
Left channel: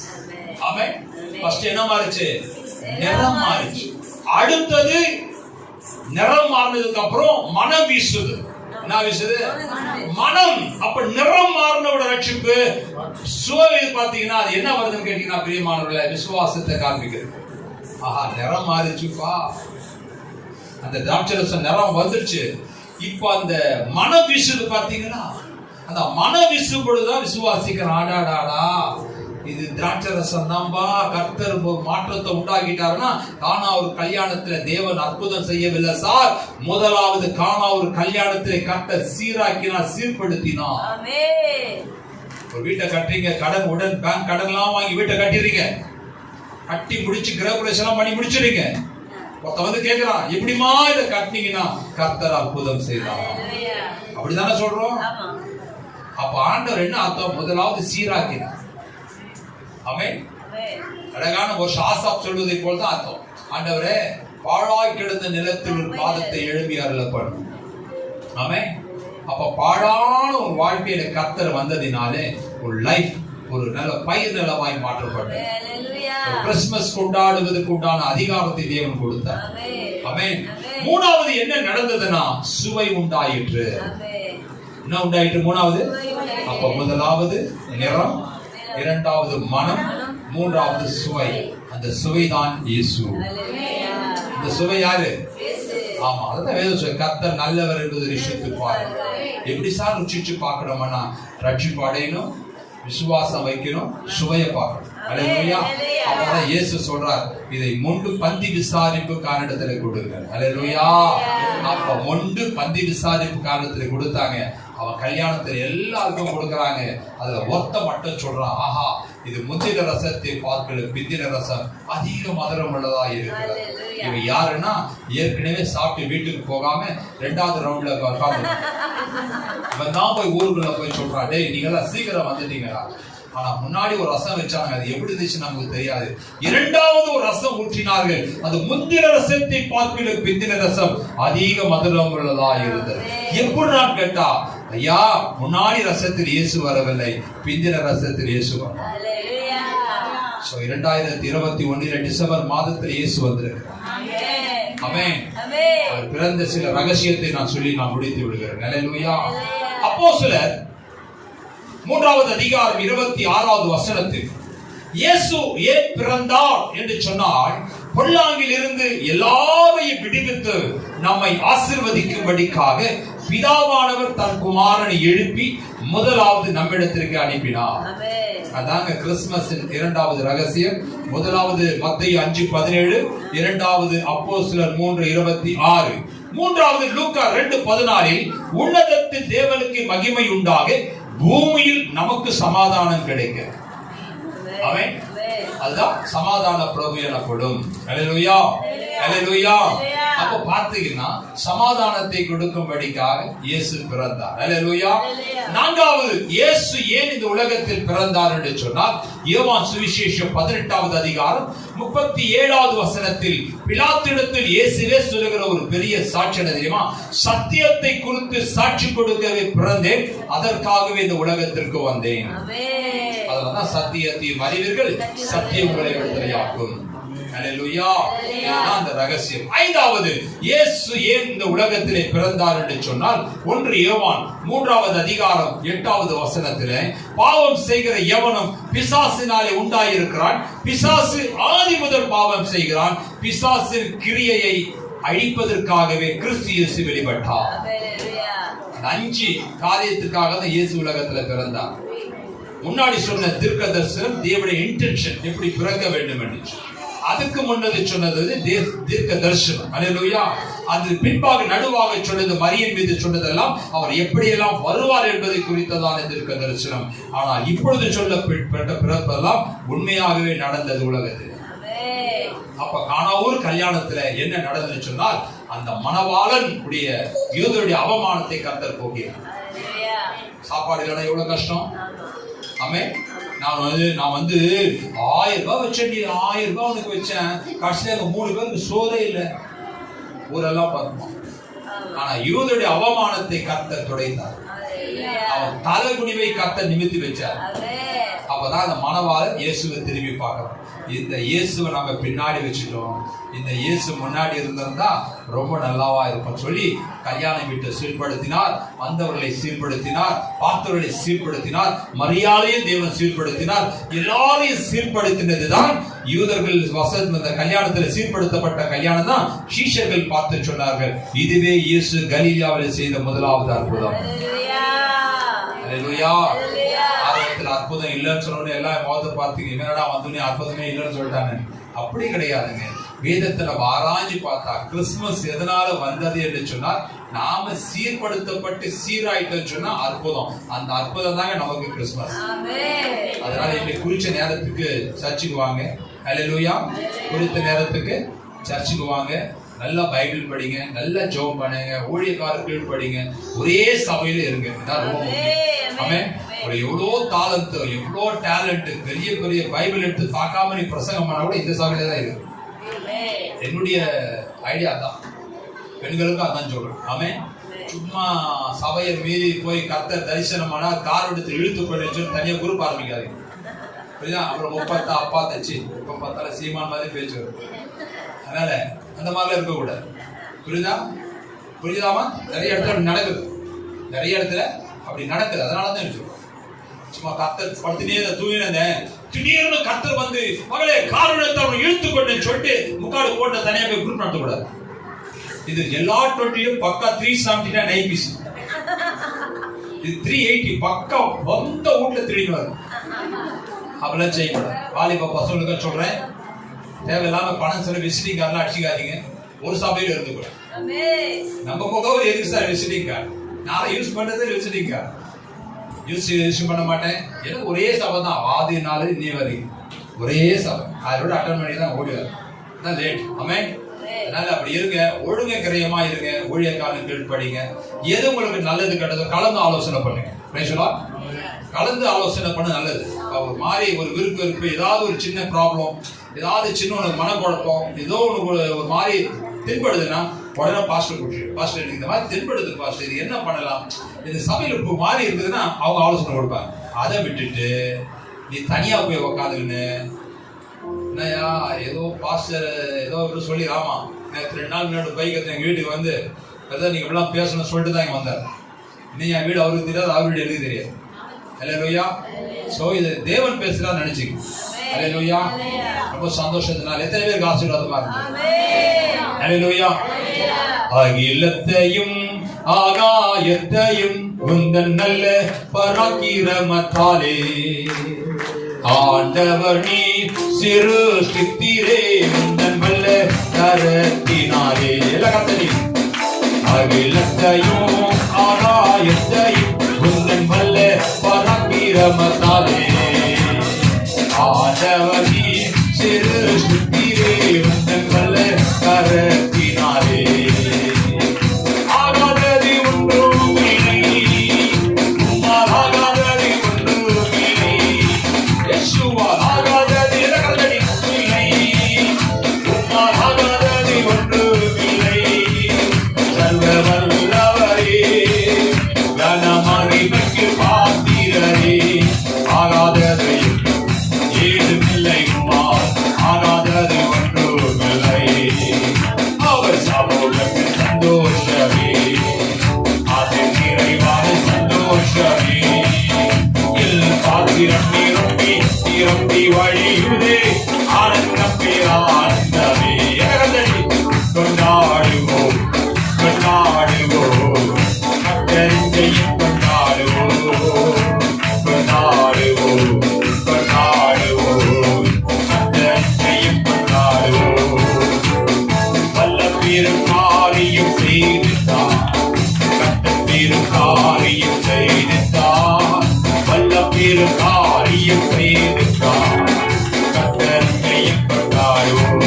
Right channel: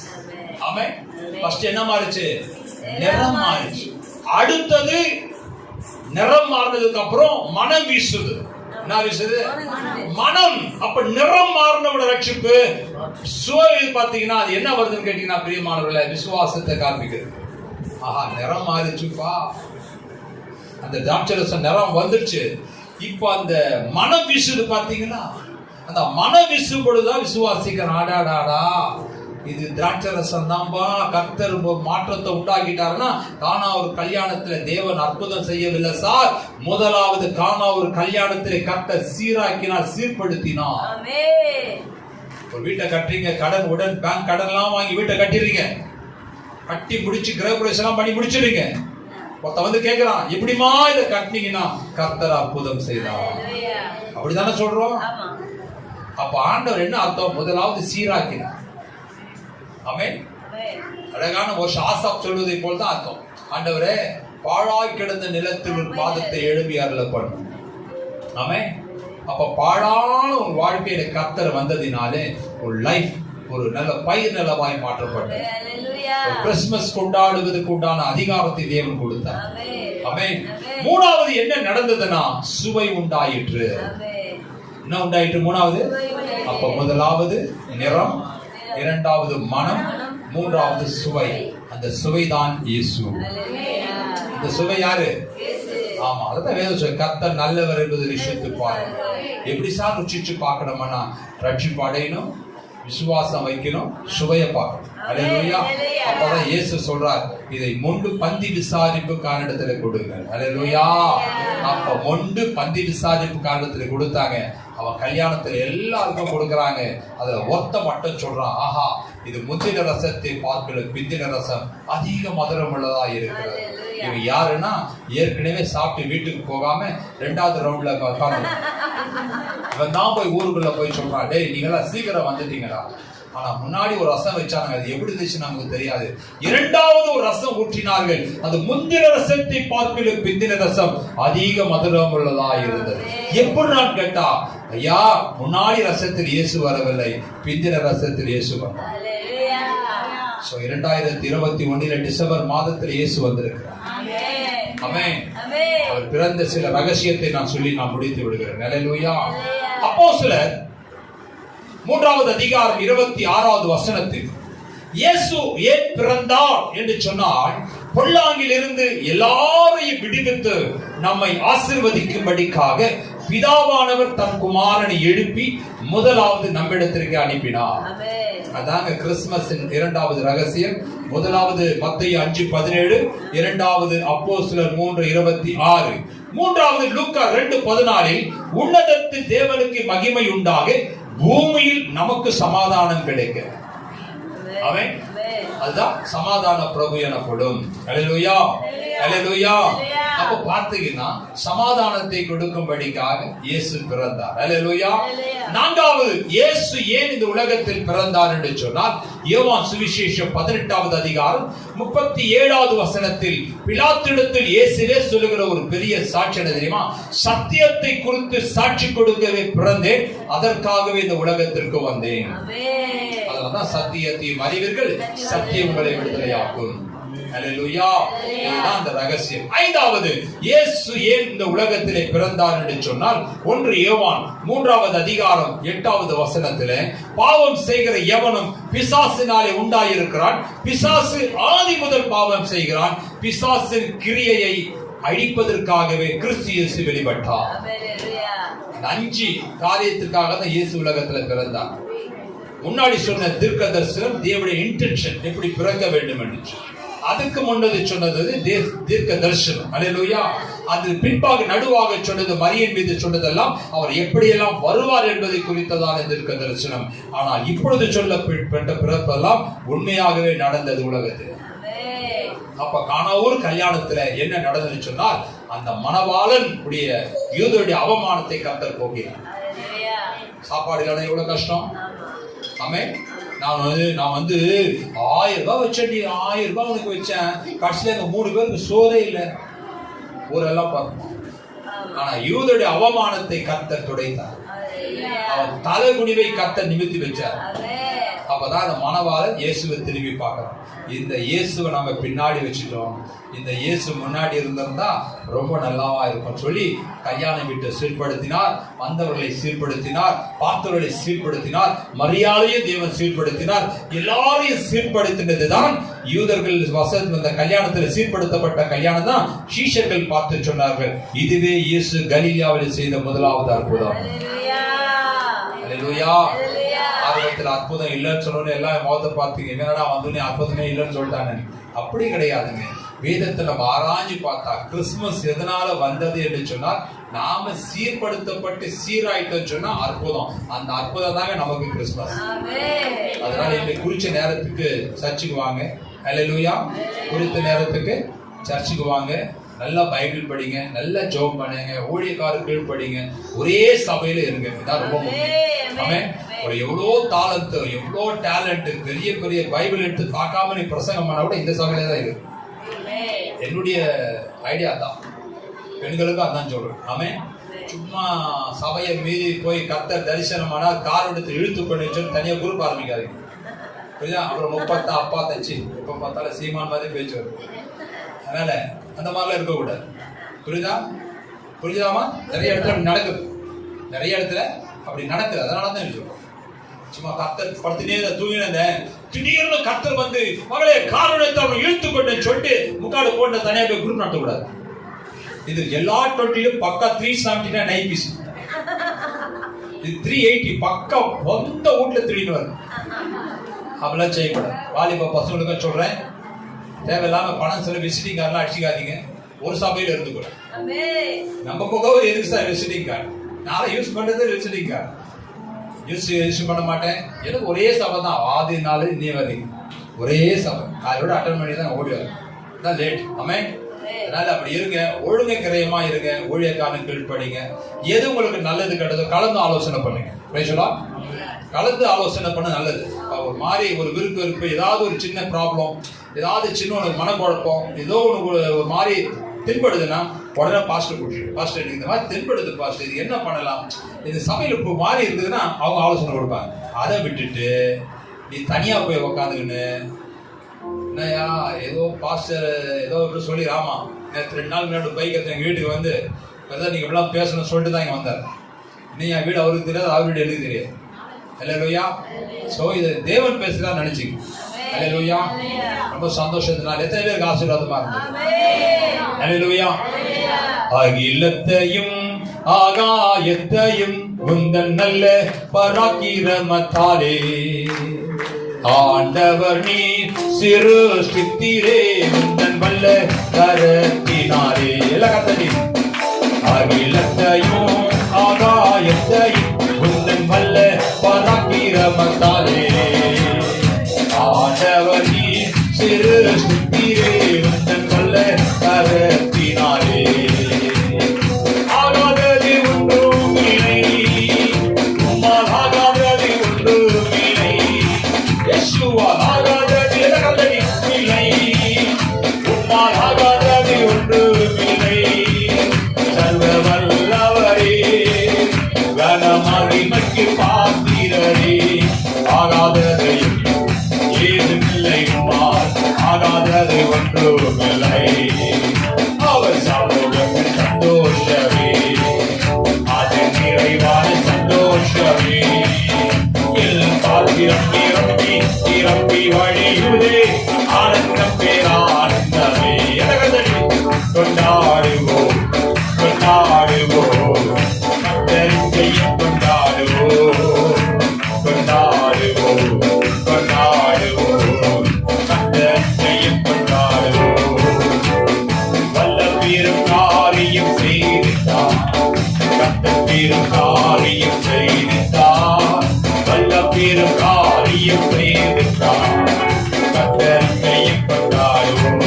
ஆமென். ஃபர்ஸ்ட் என்ன மாறிச்சு? நிறம் மாறிச்சு. அடுத்தது நிறம் மாறினதுக்கு அப்புறம் மனம் வீசுது. என்ன வீசுது? மனம். அப்ப நிறம் மாறினோட ரட்சிப்பு. சுவை பாத்தீங்கன்னா அது என்ன வருதுன்னு கேட்டீங்கன்னா பிரியமானவர்களே, விசுவாசத்தை காண்பிக்கிறது. ஆஹா, நிறம் மாறிச்சுப்பா, அந்த திராட்சரசம் நிறம் வந்துருச்சு. இப்ப அந்த மனம் வீசுது பாத்தீங்கன்னா, அந்த மனம் வீசும் பொழுதுதான் விசுவாசிக்கிறான். ஆடாடாடா, இது திராட்சரசம் தான்பா. கர்த்தர் மாற்றத்தை உண்டாக்கிட்டாருன்னா கானா ஒரு கல்யாணத்துல தேவன் அற்புதம் செய்யவில்லை சார். முதலாவது கானா ஒரு கல்யாணத்திலே கர்த்தர் சீராக்கினார், சீர்படுத்தினார். ஒரு வீட்டை கட்டுறீங்க, கடன் உடன் பேங்க் கடன் எல்லாம் வாங்கி வீட்டை கட்டிடுறீங்க, கட்டி முடிச்சு கிரகப்பிரவேசம் பண்ணி முடிச்சிடுறீங்க. ஒருத்த வந்து கேட்கிறான், எப்படிமா இதை கட்டினீங்கன்னா கர்த்தர் அற்புதம் செய்தார். அப்படிதானே சொல்றோம். அப்ப ஆண்டவர் என்ன அர்த்தம்? முதலாவது சீராக்கினார். ஆமென். அழகான ஒரு ஆசாப் சொல்வதை போல் தான் அர்த்தம். ஆண்டவரே, பாழாய் கிடந்த நிலத்தில் ஒரு பாதத்தை எழுப்பி அருள பண்ணும். ஆமென். அப்ப பாழான ஒரு வாழ்க்கையில கர்த்தர் வந்ததினாலே ஒரு லைஃப், ஒரு நல்ல பயிர் நிலமாய் மாற்றப்பட்டது. கிறிஸ்துமஸ் கொண்டாடுவதற்கு உண்டான அதிகாரத்தை தேவன் கொடுத்தார். ஆமென். மூணாவது என்ன நடந்ததுன்னா சுவை உண்டாயிற்று. என்ன உண்டாயிற்று? மூணாவது. அப்ப முதலாவது நிறம், இரண்டாவது மனம், மூன்றாவது சுவை. அந்த சுவைதான் இயேசு. அந்த சுவை யாரு? ஆமா, அதான் வேதம் சொல்லுது, கர்த்தர் நல்லவர் என்பது ருசித்து பாருங்க. எப்படி சார் ருசிச்சு பார்க்கணும்னா ரட்சிப்பு அடையணும், விசுவாசம் வைக்கணும், சுவைய பார்க்கணும். அல்லேலூயா. அப்பதான் இயேசு சொல்றார், இதை மொண்டு பந்தி விசாரிப்பு காரணத்துல கொடுங்க. அல்லேலூயா. அப்ப மொண்டு பந்தி விசாரிப்பு காரணத்துல கொடுத்தாங்க. அவன் கல்யாணத்துல எல்லாருக்கும் கொடுக்கறாங்க. அதுல ஒத்த மட்டும் சொல்றான், ஆஹா, இது முந்தின ரசத்தை பார்க்கல பிந்தின ரசம் அதிக மதுரம் உள்ளதா இருக்கிறது. இவன் யாருன்னா ஏற்கனவே சாப்பிட்டு வீட்டுக்கு போகாம 2வது ரவுண்ட்ல இவன் தான் போய் ஊருக்குள்ள போய் சொல்றான், டேய் நீங்களா சீக்கிரம் வந்துட்டீங்களா, ஆனா முன்னாடி ஒரு ரசம் வச்சாங்க, அது எப்படி இருந்துச்சு நமக்கு தெரியாது. 2வது ஒரு ரசம் ஊற்றினார்கள், அது முந்தின ரசத்தை பார்க்கல பிந்தின ரசம் அதிக மதுரம் உள்ளதா இருந்தது. எப்படி நான் கேட்டா, ஐயா, முன்னாடி ரசத்தில் இயேசு வரவில்லை, பிந்தின ரசத்தில் இயேசு வந்தார். 2021 டிசம்பர் மாதத்தில் இயேசு வந்திருக்கிறார். ஆமென். அவர் பிறந்த சில ரகசியத்தை நான் சொல்லி நான் முடித்து விடுகிறேன். அல்லேலூயா. அப்போஸ்தலர் 3வது அதிகாரம் 26வது வசனத்தில் இயேசு ஏன் பிறந்தார் என்று சொன்னால், பொல்லாங்கில் இருந்து எல்லாரையும் விடுவித்து நம்மை ஆசீர்வதிக்கும்படிக்காக பிதாவானவர் தன் குமாரனை எழுப்பி முதலாவது நம்மிடத்திற்கு அனுப்பினார். அதாங்க கிறிஸ்துமஸின் 2வது ரகசியம். முதலாவது மத்தேயு 5:17, 2வது அப்போஸ்தலர் 3:26, 3வது லூக்கா 2:14 உன்னதத்தில் தேவனுக்கு மகிமை உண்டாக பூமியில் நமக்கு சமாதானம் கிடைக்க. அதுதான் சமாதான பிரபு எனப்படும். அல்லேலூயா. அல்லேலூயா. அப்ப பார்த்தீங்கன்னா சமாதானத்தை கொடுக்கும்படிக்காக இயேசு பிறந்தார். அல்லேலூயா. நான்காவது, இயேசு ஏன் இந்த உலகத்தில் பிறந்தார் என்று சொன்னால், யோவான் சுவிசேஷம் 18வது அதிகாரம் 37வது வசனத்தில் பிலாத்திடத்தில் இயேசுவே சொல்லுகிற ஒரு பெரிய சாட்சி என்ன தெரியுமா? சத்தியத்தை குறித்து சாட்சி கொடுக்கவே பிறந்தேன், அதற்காகவே இந்த உலகத்திற்கு வந்தேன். அதனால்தான் சத்தியத்தையும் அறிவீர்கள், சத்தியம் உங்களை விடுதலையாக்கும். அல்லேலூயா. இதுதான் அந்த ரகசியம். ஐந்தாவது, இயேசு ஏன் இந்த உலகத்திலே பிறந்தார் என்று சொன்னால், 1 யோவான் 3வது அதிகாரம் 8வது வசனத்திலே, பாவம் செய்கிற எவனும் பிசாசினாலே உண்டாயிருக்கிறான், பிசாசு ஆதி முதல் பாவம் செய்கிறான், பிசாசின் கிரியையை அழிப்பதற்காகவே கிறிஸ்து இயேசு வெளிப்பட்டார். 5 காரியத்திற்காக தான் இயேசு உலகத்தில் பிறந்தார். முன்னாடி சொன்ன தீர்க்க தரிசனம் தேவனுடைய இன்டென்ஷன், எப்படி பிறக்க வேண்டும் என்று. அதுக்கு முன்னது சொன்னது தீர்க்க தரிசனம். அல்லேலூயா. அது பின்பாக நடுவாக சொன்னது மரியின் மீது சொன்னதெல்லாம் அவர் எப்படியெல்லாம் வருவார் என்பதை குறித்ததான தீர்க்க தரிசனம். ஆனால் இப்பொழுது சொல்லப்பட்ட பிறப்பெல்லாம் உண்மையாகவே நடந்தது உலகத்தில். அப்ப கானாவூர் கல்யாணத்துல என்ன நடந்தது சொன்னால், அந்த மணவாளன் உடைய யூதருடைய அவமானத்தை கர்த்தர் போக்கினார். சாப்பாடு இல்லைன்னா எவ்வளவு கஷ்டம். ஆமென். நான் வந்து 1000 ரூபாய் வச்சேன், 1000 ரூபாய் உனக்கு வச்சேன், கடைசியில அங்க 3 பேருக்கு சோறே இல்லை, ஊரெல்லாம் பார்ப்போம். ஆனா யூதருடைய அவமானத்தை கர்த்தர் துடைத்தார். அவர் தலைகுனிவை கர்த்தர் நிமித்தி வச்சார். அப்பதான் அந்த மணவாளன் இயேசுவை திரும்பி பார்க்கிறோம். இந்த இயேசுவை நம்ம பின்னாடி வச்சுட்டோம், இந்த இயேசு முன்னாடி இருந்திருந்தா ரொம்ப நல்லாவா இருக்கும் சொல்லி கல்யாண வீட்டை சீர்படுத்தினார், வந்தவர்களை சீர்படுத்தினார், பார்த்தவர்களை சீர்படுத்தினார், மரியாதையை தேவன் சீர்படுத்தினார். எல்லாரையும் சீர்படுத்தினதுதான் யூதர்கள் வசதி. அந்த கல்யாணத்தில் சீர்படுத்தப்பட்ட கல்யாணம் தான் சீஷர்கள் பார்த்து சொன்னார்கள், இதுவே இயேசு கலிலேயாவில் செய்த முதலாவது அற்புதம். அல்லேலூயா. அற்புதம் இல்லைன்னு சொன்னோன்னு எல்லாம் முகத்தை பார்த்தீங்க, என்னடா வந்து அற்புதமே இல்லைன்னு சொல்லிட்டாங்க. அப்படி கிடையாதுங்க. வேதத்துல ஆராய்ச்சி பார்த்தா கிறிஸ்துமஸ் எதனால வந்தது என்று சொன்னால், நாம சீர்படுத்தப்பட்டு சீராயிட்டோம் சொன்னா அற்புதம். அந்த அற்புதம் தாங்க நமக்கு கிறிஸ்துமஸ். அதனால இன்னைக்கு குறிச்ச நேரத்துக்கு சர்ச்சுக்கு வாங்க. அல்லேலூயா. குறித்த நேரத்துக்கு சர்ச்சுக்கு வாங்க, நல்லா பைபிள் படிங்க, நல்லா ஜெபம் பண்ணுங்க, ஊழியக்காரர்கள் படிங்க, ஒரே சபையில இருங்க. இதான் ரொம்ப முக்கியம். எவ்வளோ தாளத்து, எவ்வளோ டேலண்ட், பெரிய பெரிய பைபிள் எடுத்து பார்க்காம நீ பிரசங்கம் பண்ண கூட இந்த சபையில தான் இருக்கு. என்னுடைய ஐடியா தான், பெண்களுக்கும் அதான் சொல்றேன். ஆமென். சும்மா சபையை மீறி போய் கர்த்தர் தரிசனம் ஆனா கார் எடுத்து இழுத்து கொண்டு தனியா குரூப் ஆரம்பிக்காதீங்க. அப்புறம் 30 அப்பா தச்சு எப்ப பார்த்தாலும் சீமான் மாதிரி பேச்சு வரும். அதனால அந்த மாதிரிலாம் இருக்க கூடாது. புரியுதாமா? நிறைய இடத்துல அப்படி நடக்குது, நிறைய இடத்துல அப்படி நடக்குது. அதனாலதான் சொல்றோம். சும்மா கர்த்தர் படுத்தினே தூங்கினத திடீர்னு கர்த்தர் வந்து மகளே காரணத்தை அவன் இழுத்துக்கொண்டு சொல்லிட்டு முக்காடு போட்டு தனியாக போய் குரூப் நடத்தக்கூடாது. இது எல்லா 20லும் பக்கா 379 ஐபிசி, இது 380 பக்கா வந்த வீட்டுல திருடிட்டு வரும். அப்படிலாம் செய்யக்கூடாது. வாலிப பசங்களுக்கு சொல்றேன், தேவையில்லாம பணம் சொல்லி விசிட்டிங் கார்டெலாம் அடிச்சுக்காதீங்க. ஒரு சபையில இருந்து கூட நம்ம முகவர் எதுக்கு சார் விசிட்டிங் கார்டு? நான் யூஸ் பண்றது விசிட்டிங் கார்டு யூஸ் பண்ண மாட்டேன். எனக்கு ஒரே சபை தான், ஆதி நாள் இன்னி வரைக்கும் ஒரே சபை. அதோட அட்டன் பண்ணி தான் ஓடுவார், தான் லேட். ஆமென். அதனால அப்படி இருங்க, ஒழுங்க கிரயமா இருங்க, ஊழியக்காரர்கள் படிங்க. எது உங்களுக்கு நல்லது கெட்டதோ கலந்து ஆலோசனை பண்ணுங்க. கலந்து ஆலோசனை பண்ண நல்லது. ஒரு மாதிரி ஒரு விருப்பு, ஏதாவது ஒரு சின்ன ப்ராப்ளம், ஏதாவது சின்ன ஒரு மனக்குழப்பம், ஏதோ ஒரு மாதிரி தென்படுதுன்னா உடனே பாஸ்டர் கூட்டிட்டு, பாஸ்டர் இந்த மாதிரி தென்படுது பாஸ்டர், இது என்ன பண்ணலாம், இந்த சபையில் இப்போ மாறி இருக்குதுன்னா அவங்க ஆலோசனை கொடுப்பாங்க. அதை விட்டுட்டு நீ தனியா போய் உக்காந்துக்கின்னு என்னையா ஏதோ பாஸ்டர் ஏதோ சொல்லி, ஆமா நேற்று 2 நாள் முன்னாடி பைக் எடுத்து எங்கள் வீட்டுக்கு வந்து ஏதோ நீங்க இப்படிலாம் பேசணும்னு சொல்லிட்டு தான் இங்கே வந்தார். இன்னும் என் வீடு அவருக்கு தெரியாது, அவர் வீடு எனக்கு தெரியாது. அல்லேலூயா. சோ இது தேவன் பேசுறதா நினைச்சுக்க. அல்லேலூயா. ரொம்ப சந்தோஷத்தினால எத்தனை பேருக்கு ஆசீர்வாதமா இருக்கு. அல்லேலூயா. அகிலத்தையும் ஆகாயத்தையும் உந்தன் நல்ல பராக்கிரமத்தாலே ஆண்டவர் நீ சிறு சித்திரே உந்தன் வல்ல கரத்தினாலே. அகிலத்தையும் ஆகாயத்தையும் உந்தன் வல்ல பராக்கிரமத்தாலே ஆண்டவர் நீ சிறு சித்திரே உந்தன் வல்ல கரத்தினாலே நிரம்பி நிரம்பி நிரம்பி வழியுதே ஆனந்தம் பேரானந்தமே கொண்டாடுவோம் கொண்டாடுவோம் கர்த்தரின் ஜெயம் கொண்டாடுவோம் கொண்டாடுவோம் கொண்டாடுவோம் கர்த்தரின் ஜெயம் கொண்டாடுவோம் வல்ல பெரும் காரியம் செய்தார் கர்த்தர் பெரும் காரியம் செய்தார் வல்ல பெரும் காரியம் செய்தார் கர்த்தர் ஜெயம் கொண்டாடுவோம்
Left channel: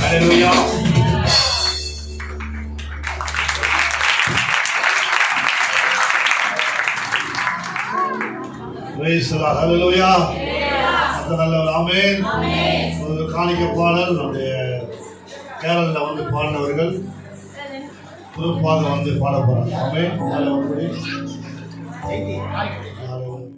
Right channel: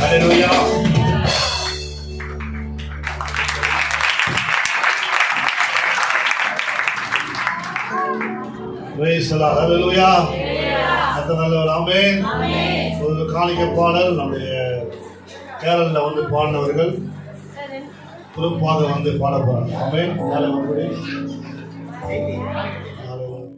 ஹல்லேலூயா. Praise the Lord. Hallelujah. கர்த்தர் நல்லவர். ஆமென். ஒரு காணிக்கை பாடல் நம்முடைய கேரளா வந்து பாடினவர்கள் குறிப்பாக வந்து பாட போறாங்க. ஆமென். நாளை வந்து